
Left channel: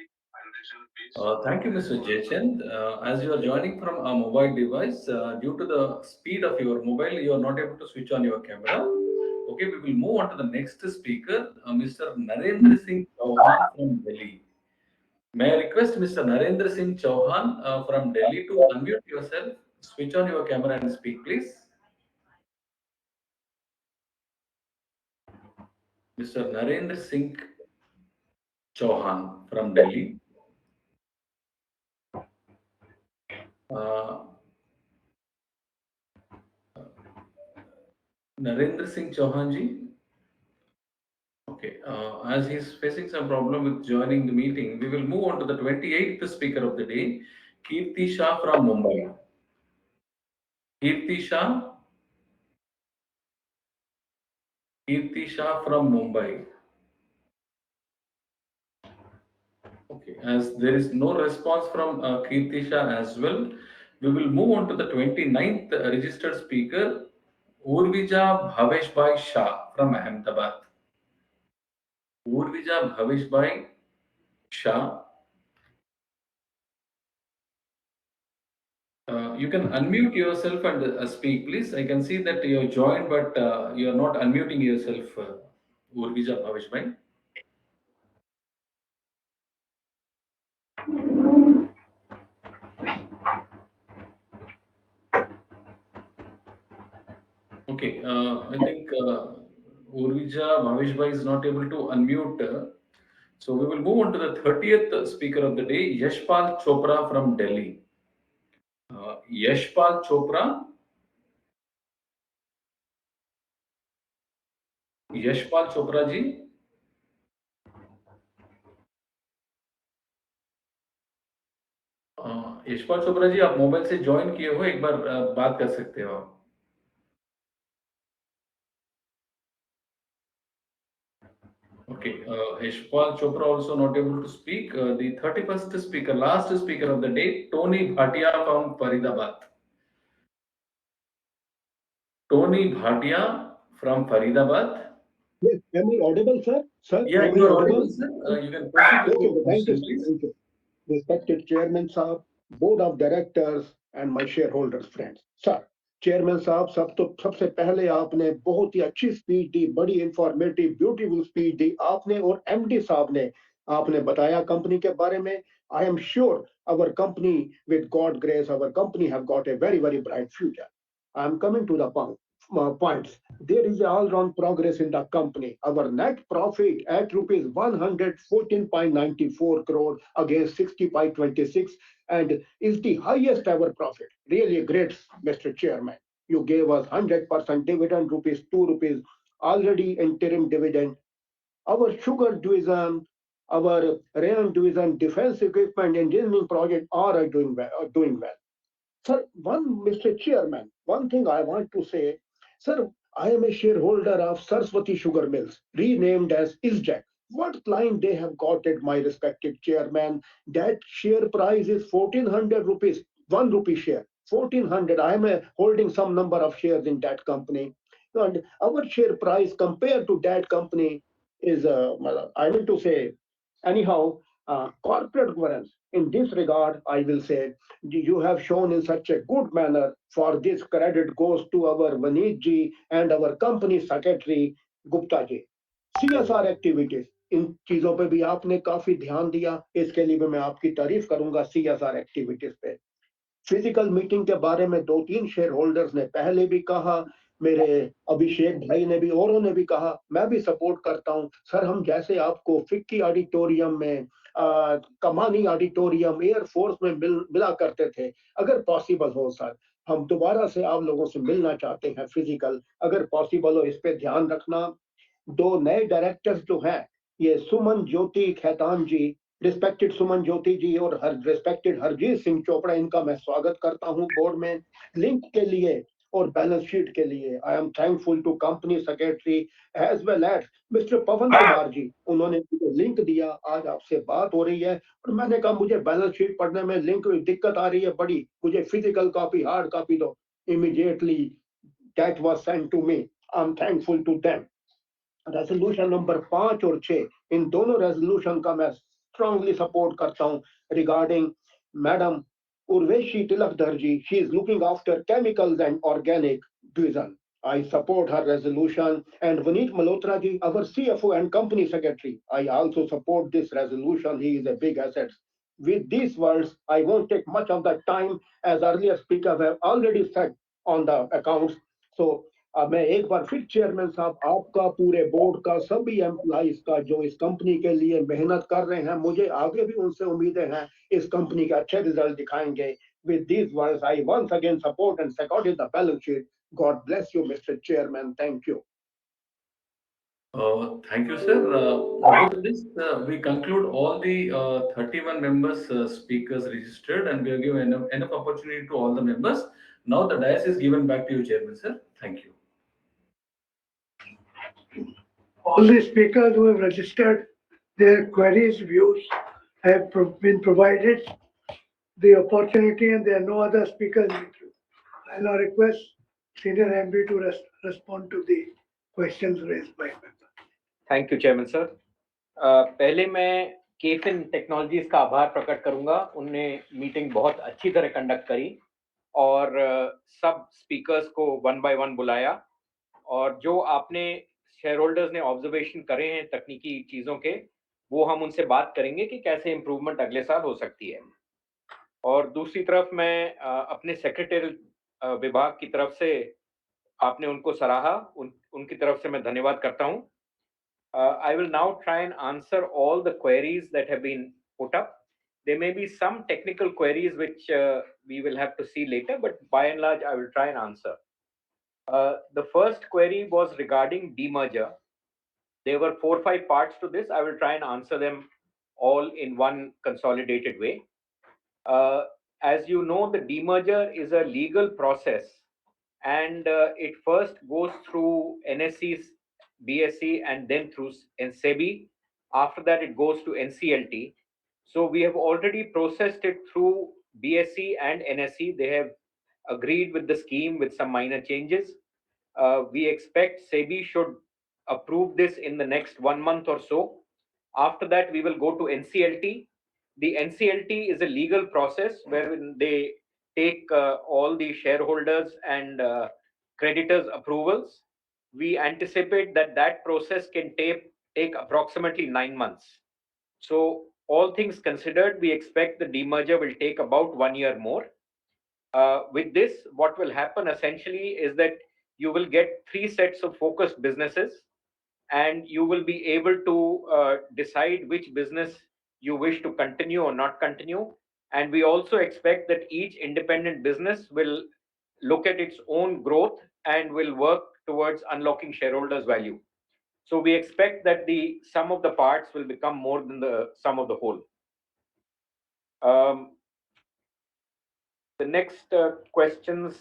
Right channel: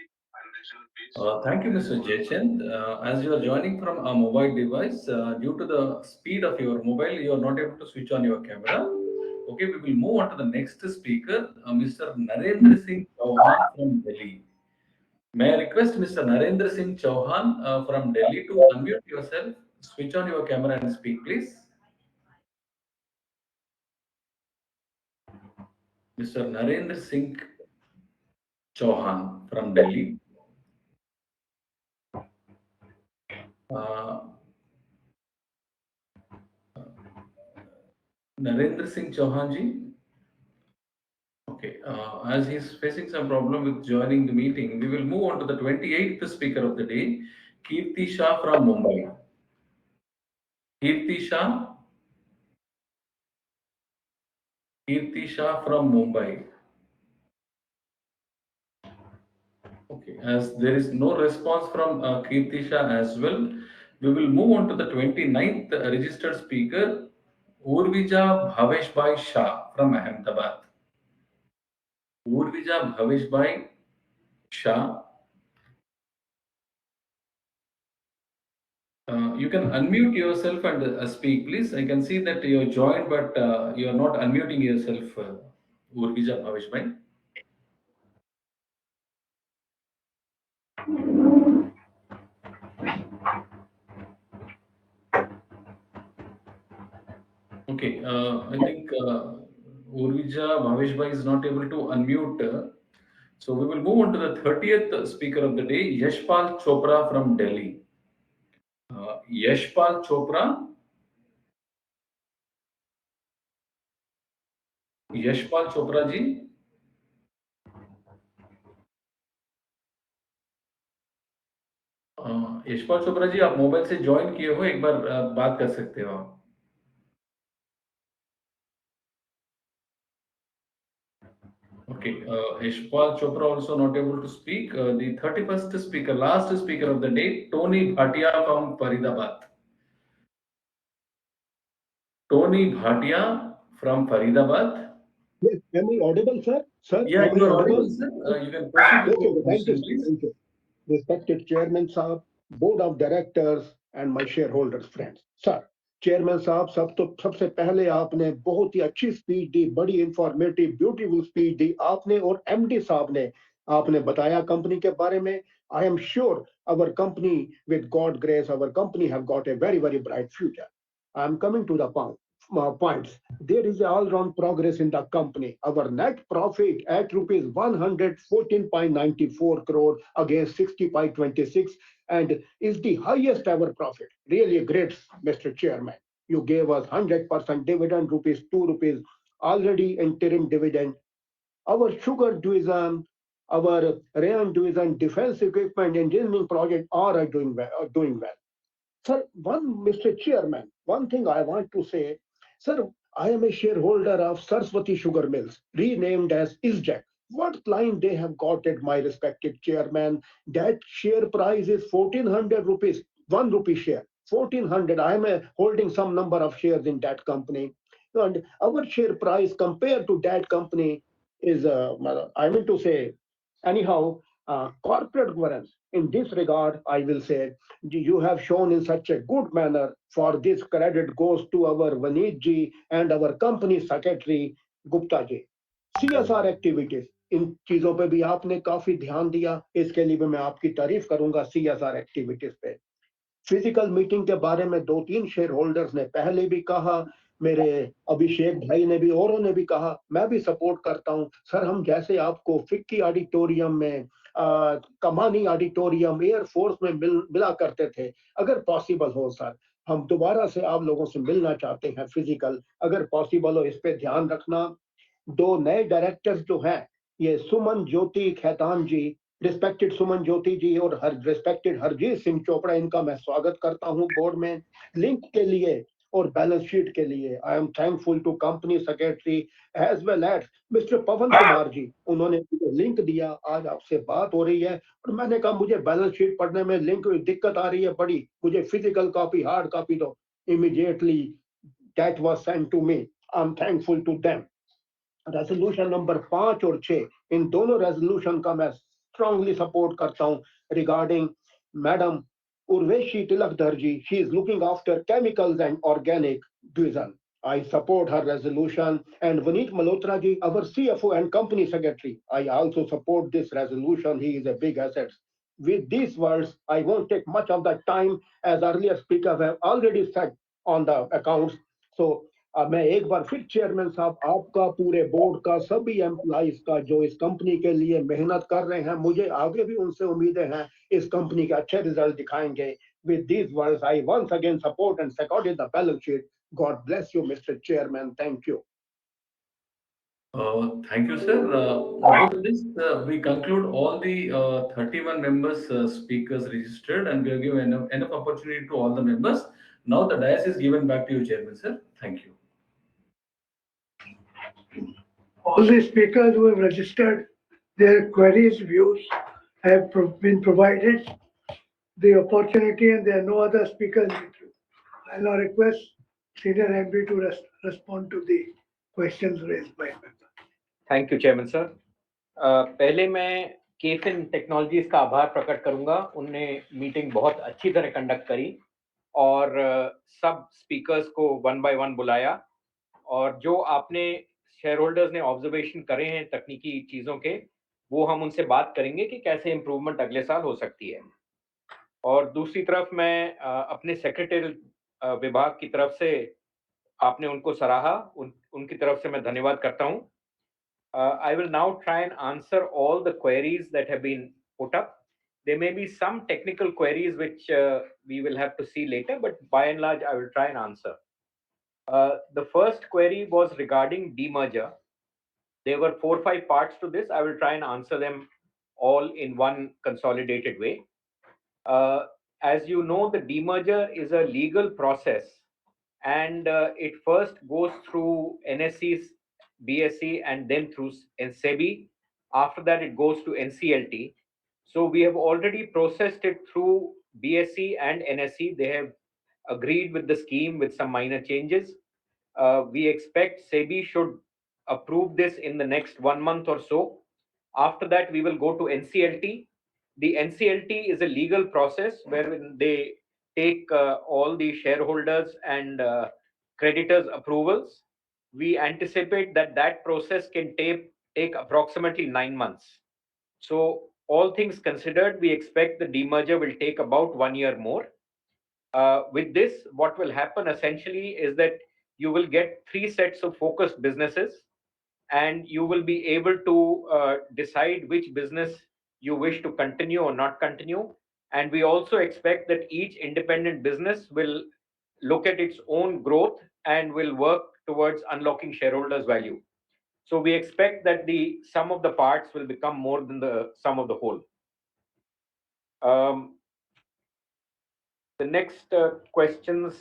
Thank you, Mr. Jaychand. As you are joining from a mobile device, due to the speed of your mobile, you are not able to switch on your camera. Okay, we will move on to the next speaker, Mr. Narendra Singh Chauhan from Delhi. May I request Mr. Narendra Singh Chauhan from Delhi to unmute yourself, switch on your camera and speak, please. Mr. Narendra Singh Chauhan from Delhi. Uh, Narendra Singh Chauhan ji. Okay, as he's facing some problem with joining the meeting, we will move on to the 28th speaker of the day, Kirti Shah from Mumbai. Kirti Shah, Kirti Shah from Mumbai. Okay, as there is no response from Kirti Shah as well, we will move on to the 29th registered speaker, Urvija Bhaveshbhai Shah from Ahmedabad. Urvija Bhaveshbhai Shah. You can unmute yourself and speak, please. I can see that you're joined, but you are not unmuting yourself, Urvija Bhaveshbhai. Okay, I think Urvija Bhaveshbhai is not able to unmute. So we will move on to the 30th speaker of the day, Yashpal Chopra from Delhi. Yashpal Chopra. Yashpal Chopra ji, Yashpal Chopra ji, आप mobile से join किए हो, एक बार बात कर सकते हो आप। Okay, Ishpal Chopra also not able to speak. The 31st speaker, last speaker of the day, Tony Bhatia from Faridabad. Tony Bhatia from Faridabad. Yes, am I audible, sir? Sir, Yeah, am you I are audible? audible, sir. You can proceed with Okay, your okay, thank you, question, sir. please. Thank you. Respected Chairman Saab, Board of Directors and my shareholders friends. Sir chairman साहब सबसे पहले आपने बहुत ही अच्छी speech दी, बड़ी informative beautiful speech दी आपने और MD साहब ने आपने बताया कंपनी के बारे में. I am sure our company, with God grace, our company have got a very, very bright future. I am coming to the points. There is all-round progress in the company. Our net profit at rupees 114.94 crore against 60.26 and is the highest ever profit. Really great, Mr. Chairman. You gave us 100% dividend, rupees 2 rupees, already interim dividend. Our sugar division, our rayon division, defense equipment, engineering project are doing well. Sir, Mr. Chairman, one thing I want to say, sir, I am a shareholder of Saraswati Sugar Mills, renamed as ISJAC. What line they have got at my respected chairman? That share price is 1400 rupees, 1 rupee share. 1400. I am holding some number of shares in that company. And our share price compared to that company is, I mean to say, anyhow, corporate governance. In this regard, I will say you have shown in such a good manner. For this credit goes to our Vaneet ji and our company secretary Gupta ji. CSR activities इन चीजों पे भी आपने काफी ध्यान दिया. इसके लिए भी मैं आपकी तारीफ करूंगा CSR एक्टिविटीज पे. फिजिकल मीटिंग के बारे में 2-3 शेयर होल्डर्स ने पहले भी कहा, मेरे अभिषेक भाई ने भी औरों ने भी कहा, मैं भी सपोर्ट करता हूं. सर हम जैसे आपको फिक्की ऑडिटोरियम में कमानी ऑडिटोरियम एयरफोर्स में मिला करते थे, अगर पॉसिबल हो सर हम दोबारा से आप लोगों से मिलना चाहते हैं फिजिकल, अगर पॉसिबल हो इस पे ध्यान रखना. दो नए डायरेक्टर्स जो हैं, ये सुमन ज्योति खैतान जी, रिस्पेक्टेड सुमन ज्योति जी और हर रिस्पेक्टेड हरजीत सिंह चोपड़ा, इनका मैं स्वागत करता हूं बोर्ड में. लिंक के लिए और बैलेंस शीट के लिए I am thankful to company secretary as well as mister Pawan Kumar ji. उन्होंने मुझे लिंक दिया, आज आपसे बात हो रही है और मैंने कहा मुझे बैलेंस शीट पढ़ने में लिंक दिक्कत आ रही है बड़ी, मुझे फिजिकल कॉपी हार्ड कॉपी दो. Immediately that was sent to me. I am thankful to them. Resolution number 5 और 6, इन दोनों रेजोल्यूशन का मैं स्ट्रांगली सपोर्ट करता हूं. Regarding madam Urvashi Tilakdhar ji, she is looking after chemicals and organic division. I support her resolution. And Vineet Malhotra ji, our CFO and company secretary, I also support this resolution. He is a big asset. With these words, I won't take much of the time, as earlier speakers have already said on the accounts. So अब मैं एक बार फिर chairman साहब आपका, पूरे board का, सभी employees का जो इस कंपनी के लिए मेहनत कर रहे हैं, मुझे आगे भी उनसे उम्मीदें हैं इस कंपनी के अच्छे रिजल्ट दिखाएंगे. With these words, I once again support and second the balance sheet. God bless you, Mr. Chairman. Thank you. Thank you, sir. With this, we conclude all the 31 members speakers registered, and we have given enough opportunity to all the members. Now the dais is given back to you, Chairman, sir. Thank you. All the speakers who have registered their queries, views have been provided the opportunity, and there are no other speakers. I now request Senior MD to respond to the questions raised by members. Thank you chairman sir. पहले मैं केफिन technologies का आभार प्रकट करूंगा. उनने meeting बहुत अच्छी तरह कंडक्ट करी और सब स्पीकर्स को वन बाय वन बुलाया, और जो आपने शेयर होल्डर्स ने ऑब्जर्वेशन करे हैं तकनीकी चीज़ों के, वो हम उनसे बात करेंगे कि कैसे इम्प्रूवमेंट अगले साल हो सकती है. और दूसरी तरफ मैं अपने सेक्रेटरी विभाग की तरफ से आपने उनको सराहा, उनकी तरफ से मैं धन्यवाद करता हूं. I will now try and answer all the queries that have been put up. There may be some technical queries which we will have to see later, but by and large, I will try and answer. The first query was regarding demerger. There were 4 or 5 parts to this. I will try and answer them all in one consolidated way. As you know, the demerger is a legal process, and it first goes through NSE's BSE, and then through SEBI. After that, it goes to NCLT. So we have already processed it through BSE and NSE. They have agreed with the scheme with some minor changes. We expect SEBI should approve this in the next 1 month or so. After that, we will go to NCLT. The NCLT is a legal process wherein they take all the shareholders and creditors' approvals. We anticipate that that process can take approximately 9 months. So, all things considered, we expect the demerger will take about 1 year more. With this, what will happen essentially is that you will get three sets of focused businesses, and you will be able to decide which business you wish to continue or not continue. And we also expect that each independent business will look at its own growth and will work towards unlocking shareholders' value. So we expect that the sum of the parts will become more than the sum of the whole. The next questions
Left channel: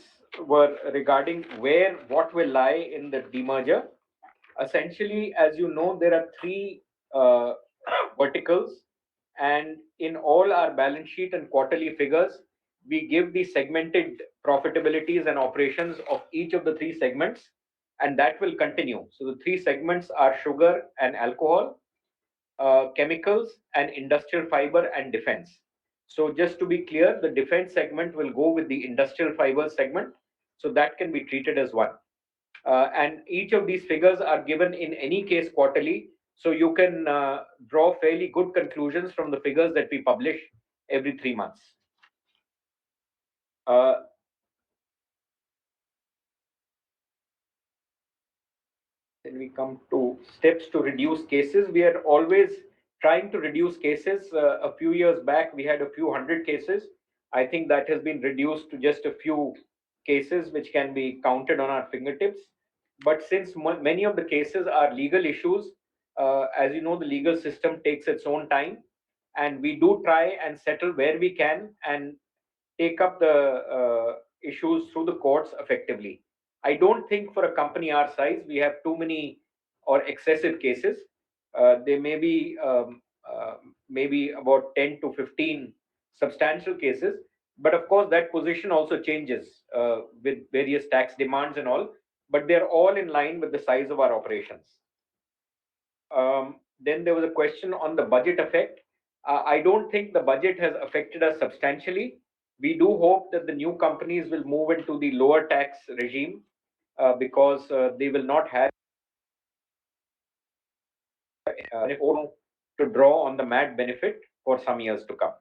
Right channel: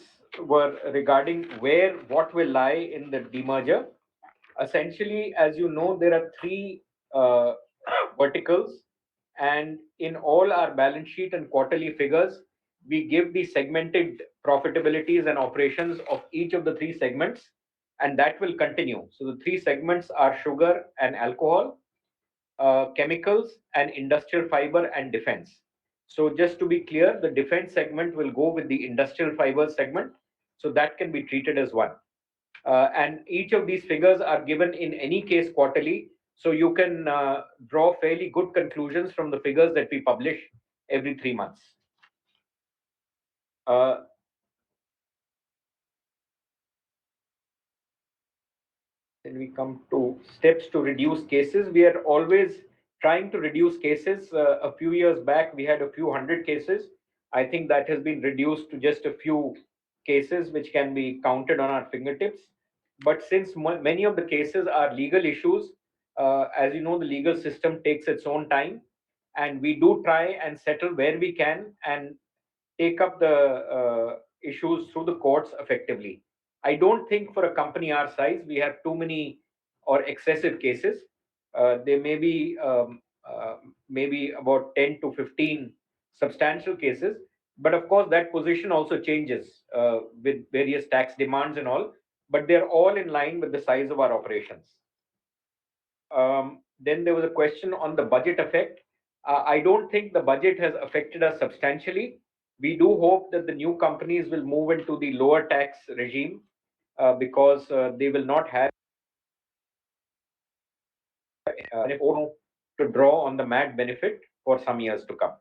were regarding what will lie in the demerger. Essentially, as you know, there are three uh, verticals, and in all our balance sheet and quarterly figures, we give the segmented profitabilities and operations of each of the three segments, and that will continue. So the three segments are sugar and alcohol, chemicals, and industrial fiber and defense. So just to be clear, the defense segment will go with the industrial fiber segment, so that can be treated as one. And each of these figures are given in any case quarterly, so you can draw fairly good conclusions from the figures that we publish every 3 months. Then we come to steps to reduce cases. We are always trying to reduce cases. A few years back, we had a few hundred cases. I think that has been reduced to just a few cases, which can be counted on our fingertips. But since many of the cases are legal issues, as you know, the legal system takes its own time, and we do try and settle where we can and take up the issues through the courts effectively. I don't think for a company our size we have too many or excessive cases. There may be maybe about 10 to 15 substantial cases, but of course that position also changes with various tax demands and all. But they're all in line with the size of our operations. Then there was a question on the budget effect. I don't think the budget has affected us substantially. We do hope that the new companies will move into the lower tax regime because they will not have to draw on the MAT benefit for some years to come.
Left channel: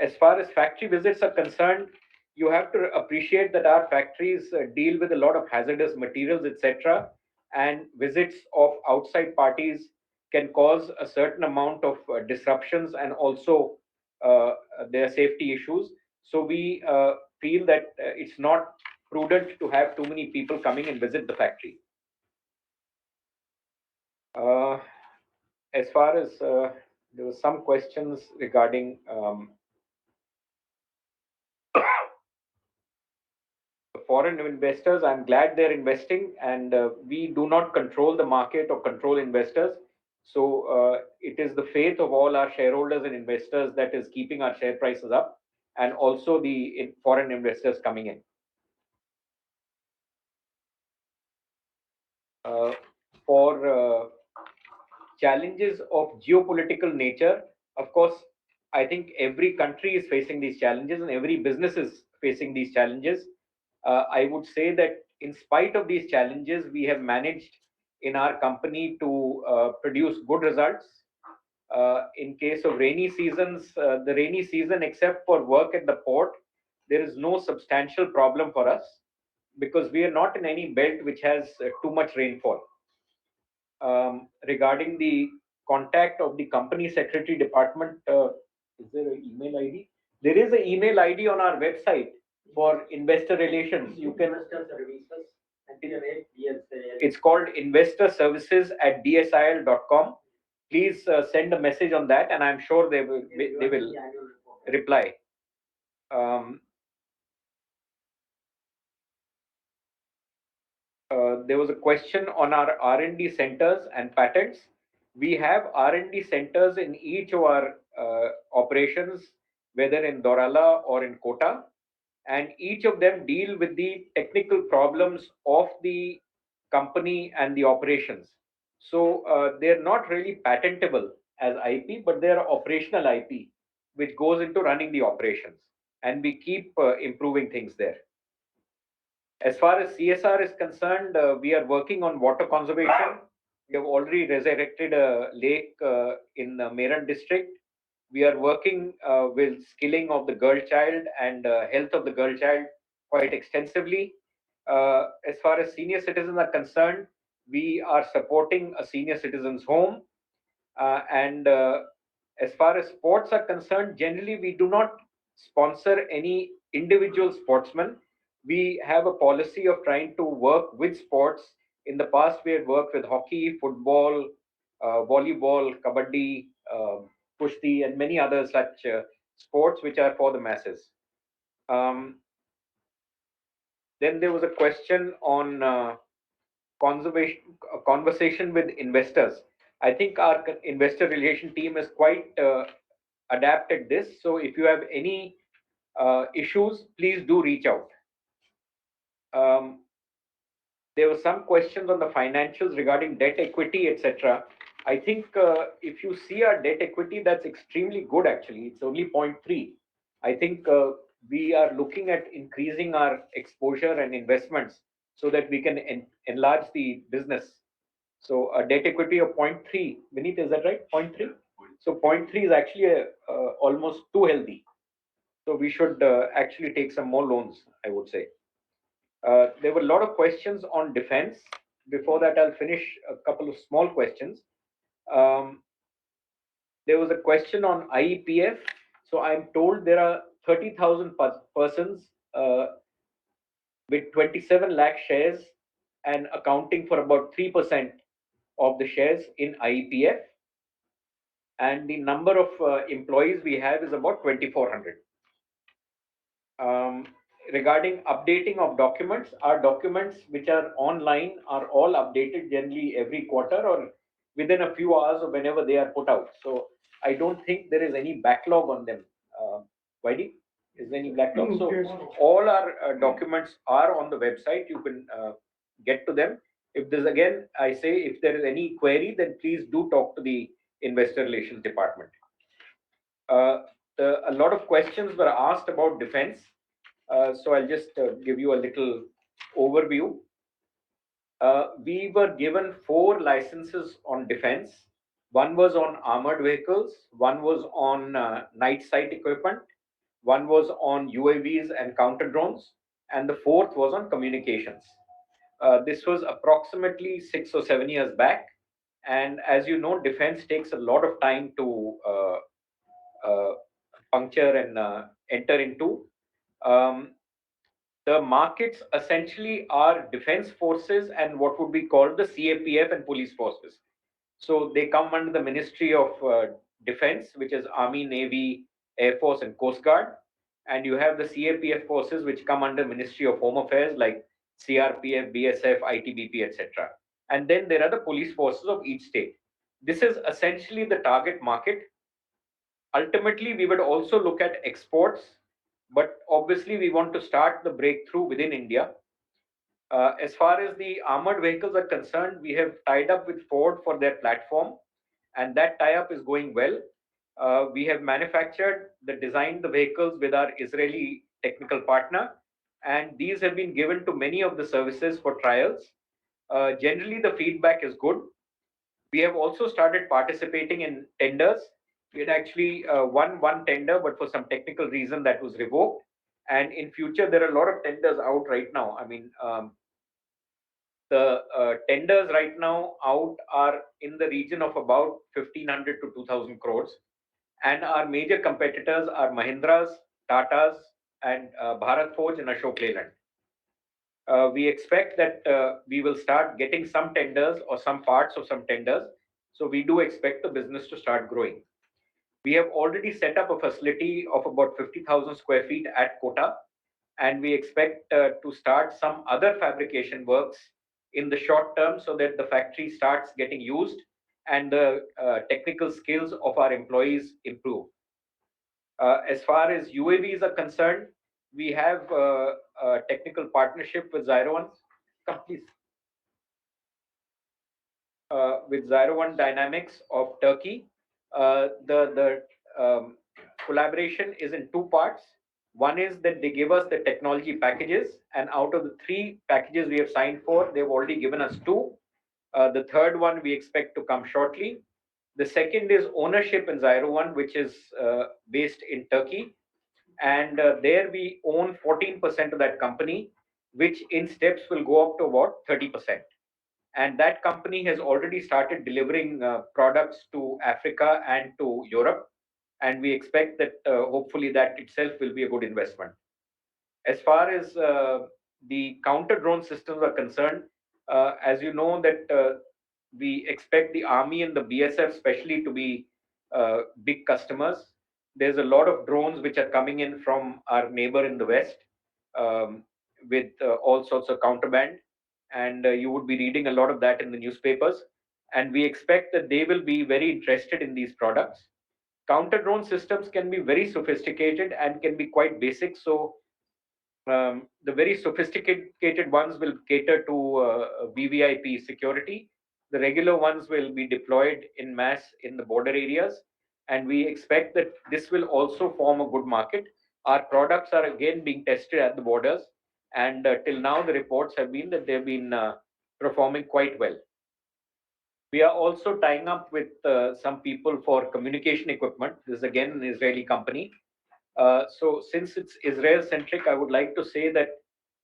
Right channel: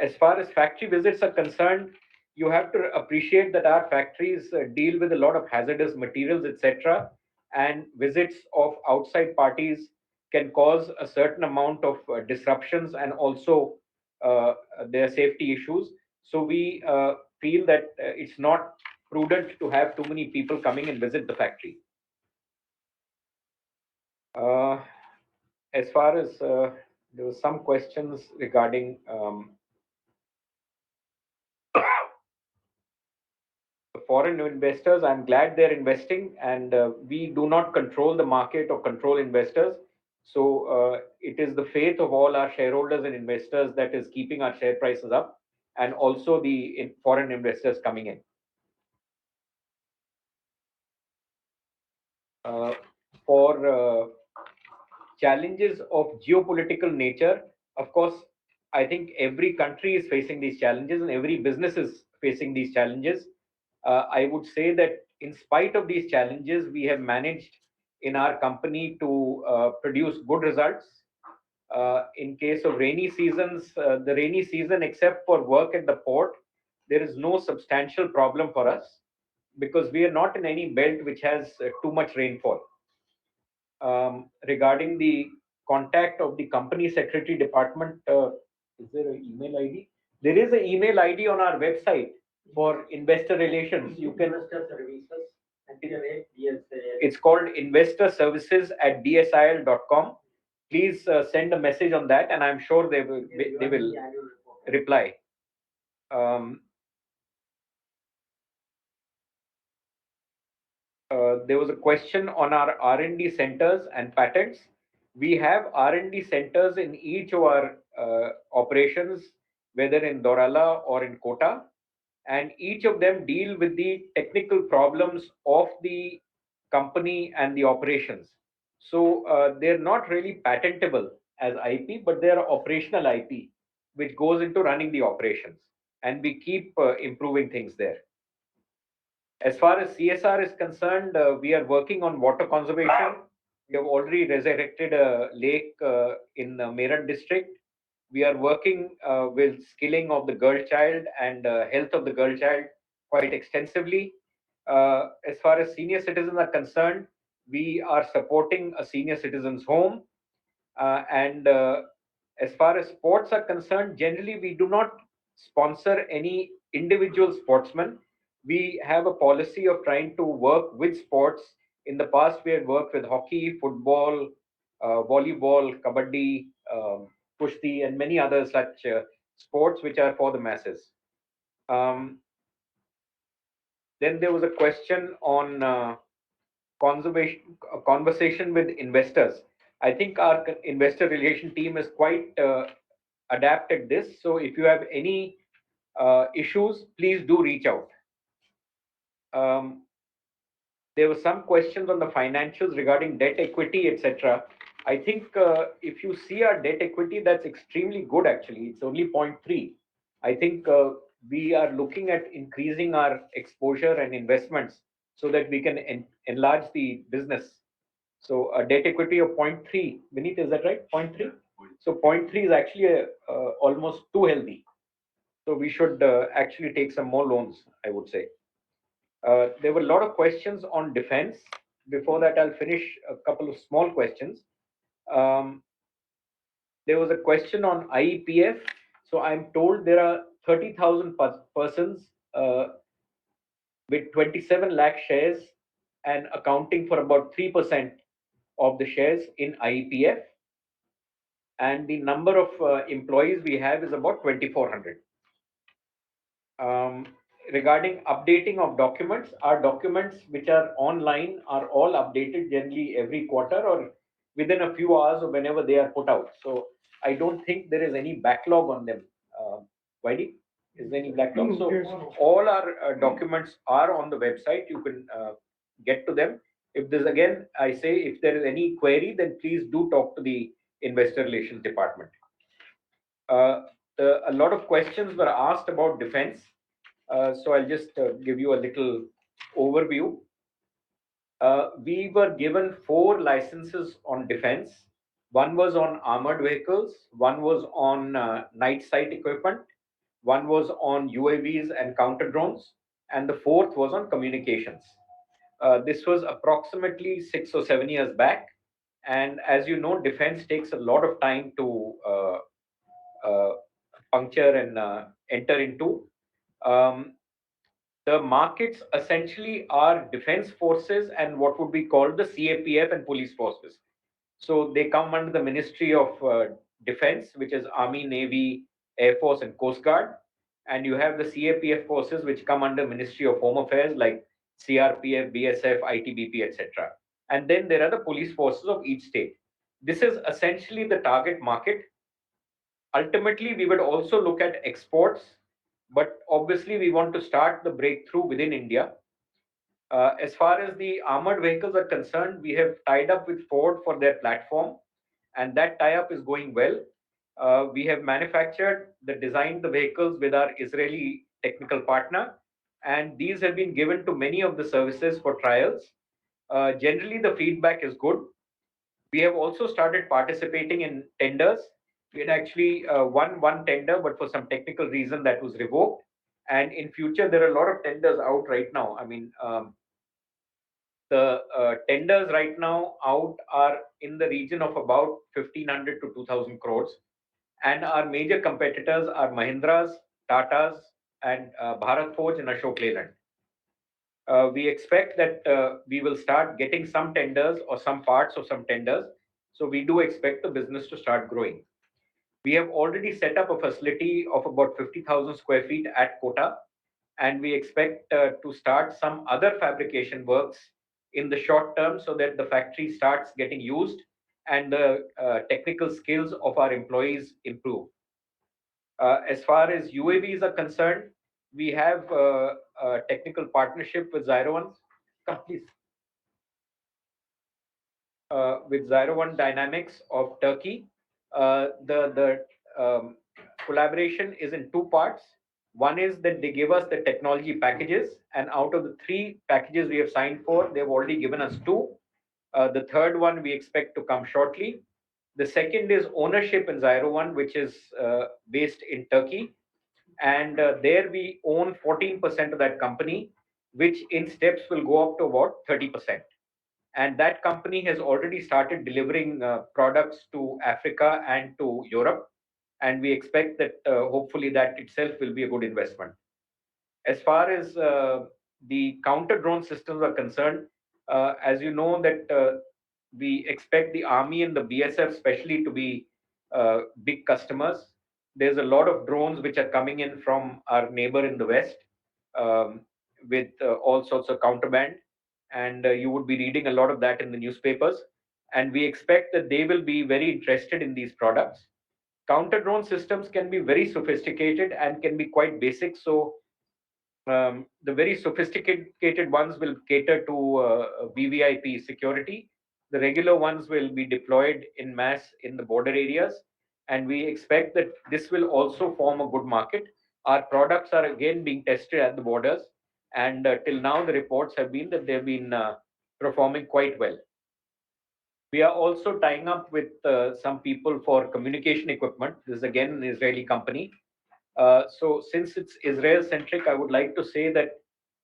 As far as factory visits are concerned, you have to appreciate that our factories deal with a lot of hazardous materials, etc., and visits of outside parties can cause a certain amount of disruptions and also their safety issues. So we feel that it's not prudent to have too many people coming and visit the factory. As far as there were some questions regarding foreign investors. I'm glad they're investing, and we do not control the market or control investors. So it is the faith of all our shareholders and investors that is keeping our share prices up, and also the foreign investors coming in. For challenges of geopolitical nature, of course, I think every country is facing these challenges and every business is facing these challenges. I would say that in spite of these challenges, we have managed in our company to produce good results. In case of rainy seasons, the rainy season, except for work at the port, there is no substantial problem for us because we are not in any belt which has too much rainfall. Regarding the contact of the company secretary department, is there an email ID? There is an email ID on our website for investor relations. You can. It's called investorservices@dsil.com. Please send a message on that, and I'm sure they will reply. There was a question on our R&D centers and patents. We have R&D centers in each of our operations, whether in Dorala or in Kota, and each of them deal with the technical problems of the company and the operations. So they're not really patentable as IP, but they're operational IP, which goes into running the operations, and we keep improving things there. As far as CSR is concerned, we are working on water conservation. We have already resurrected a lake in Meerut district. We are working with skilling of the girl child and health of the girl child quite extensively. As far as senior citizens are concerned, we are supporting a senior citizens home. And as far as sports are concerned, generally we do not sponsor any individual sportsman. We have a policy of trying to work with sports. In the past, we had worked with hockey, football, volleyball, kabaddi, kushti, and many other such sports which are for the masses. Then there was a question on conversation with investors. I think our investor relation team is quite adept at this. So if you have any issues, please do reach out. Um, there were some questions on the financials regarding debt equity, etc. I think if you see our debt equity, that's extremely good actually. It's only 0.3. I think we are looking at increasing our exposure and investments so that we can enlarge the business. So a debt equity of 0.3. Vineet, is that right? 0.3? So 0.3 is actually almost too healthy. So we should actually take some more loans, I would say. There were a lot of questions on defense. Before that, I'll finish a couple of small questions. Um, there was a question on IEPF. So I'm told there are 30,000 persons with 27 lakh shares and accounting for about 3% of the shares in IEPF. And the number of employees we have is about 2,400. Regarding updating of documents, our documents which are online are all updated generally every quarter or within a few hours or whenever they are put out. So I don't think there is any backlog on them. Vaidi, is there any backlog? So all our documents are on the website. You can get to them. If there's again, I say if there is any query, then please do talk to the investor relations department. A lot of questions were asked about defense. So I'll just give you a little overview. We were given 4 licenses on defense. One was on armored vehicles, one was on night sight equipment, one was on UAVs and counter drones, and the 4th was on communications. This was approximately 6 or 7 years back. And as you know, defense takes a lot of time to puncture and enter into. The markets essentially are defense forces and what would be called the CAPF and police forces. So they come under the Ministry of Defense, which is Army, Navy, Air Force, and Coast Guard. And you have the CAPF forces, which come under Ministry of Home Affairs, like CRPF, BSF, ITBP, etc. And then there are the police forces of each state. This is essentially the target market. Ultimately, we would also look at exports, but obviously we want to start the breakthrough within India. As far as the armored vehicles are concerned, we have tied up with Ford for their platform, and that tie-up is going well. We have designed the vehicles with our Israeli technical partner, and these have been given to many of the services for trials. Generally, the feedback is good. We have also started participating in tenders. We had actually won one tender, but for some technical reason that was revoked. And in future, there are a lot of tenders out right now. I mean, the tenders right now out are in the region of about 1,500 to 2,000 crores. And our major competitors are Mahindra's, Tata's, and Bharat Forge and Ashok Leyland. We expect that we will start getting some tenders or some parts of some tenders. So we do expect the business to start growing. We have already set up a facility of about 50,000 square feet at Kota, and we expect to start some other fabrication works in the short term so that the factory starts getting used and the technical skills of our employees improve. As far as UAVs are concerned, we have a technical partnership with Zyro1. Come, please. With Zyro1 Dynamics of Turkey. The collaboration is in two parts. One is that they give us the technology packages, and out of the 3 packages we have signed for, they've already given us 2. The third one we expect to come shortly. The second is ownership in Zyro1, which is based in Turkey. And there we own 14% of that company, which in steps will go up to about 30%. And that company has already started delivering products to Africa and to Europe. And we expect that hopefully that itself will be a good investment. As far as the counter drone systems are concerned, as you know that we expect the Army and the BSF especially to be big customers. There's a lot of drones which are coming in from our neighbor in the West with all sorts of counterband. And you would be reading a lot of that in the newspapers. And we expect that they will be very interested in these products. Counter drone systems can be very sophisticated and can be quite basic. So the very sophisticated ones will cater to VVIP security. The regular ones will be deployed in mass in the border areas. And we expect that this will also form a good market. Our products are again being tested at the borders. And till now, the reports have been that they've been performing quite well. We are also tying up with some people for communication equipment. This is again an Israeli company. So since it's Israel centric, I would like to say that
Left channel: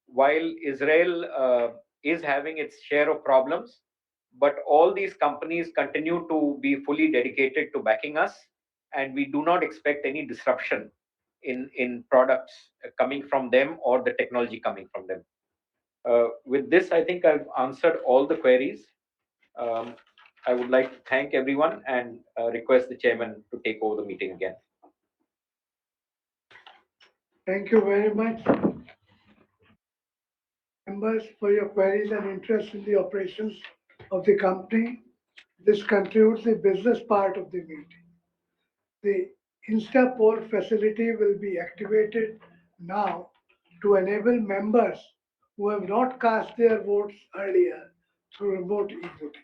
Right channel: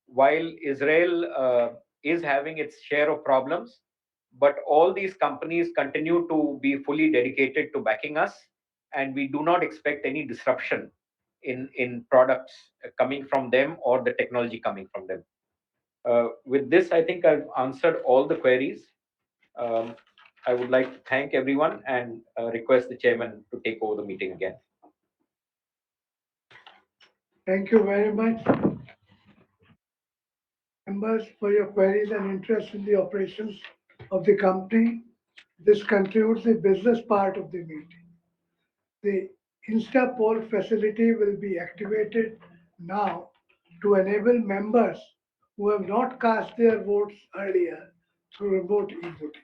while Israel is having its share of problems, but all these companies continue to be fully dedicated to backing us, and we do not expect any disruption in products coming from them or the technology coming from them. With this, I think I've answered all the queries. I would like to thank everyone and request the chairman to take over the meeting again. Thank you very much, members, for your queries and interest in the operations of the company. This concludes the business part of the meeting. The Insta poll facility will be activated now to enable members who have not cast their votes earlier through remote e-voting.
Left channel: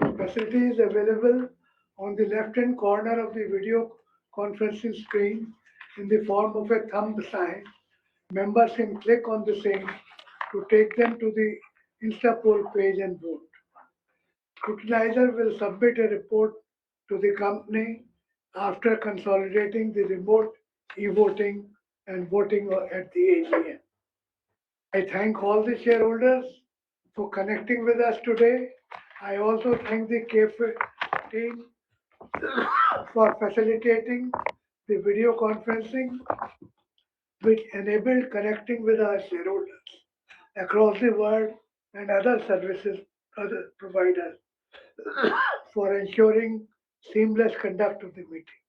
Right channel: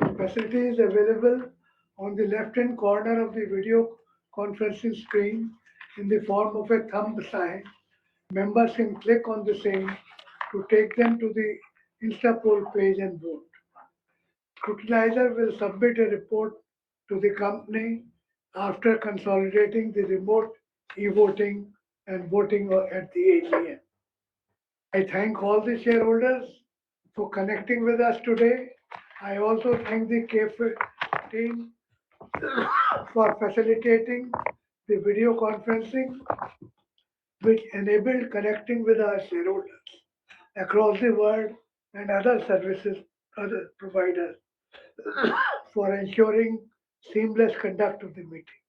The facility is available on the left-hand corner of the video conferencing screen in the form of a thumb sign. Members can click on the same to take them to the Insta poll page and vote. Scrutinizer will submit a report to the company after consolidating the remote e-voting and voting at the AGM. I thank all the shareholders for connecting with us today. I also thank the CAFE team for facilitating the video conferencing, which enabled connecting with our shareholders across the world and other other providers for ensuring seamless conduct of the meeting.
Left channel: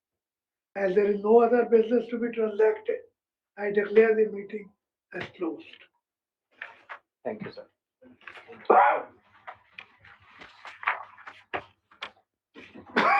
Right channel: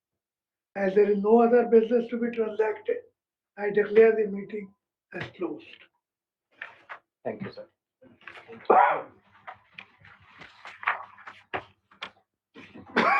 As there is no other business to be transacted, I declare the meeting as closed. Thank you, sir. Thank you.